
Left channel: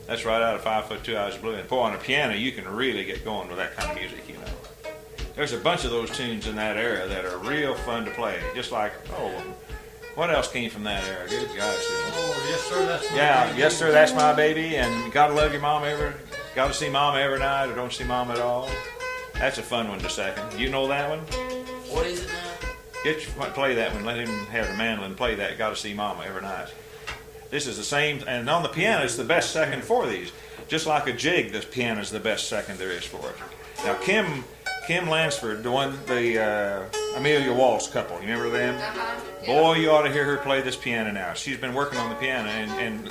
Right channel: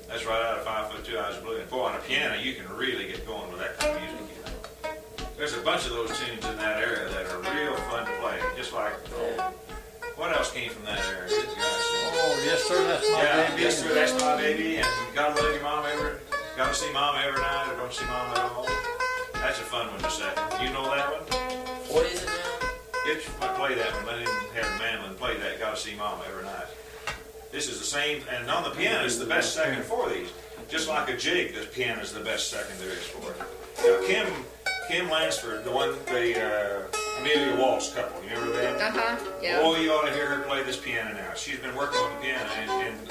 That's right out of 5 Foot 2 Eyes Blue. And boy, on a piano, you can really get going with that kind of music, you know. There's a bunch of those tunes in that era that are real fun to play. Just like, what else came from that era? Good gosh. Oh, yes, sir, that's my Yeah, baby. yes, sir, that's my baby. And gotta love your mama gotta see mama every night, or don't see mama at all. That's a fun one to second. You know that one? What is it now? Play that one. Let him have a mandolin play that. Gotta see mama every night. This is the same, and on the piano, it's the best second for these. Just like a jig, the piano is the best second there is for it. Now, Kim Lansford, the Amelia Waltz couple. You remember them? Yeah. Boy, you ought to hear her play this piano now. She's been working on the piano, and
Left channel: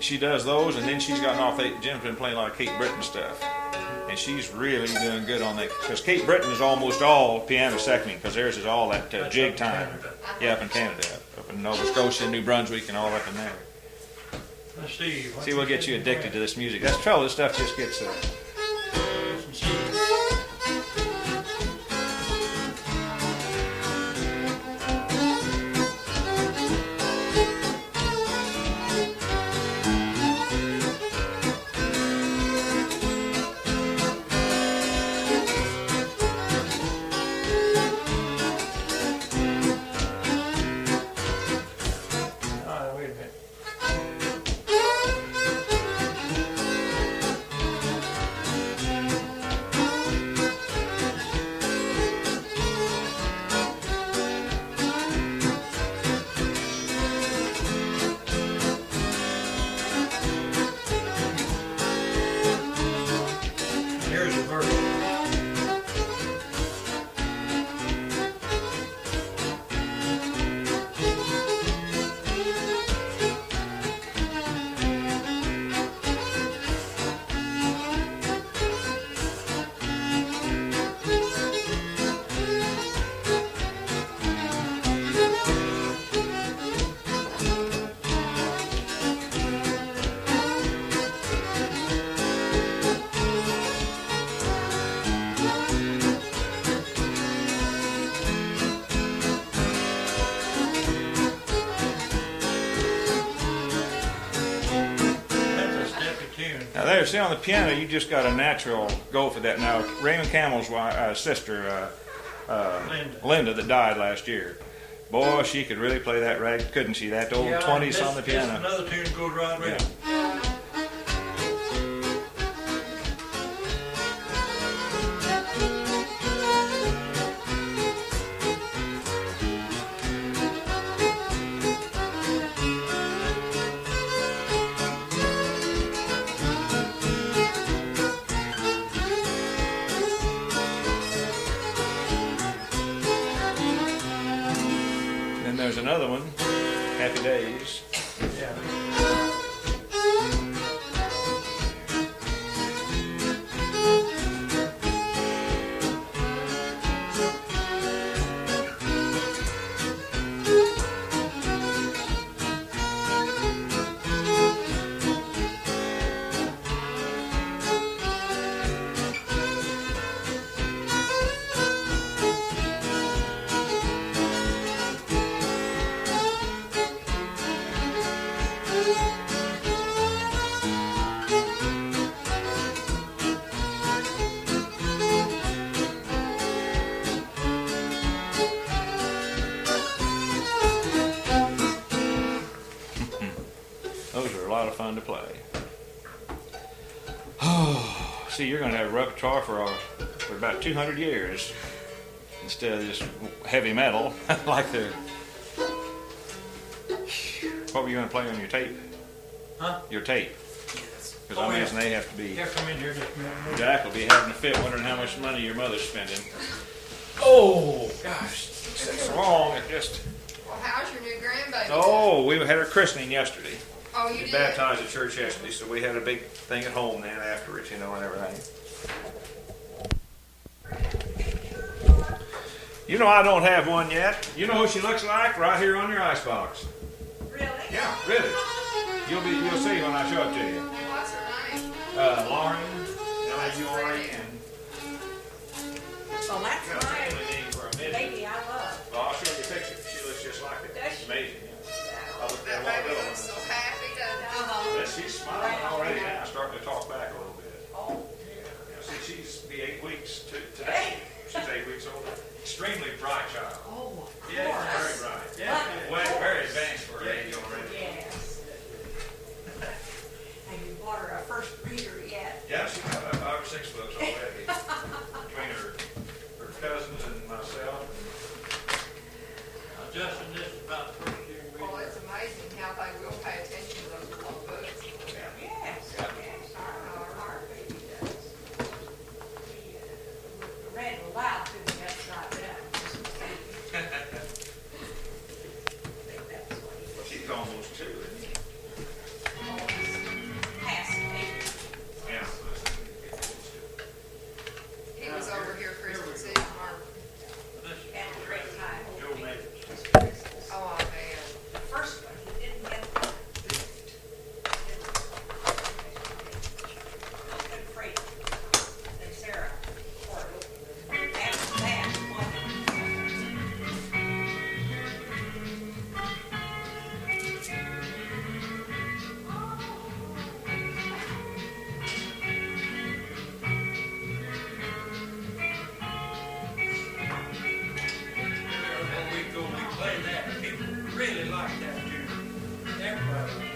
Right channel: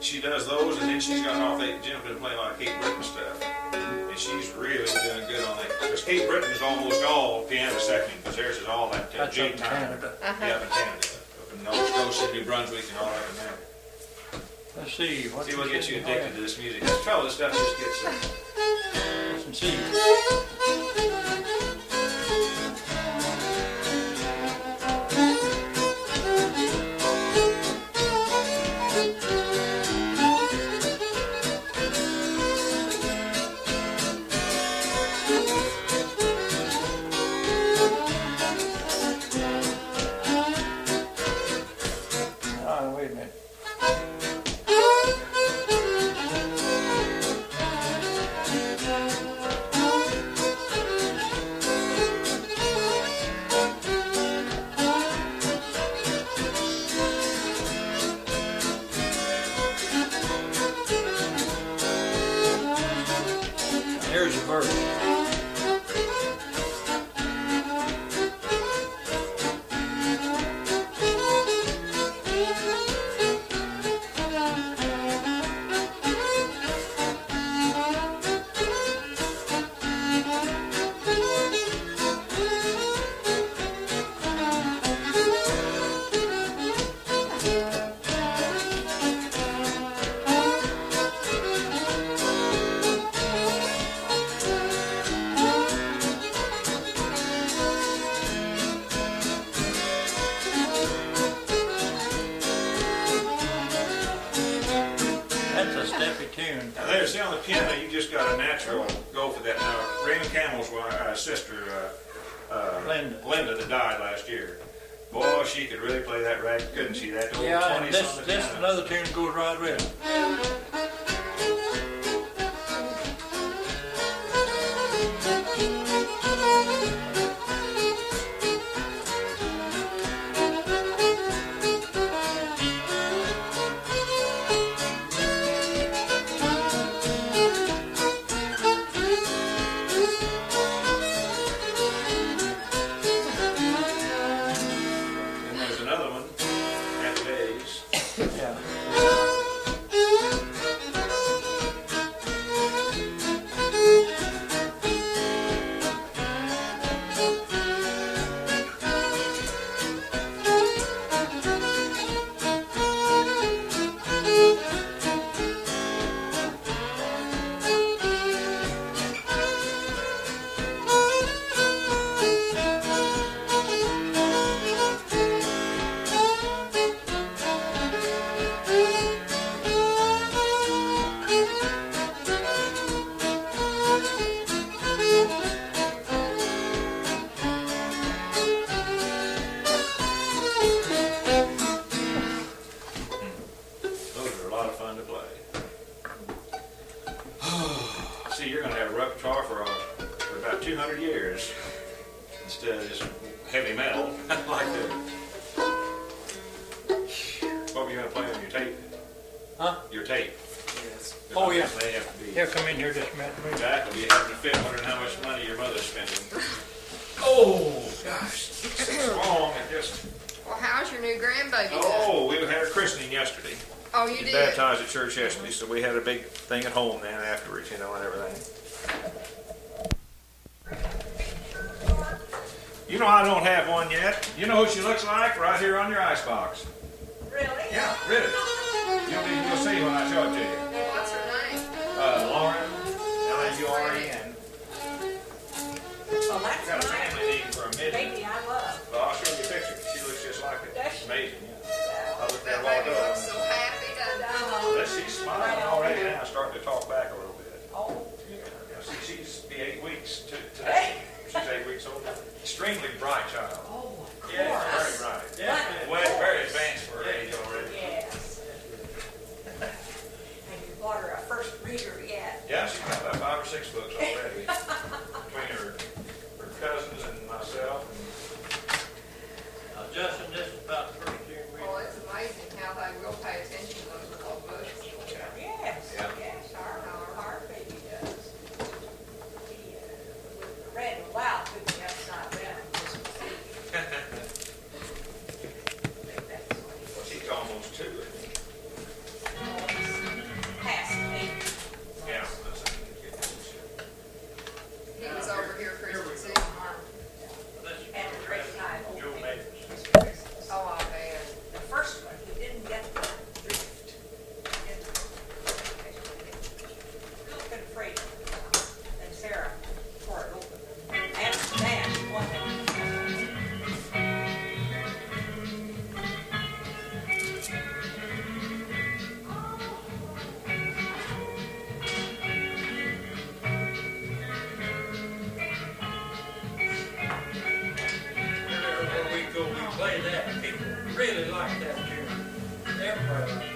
she does those, and then she's gotten off. Jim's been playing a lot of Kate Britton stuff, and she's really doing good on that. Because Kate Britton is almost all piano seconding, because theirs is all that jig time. Yeah, up in Canada, up in Nova Scotia, New Brunswick, and all up in there. Let's see. See, we'll get you addicted to this music. That fellow, this stuff just gets. Listen, see. Wait a minute. Here's the verse. Now there, see on the piano, you just got a natural go for that. Now Raymond Campbell's sister, Linda, that died last year. Boy, she could really play that rag, couldn't she? That old 20s on the piano. This another tune goes right with it. Another one, Happy Days. Yeah. See, you're going to have a repertoire for about 200 years instead of this heavy metal like the. What were you going to play on your tape? Huh? Your tape. Yes. Oh, yeah. They have to be. Yeah, come in here just a minute. Jack will be having a fit wondering how much money your mother's spending. Oh! Gosh, it's long. It just. Well, how's your new grandbaby? Oh, we had her christening yesterday. Oh, you She did? baptized at church yesterday, so we had a big thing at home then afterwards, you know, and everything. You know, I don't have one yet. You know who she looks like? Right here on your icebox. Really? Yeah, really. You'll see when I show it to you. What's her name? Lauren, L-A-U-R-E-N. So that's Got a my family name for a midget. baby I love. Well, I'll show you a picture. She looks just like it. Does It's she? amazing, yeah. I looked at her That a while baby ago. looks so happy, doesn't it? But she's smiling already now, starting to talk back a little bit. Oh, Yeah, see, she's be 8 weeks today. She's 8 weeks old. Extremely bright child. oh, of Yeah, very course. bright. Yeah, Well, very advanced for her age already. Yes. Have you bought her a first reader yet? Yeah, she's got about 5 or 6 books already. Between her cousins and myself. And Now, Justin, this is about the first year. Oh, it's amazing how they will pay attention to those little books. Yes, Yeah. yes, our baby does. He read aloud to me upside down. play that. People really like that tune. Everybody likes